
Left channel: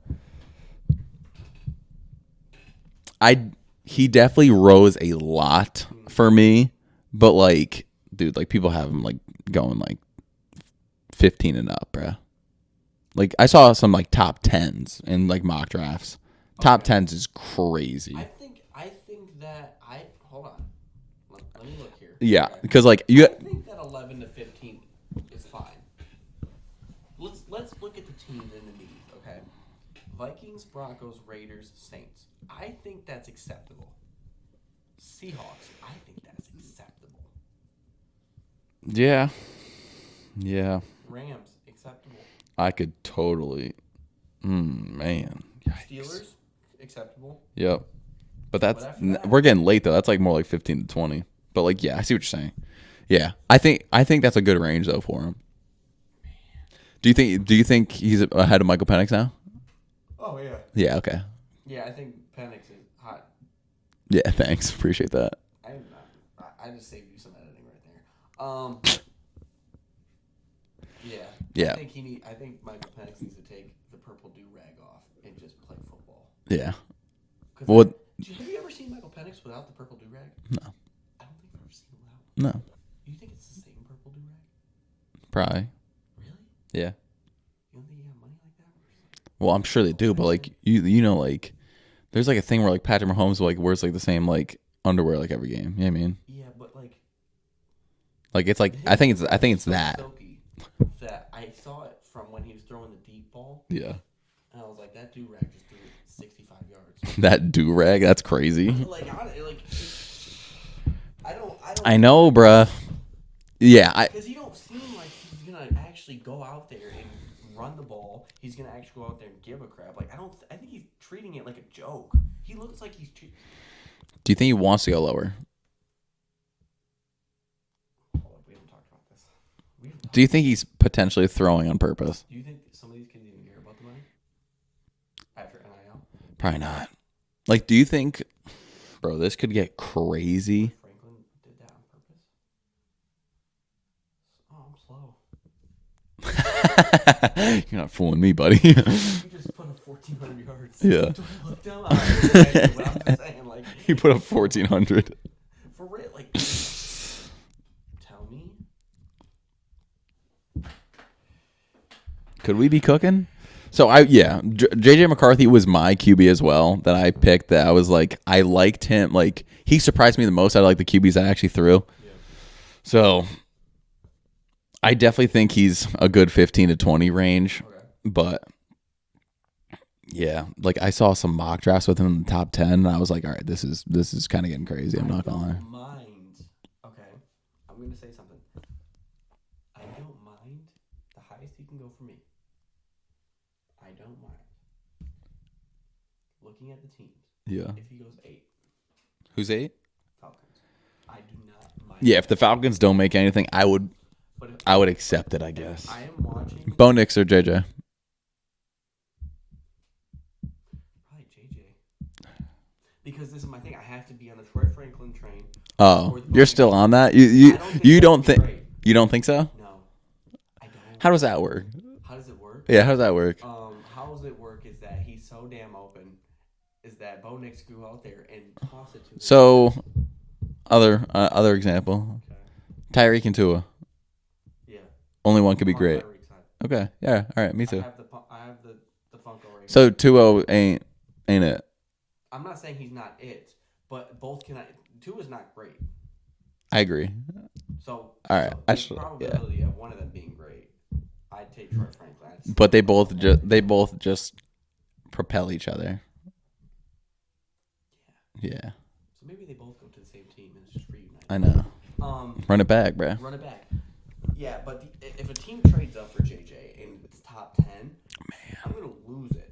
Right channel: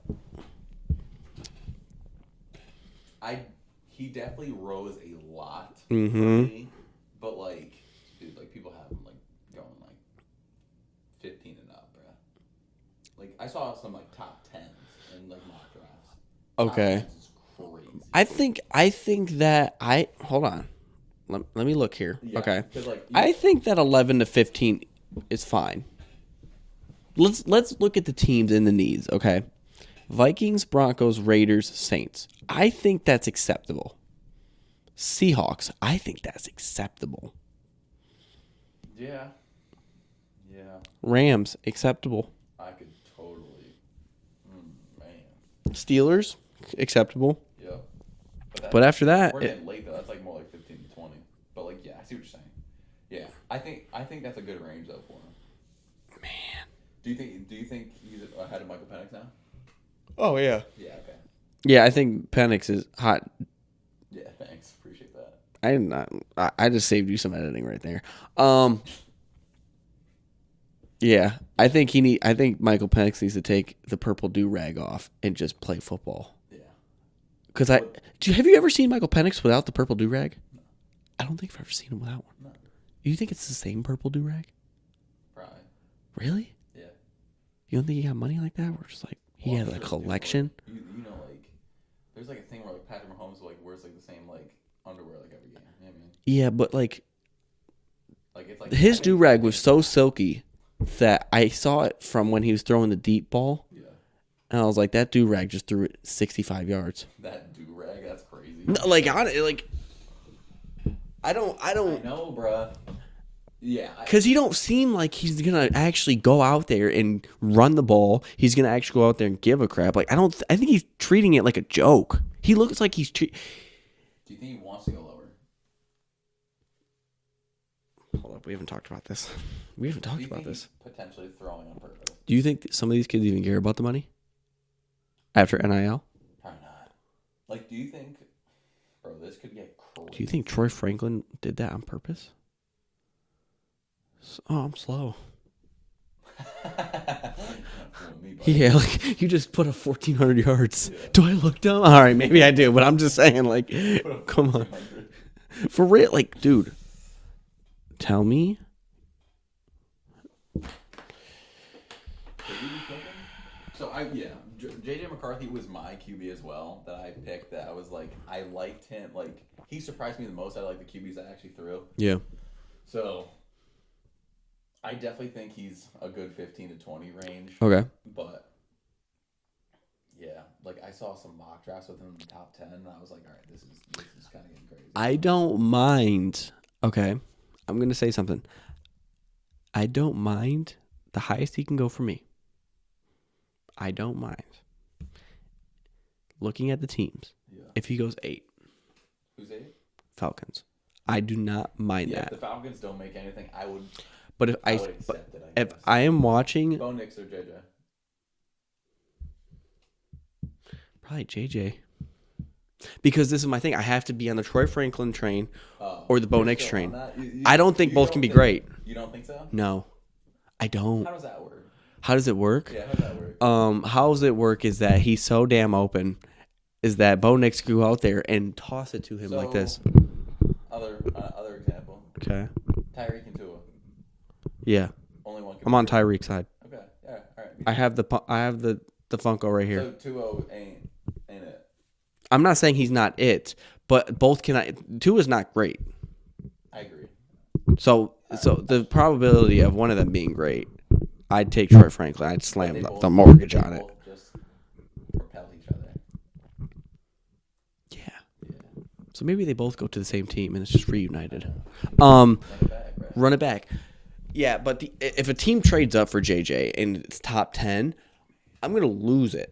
he definitely rose a lot for me, but like, dude, like people have him like going like 15 and up, bruh. Like I saw some like top 10s in like mock drafts. Top 10s is crazy. I think that hold on. Let me look here. Yeah, Okay. because like I think that 11 to 15 is fine. Let's look at the teams and the needs, okay? Vikings, Broncos, Raiders, Saints. I think that's acceptable. Seahawks, I think that's acceptable. yeah. Rams, acceptable. I could totally, man. Steelers, acceptable. Yep. But after that, we're getting late though. That's like more like 15 to 20. But like, yeah, I see what you're saying. Yeah, I think that's a good range though for him. Man, do you think he's ahead of Michael Penix now? Oh yeah. Yeah. Okay. Yeah, I think Penix is hot. Yeah. Thanks. Appreciate that. I just saved you some editing right there. Yeah. I think Michael Penix needs to take the purple do-rag off and just play football. Yeah. Because have you ever seen Michael Penix without the purple do-rag? No. I don't think I've ever seen him without one. No. You think it's the same purple do-rag? Probably. Really? Yeah. You don't think he got money like that? We're just like, well, I'm sure they do, but like you know, like there's like a thing where like Patrick Mahomes like wears like the same like underwear like every game. You know what I mean? Yeah, but like it's like his do-rag was so that. silky that I saw it from when he was throwing the deep ball. Yeah. And I was like, that do-rag just threw it 65 yards. That do-rag, that's crazy. No, I don't. I know, bruh. Yeah, because he don't seem like he's gonna actually go out there and run the ball. He's gonna actually go out there and give a crap. Like I think he's treating it like a joke. He looks like he's. Do you think he wants to go lower? Hold up, we haven't talked about this. Do you think he's potentially throwing on purpose? Do you think that some of these kids even care about the money after NIL? Probably not. Like, do you think, bro, this could get crazy? Do you think Troy Franklin did that on purpose? Oh, I'm slow. You're not fooling me, buddy. Yeah, like, you just put up 1,400 yards. Yeah. Do I look dumb? All right, maybe I do, but I'm just saying, like, you put up 1,400 for real. Like, dude, tell me. Could we be cooking? So J.J McCarthy was my QB as well that I picked. That I was like, I liked him. Like he surprised me the most out of like the QBs I actually threw. Yeah. So I definitely think he's a good 15 to 20 range. Okay. But yeah, like I saw some mock drafts with him in the top 10, and I was like, all right, this is kind of getting crazy. I don't mind. Okay, I'm gonna say something. I don't mind the highest he can go for me. I don't mind. Looking at the teams. Yeah. If he goes 8. Who's 8? Falcons. I do not mind. Yeah, that. if the Falcons don't make anything, I would. But if I would accept it. I guess. If I am watching, Bo Nix or JJ. probably JJ. Because this is my thing. I have to be on the Troy Franklin train. Oh, or the Bo you're Nix still train. on that? I don't think both can be great. You don't think so? No, I don't. How does that work? How does it work? Yeah, how does that work? How does it work is that he's so damn open, is that Bo Nix could go out there and toss it to him. So, like this. other example. Okay. Tyreek and Tua. Yeah. Only one could be I'm on great. Tyreek's side. Okay. Yeah. All right. Me too. I have the Funko right here. So Tua ain't it? I'm not saying he's not it, but both Tua's not great. I agree. So All right. so the probability of one of them being great, I'd take Troy Franklin. I'd slam But they the both mortgage on it. just propel each other. Yeah. Yeah. So maybe they both go to the same team and it's just reunited. I know. Run it back, bro. Run it back. Yeah, but if a team trades up for JJ and it's top 10, I'm going to lose it.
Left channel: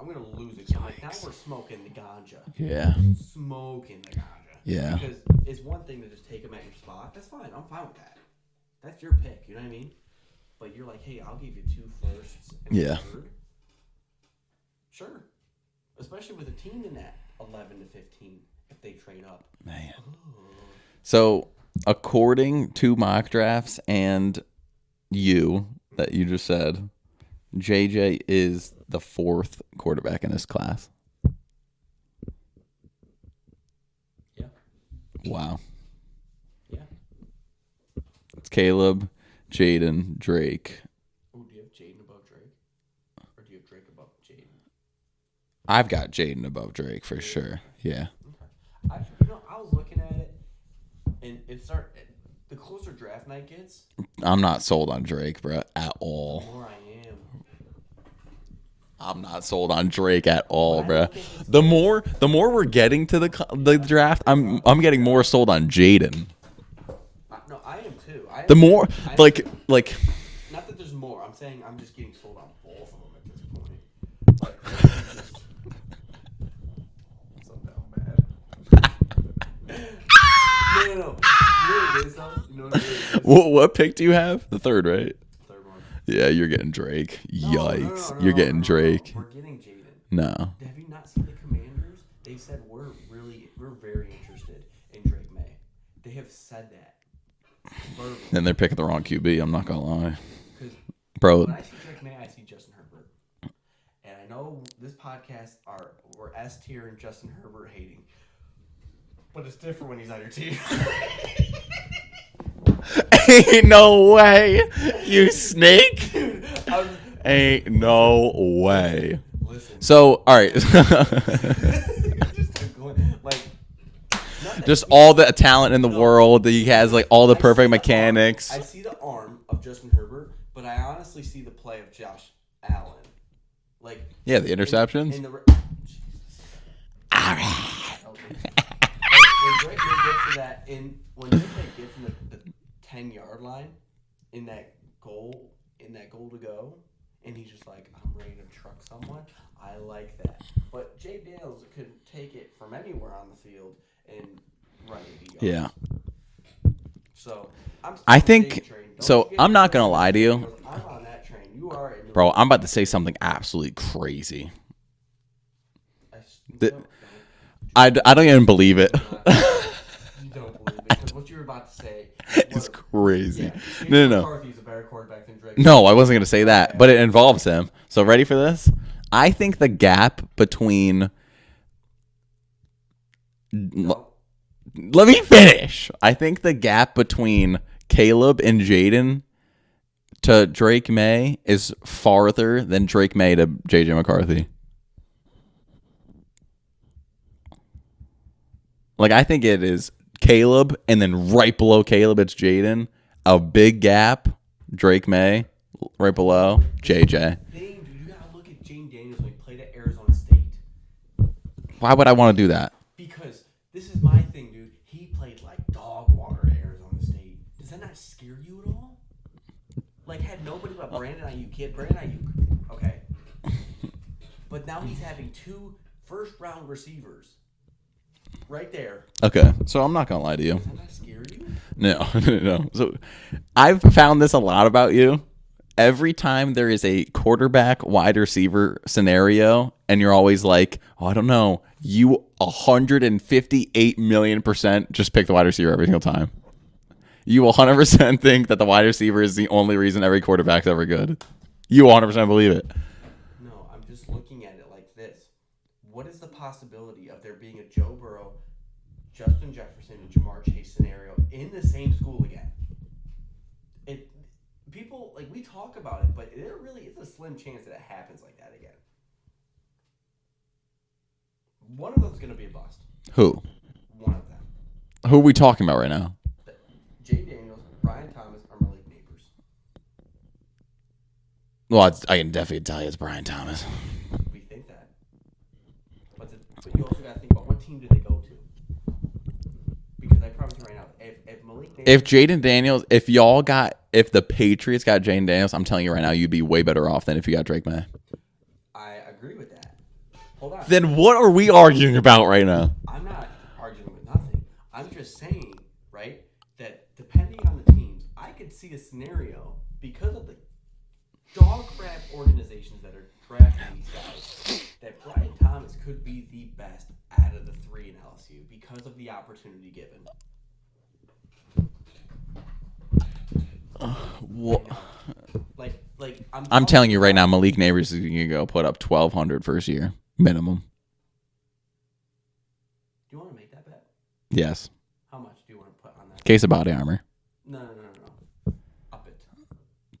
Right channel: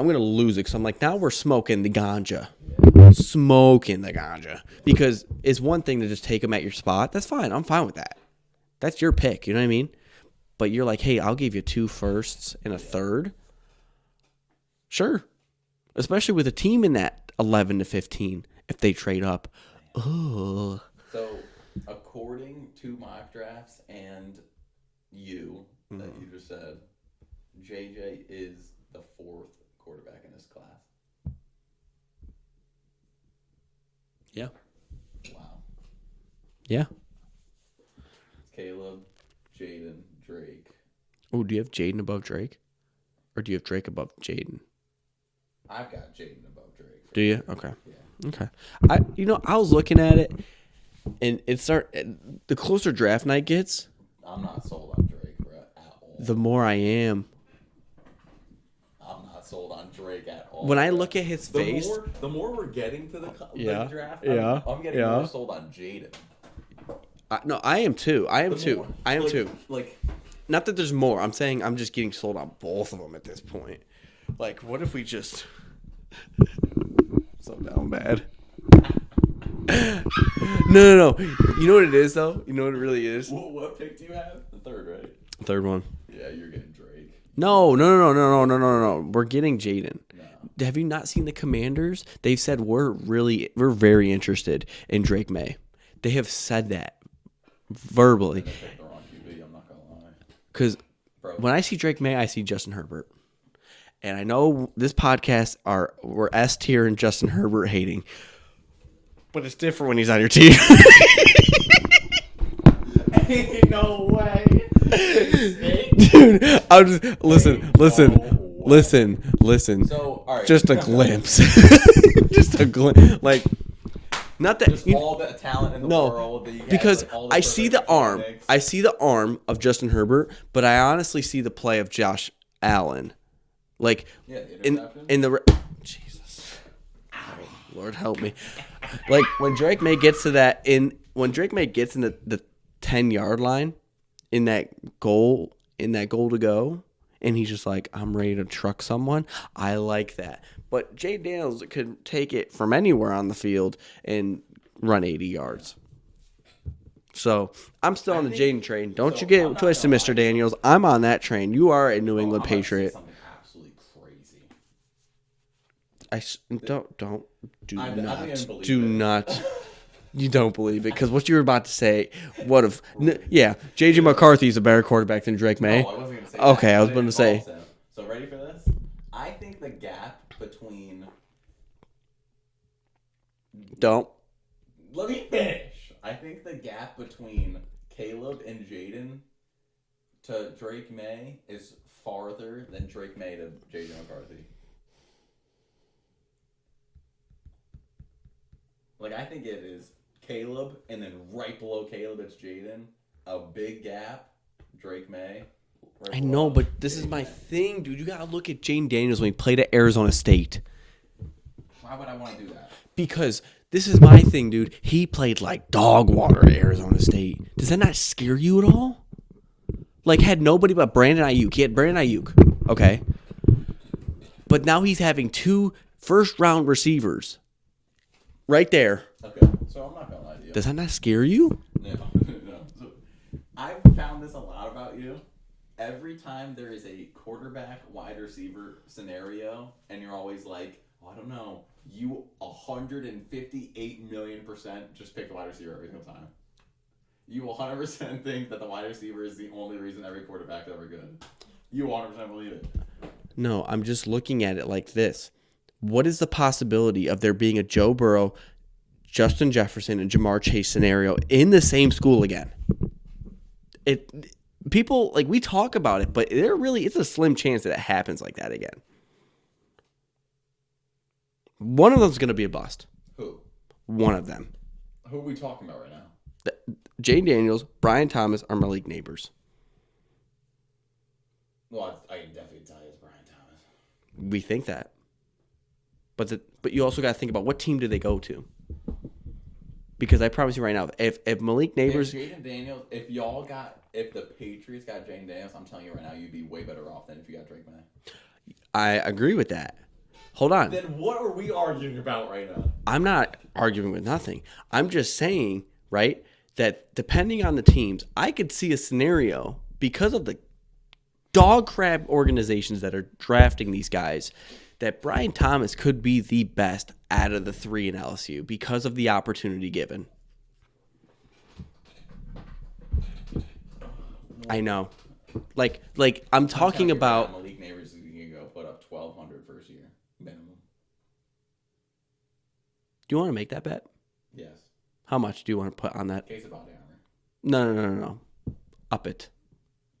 I'm going to lose it because I'm like, now we're smoking the ganja. Yeah. Smoking the ganja. Yeah. Because it's one thing to just take him at your spot. That's fine. I'm fine with that. That's your pick. You know what I mean? But you're like, hey, I'll give you 2 firsts and a third. Sure. especially with a team in that 11 to 15 if they trade up. Ugh. So, according to mock drafts and that you just said, JJ is the 4th quarterback in this class. Yeah. Wow. Yeah. It's Caleb, Jaden, Drake. Oh, do you have Jaden above Drake? Or do you have Drake above Jaden? I've got Jaden above Drake for Do you? sure. Okay. Yeah. Okay. I was looking at it, and the closer draft night gets, I'm not sold on Drake, bro, at all. the more I am. I'm not sold on Drake at all. When I look at his the face, more we're getting to the draft, I'm getting more sold on Jaden. No, I am too. Like Not that there's more. I'm saying I'm just getting sold on both of them at this point. Like, what if we just so down bad? No. You know what it is though? You know what it really is? What pick do you have? The 3rd, right? Third one. Yeah, you're getting Drake. No. No. We're getting Jaden. No. Have you not seen the Commanders? They've said we're very interested in Drake May. They have said that verbally. And they're picking the wrong QB. I'm not gonna lie. Because when I see Drake May, I see Justin Herbert. And I know this podcast we're S tier and Justin Herbert hating, but it's different when he's on your team. Ain't no way, you snake, dude. I'm just listen. So, all right, just a glimpse, just a glimpse, like not that just all the talent in the world that he has, like all the perfect mechanics. I see the arm of Justin Herbert, but I honestly see the play of Josh Allen, like the interceptions in the Jesus. Lord help me. Like when Drake May gets to that when Drake May gets in the 10-yard line in that goal to go, and he's just like, I'm ready to truck someone. I like that. But Jay Daniels could take it from anywhere on the field and run 80 yards. Yeah. So I'm still on the Jaden train. Don't you get I'm not going to lie to Daniels. you. I'm on that train. You are a New Bro, England I'm about Patriot. to say something absolutely crazy. Don't I don't even believe it. You don't believe it because what you were about to say, crazy. Yeah, J.J. McCarthy is a better quarterback than Drake May. No, I wasn't going to say that, Okay, but it involves him. So ready for this? I think the gap between Don't. Let me finish. I think the gap between Caleb and Jaden to Drake May is farther than Drake May to J.J. McCarthy. Like, I think it is Caleb, and then right below Caleb, it's Jaden. A big gap, Drake May. Right below, but this JJ. Is my thing, dude. You got to look at Jaden Daniels when he played at Arizona State. Why would I want to do that? Because this is my thing, dude. He played like dog water at Arizona State. Does that not scare you at all? Like, had nobody but Brandon Ayuk. He had Brandon Ayuk. Okay. But now he's having 2 first-round receivers. Right there. Okay. So I'm not going to lie to you. Does that not scare you? No. So I've found this a lot about you. Every time there is a quarterback wide receiver scenario, and you're always like, oh, I don't know, you 158,000,000% just pick the wide receiver every single time. You 100% think that the wide receiver is the only reason every quarterback's ever good. You 100% believe it. No, I'm just looking at it like this. What is the possibility of there being a Joe Burrow, Justin Jefferson, and Jamar Chase scenario in the same school again? People, like, we talk about it, but it's a slim chance that it happens like that again. One of them's going to be a bust. Who? One of them. Who are we talking about right now? Jay Daniels, Brian Thomas are Malik Neighbors. Well, I can definitely tell you it's Brian Thomas. We think that. But you also got to think about what team do they go to? Because I promise you right now, if Malik Neighbors... If Jaden Daniels, if the Patriots got Jaden Daniels, I'm telling you right now, you'd be way better off than if you got Drake May. I agree with that. Hold on. Then what are we arguing about right now? I'm not arguing with nothing. I'm just saying, right, that depending on the teams, I could see a scenario because of the dog crap organizations that are drafting these guys that Brian Thomas could be the best out of the three in LSU because of the opportunity given. I know. Like I'm telling you right now, Malik Neighbors is going to go put up 1,200 first year minimum. Do you want to make that bet? Yes. How much do you want to put on that? Case of body armor. No. Up it.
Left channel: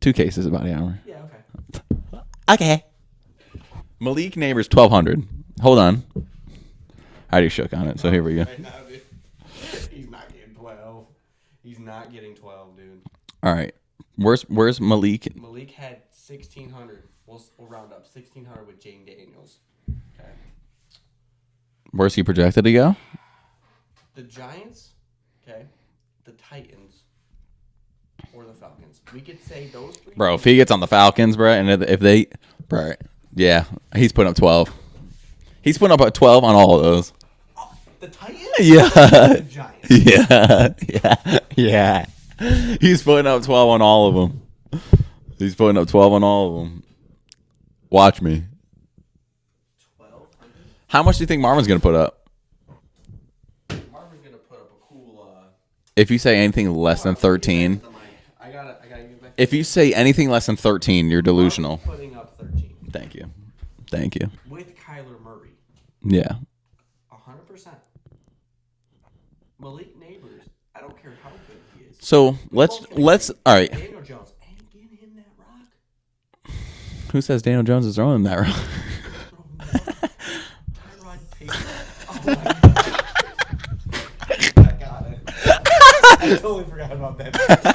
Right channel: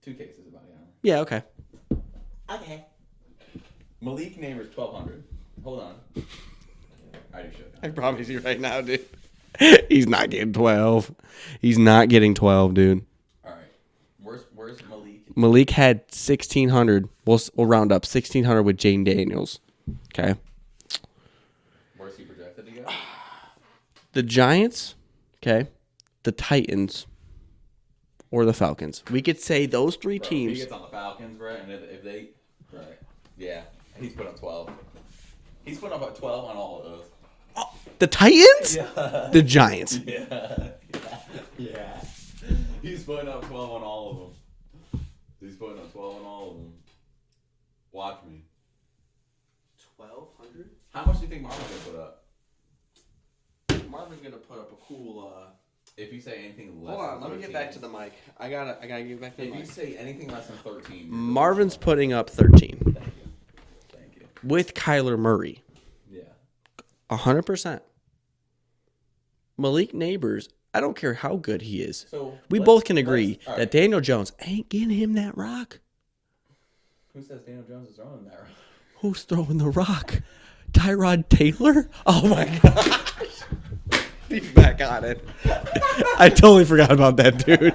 2 cases of body armor. Yeah, okay. Okay. Malik Neighbors 1,200. Hold on. I already shook on it, so here we go. Right now, dude. He's not getting 12. He's not getting 12, dude. All right. Where's Malik? Malik had 1,600. We'll round up 1,600 with Jane Daniels. Okay. Where's he projected to go? The Giants, okay, the Titans, or the Falcons. We could say those three bro, teams. If he gets on the Falcons, bro, and if they, bro, yeah, he's putting up 12. He's putting up a 12 on all of those. The Titans? Yeah. The Giants. Yeah. He's putting up 12 on all of them. He's putting up 12 on all of them. Watch me. 1,200? How much do you think Marvin's going to put up? Marvin's going to put up a cool... If you say anything less than 13... I gotta give back. If you say anything less than 13, you're delusional. Marvin's putting up 13. Thank you. With Kyler Murray. Yeah. 100%. Malik Neighbors, I don't care how good he is. So we both can agree all right. that Daniel Jones ain't getting him that rock. Who says Daniel Jones is throwing him that rock? Who's throwing the rock? Tyrod Taylor? Oh, my God. He's back on it. I totally forgot about that, dude.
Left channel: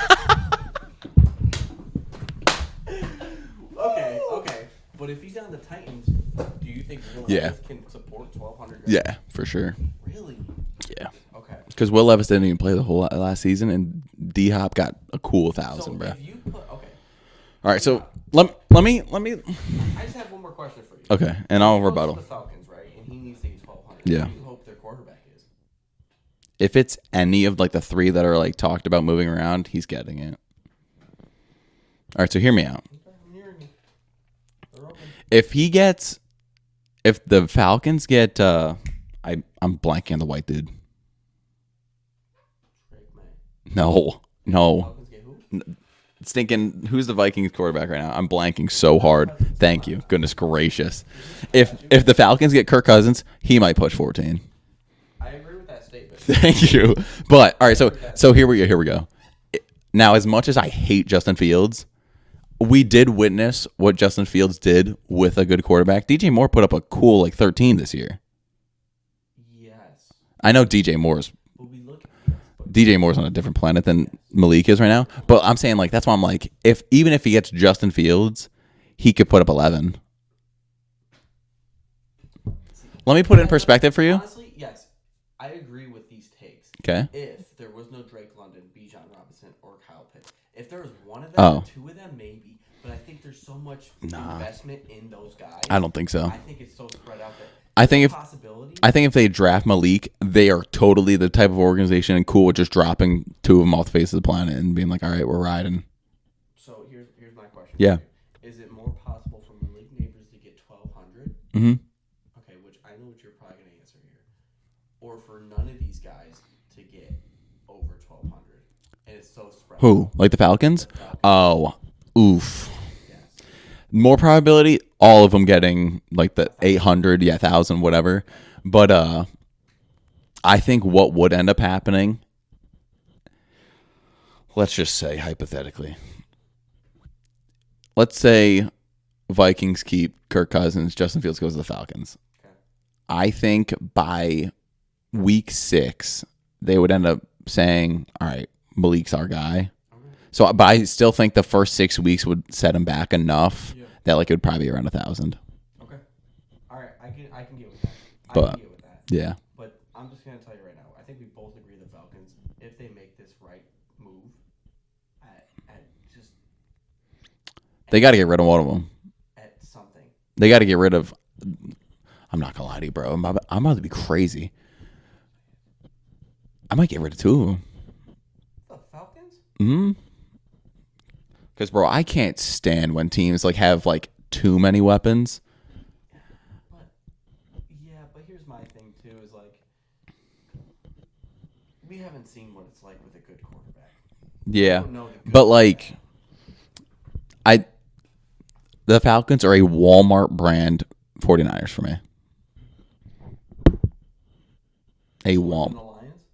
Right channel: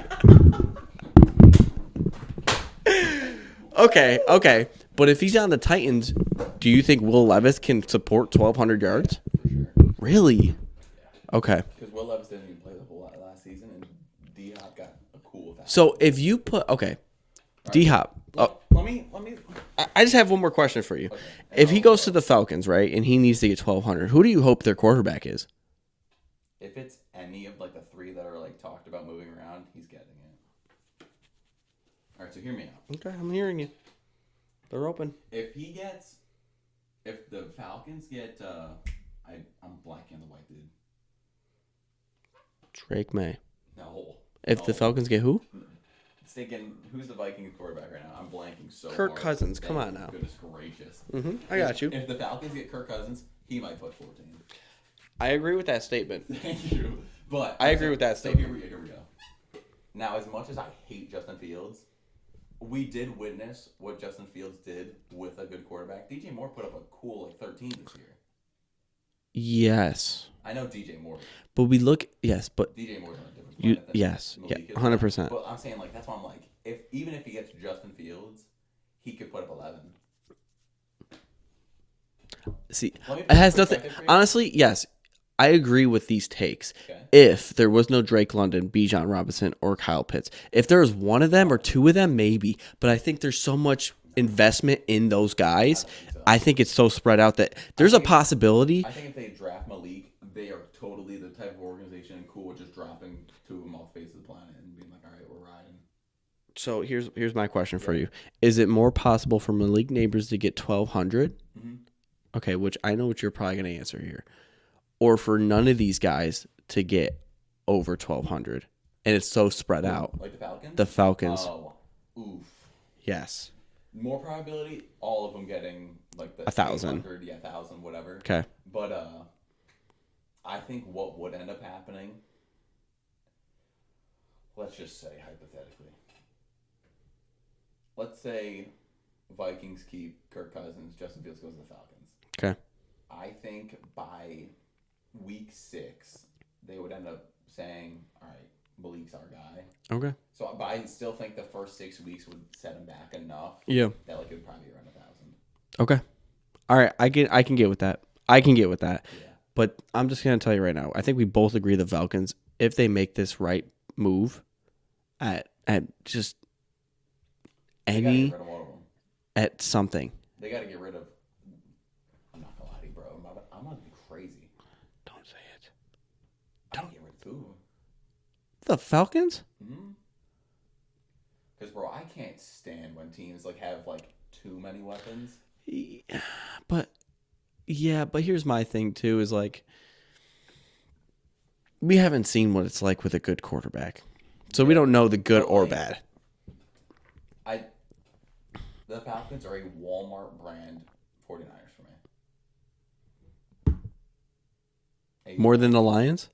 Okay. But if he's on the Titans, do you think Will Levis can support 1,200 yards? Yeah, for sure. Really? Yeah. Okay. Because Will Levis didn't even play the whole last season, and D-Hop got a cool 1,000. So if you put... Okay. All right, D-Hop. So let me... I just have one more question for you. Okay. And if he goes to the Falcons, right, and he needs to get 1,200, who do you hope their quarterback is? If it's any of like the 3 that are like talked about moving around, he's getting it. All right, so hear me out. Okay, I'm hearing you. They're open. If the Falcons get, I'm blanking on the white dude. Drake May. No. If the Falcons get who? Thinking, who's the Vikings quarterback right now? I'm blanking so Kirk hard. Cousins. Thank you. Now. Goodness gracious. I got you. If the Falcons get Kirk Cousins, he might push 14. I agree with that statement. Thank you. But all right, so here we go. Now, as much as I hate Justin Fields, we did witness what Justin Fields did with a good quarterback. DJ Moore put up a cool like 13 this year. Yes. I know DJ Moore's. But but DJ Moore's on a different planet than yes, Malik is right 100%. now. But I'm saying like that's why I'm like even if he gets Justin Fields, he could put up 11. See, let me put it in perspective for you. Honestly, yes. I agree with these takes. Okay. If there was no Drake London, Bijan Robinson, or Kyle Pitts, if there was one of them or two of them, maybe. But I think there's so much investment in those guys. I don't think so. I think it's so spread out that there's a possibility. I think if they draft Malik, they are totally the type of organization and cool with just dropping 2 of them off the face of the planet and being like, all right, we're riding. So here's my question for you: is it more possible for Malik Neighbors to get 1,200? Mm-hmm. Okay, which I know what you're probably going to answer here. Or for none of these guys to get over 1,200, and it's so spread out. Like the Falcons? The Falcons. Oh, oof. Yes. More probability, all of them getting like the 1,000. 800, 1,000, whatever. Okay. But I think what would end up happening, let's just say hypothetically, let's say Vikings keep Kirk Cousins, Justin Fields goes to the Falcons. Okay. I think by week 6, they would end up saying, all right, Malik's our guy. Okay. So, but I still think the first 6 weeks would set him back enough that like it would probably be around 1,000. Okay. All right. I can get with that. I can get with that. Yeah. But I'm just going to tell you right now, I think we both agree the Falcons, if they make this right move at just... They got to get rid of one of them. At something. They got to get rid of... I'm not going to lie to you, bro. I'm about to be crazy. Don't say it. I might get rid of 2 of them. The Falcons? Mm-hmm. Because, bro, I can't stand when teams like have like too many weapons. But here's my thing too: is like we haven't seen what it's like with a good quarterback, so we don't know the good or bad. The Falcons are a Walmart brand 49ers for me. More than the Lions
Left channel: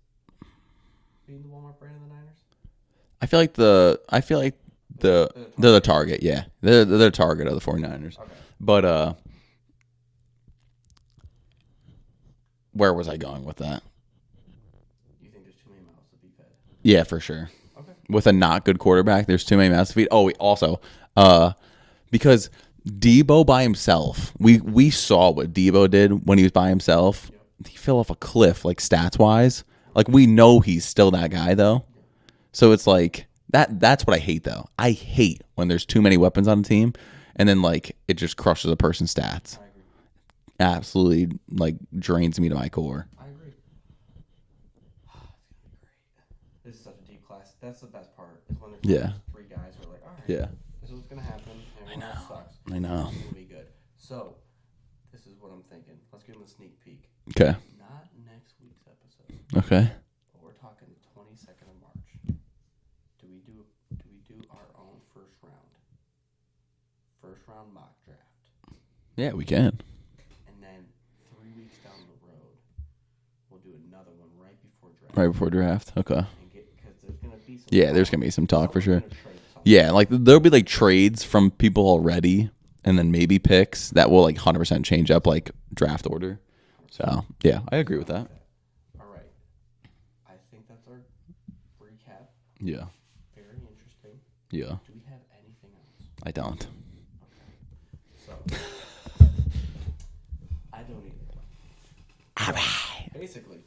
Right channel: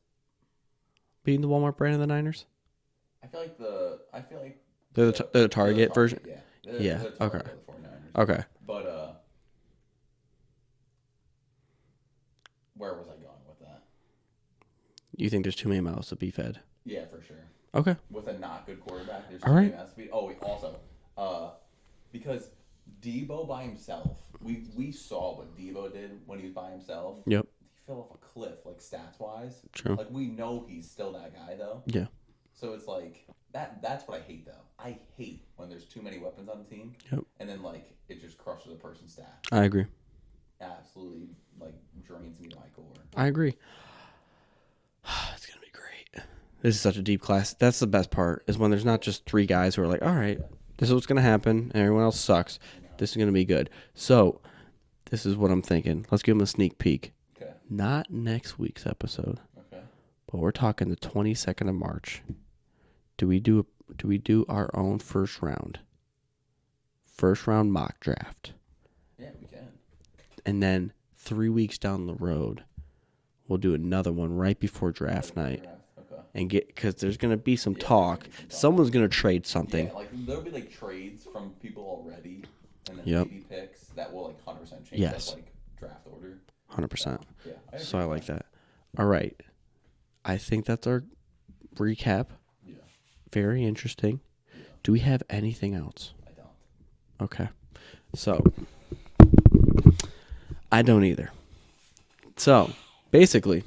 being the Walmart brand of the Niners. I feel like they're the target. Version? Yeah, they're the target of the 49ers. Okay, but where was I going with that? You think there's too many mouths to be fed? Yeah, for sure. Okay. With a not good quarterback, there's too many mouths to feed. Oh, also, because Debo by himself, we saw what Debo did when he was by himself. Yep. He fell off a cliff, like stats wise. True. Like we know he's still that guy though. Yeah. So it's like that's what I hate though. I hate when there's too many weapons on a team, and then like it just crushes a person's stats. I agree. Absolutely, like drains me to my core. I agree. It's gonna be great. This is such a deep class. That's the best part is when there's not just three guys who are like, all right, this is what's gonna happen, and everyone else sucks. I know. This is gonna be good. So, this is what I'm thinking. Let's give them a sneak peek. Okay. Not next week's episode. Okay. But we're talking the 22nd of March. Do we do our own first round mock draft? Yeah, we can. And then 3 weeks down the road, we'll do another one right before draft. Right before draft. Okay. And because there's gonna be some Yeah, talk. there's gonna be some talk. Someone's for sure. gonna trade something. Yeah, like there'll be like trades from people already, and then maybe picks that will like 100% change up like draft order. 100%. So, yeah, I agree with like that. All right. I think that's our recap. Yeah. Very interesting. Yeah. Do we have anything else? I don't. Okay. So, I don't either. So, basically,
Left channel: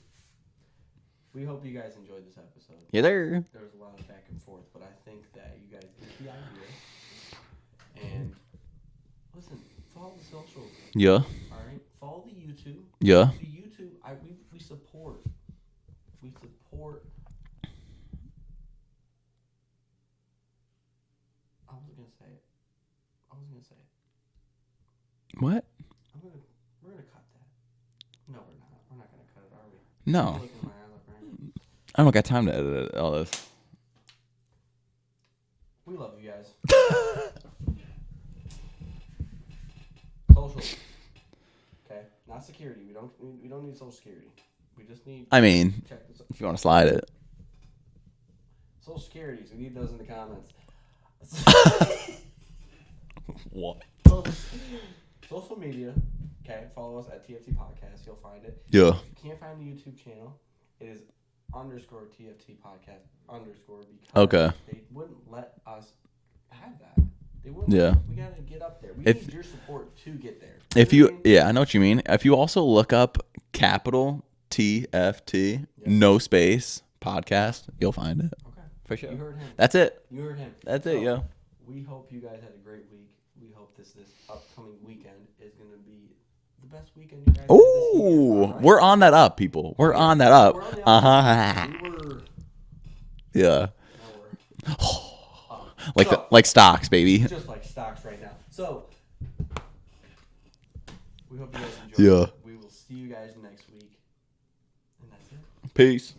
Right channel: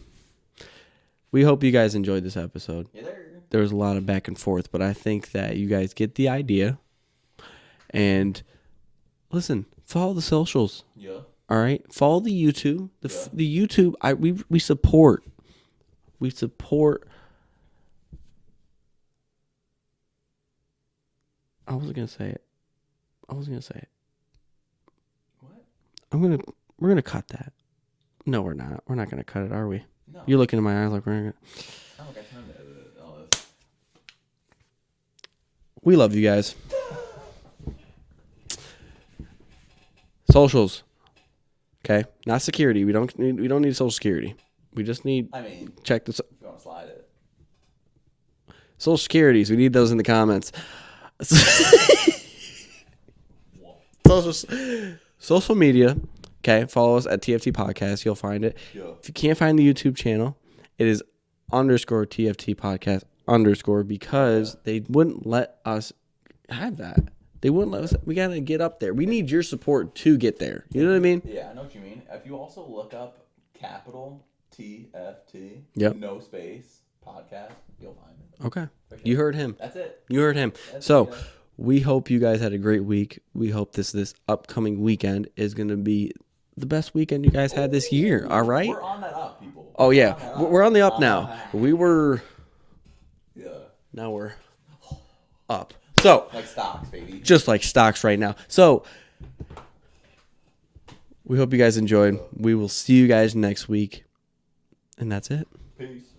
we hope you guys enjoyed this episode. Yeah, there. There was a lot of back and forth, but I think that you guys get the idea. And listen, follow the socials. Yeah. All right? Follow the YouTube. Yeah. The YouTube, we support. We support. I wasn't going to say it. What? We're going to cut that. No, we're not. We're not going to cut it, are we? No. You're looking in my eyes like we're going to. I don't got time to edit all this. We love you guys. Socials. Okay? Not security. We don't need social security. We just need check this. If you want to slide it. Social securities. We need those in the comments. What? Social media. Okay, follow us at TFT Podcast. You'll find it. Yeah. If you can't find the YouTube channel, it is _TFT Podcast _ because they wouldn't let us have that. They wouldn't let us. We got to get up there. We need your support to get there. You know what I mean? Yeah, I know what you mean. If you also look up capital TFT, no space, podcast, you'll find it. Okay. For sure. You heard him. That's it. You heard him. That's so, it. Yeah. we hope you guys had a great week. We hope this upcoming weekend is going to be the best weekend you guys had this year. All right? We're on that up, people. We're on that up. We're on the up now. We were. Yeah. Now we're up. Like stocks, baby. Just like stocks right now. So, we hope you guys enjoyed. Yeah. We will see you guys next week. And that's it. Peace.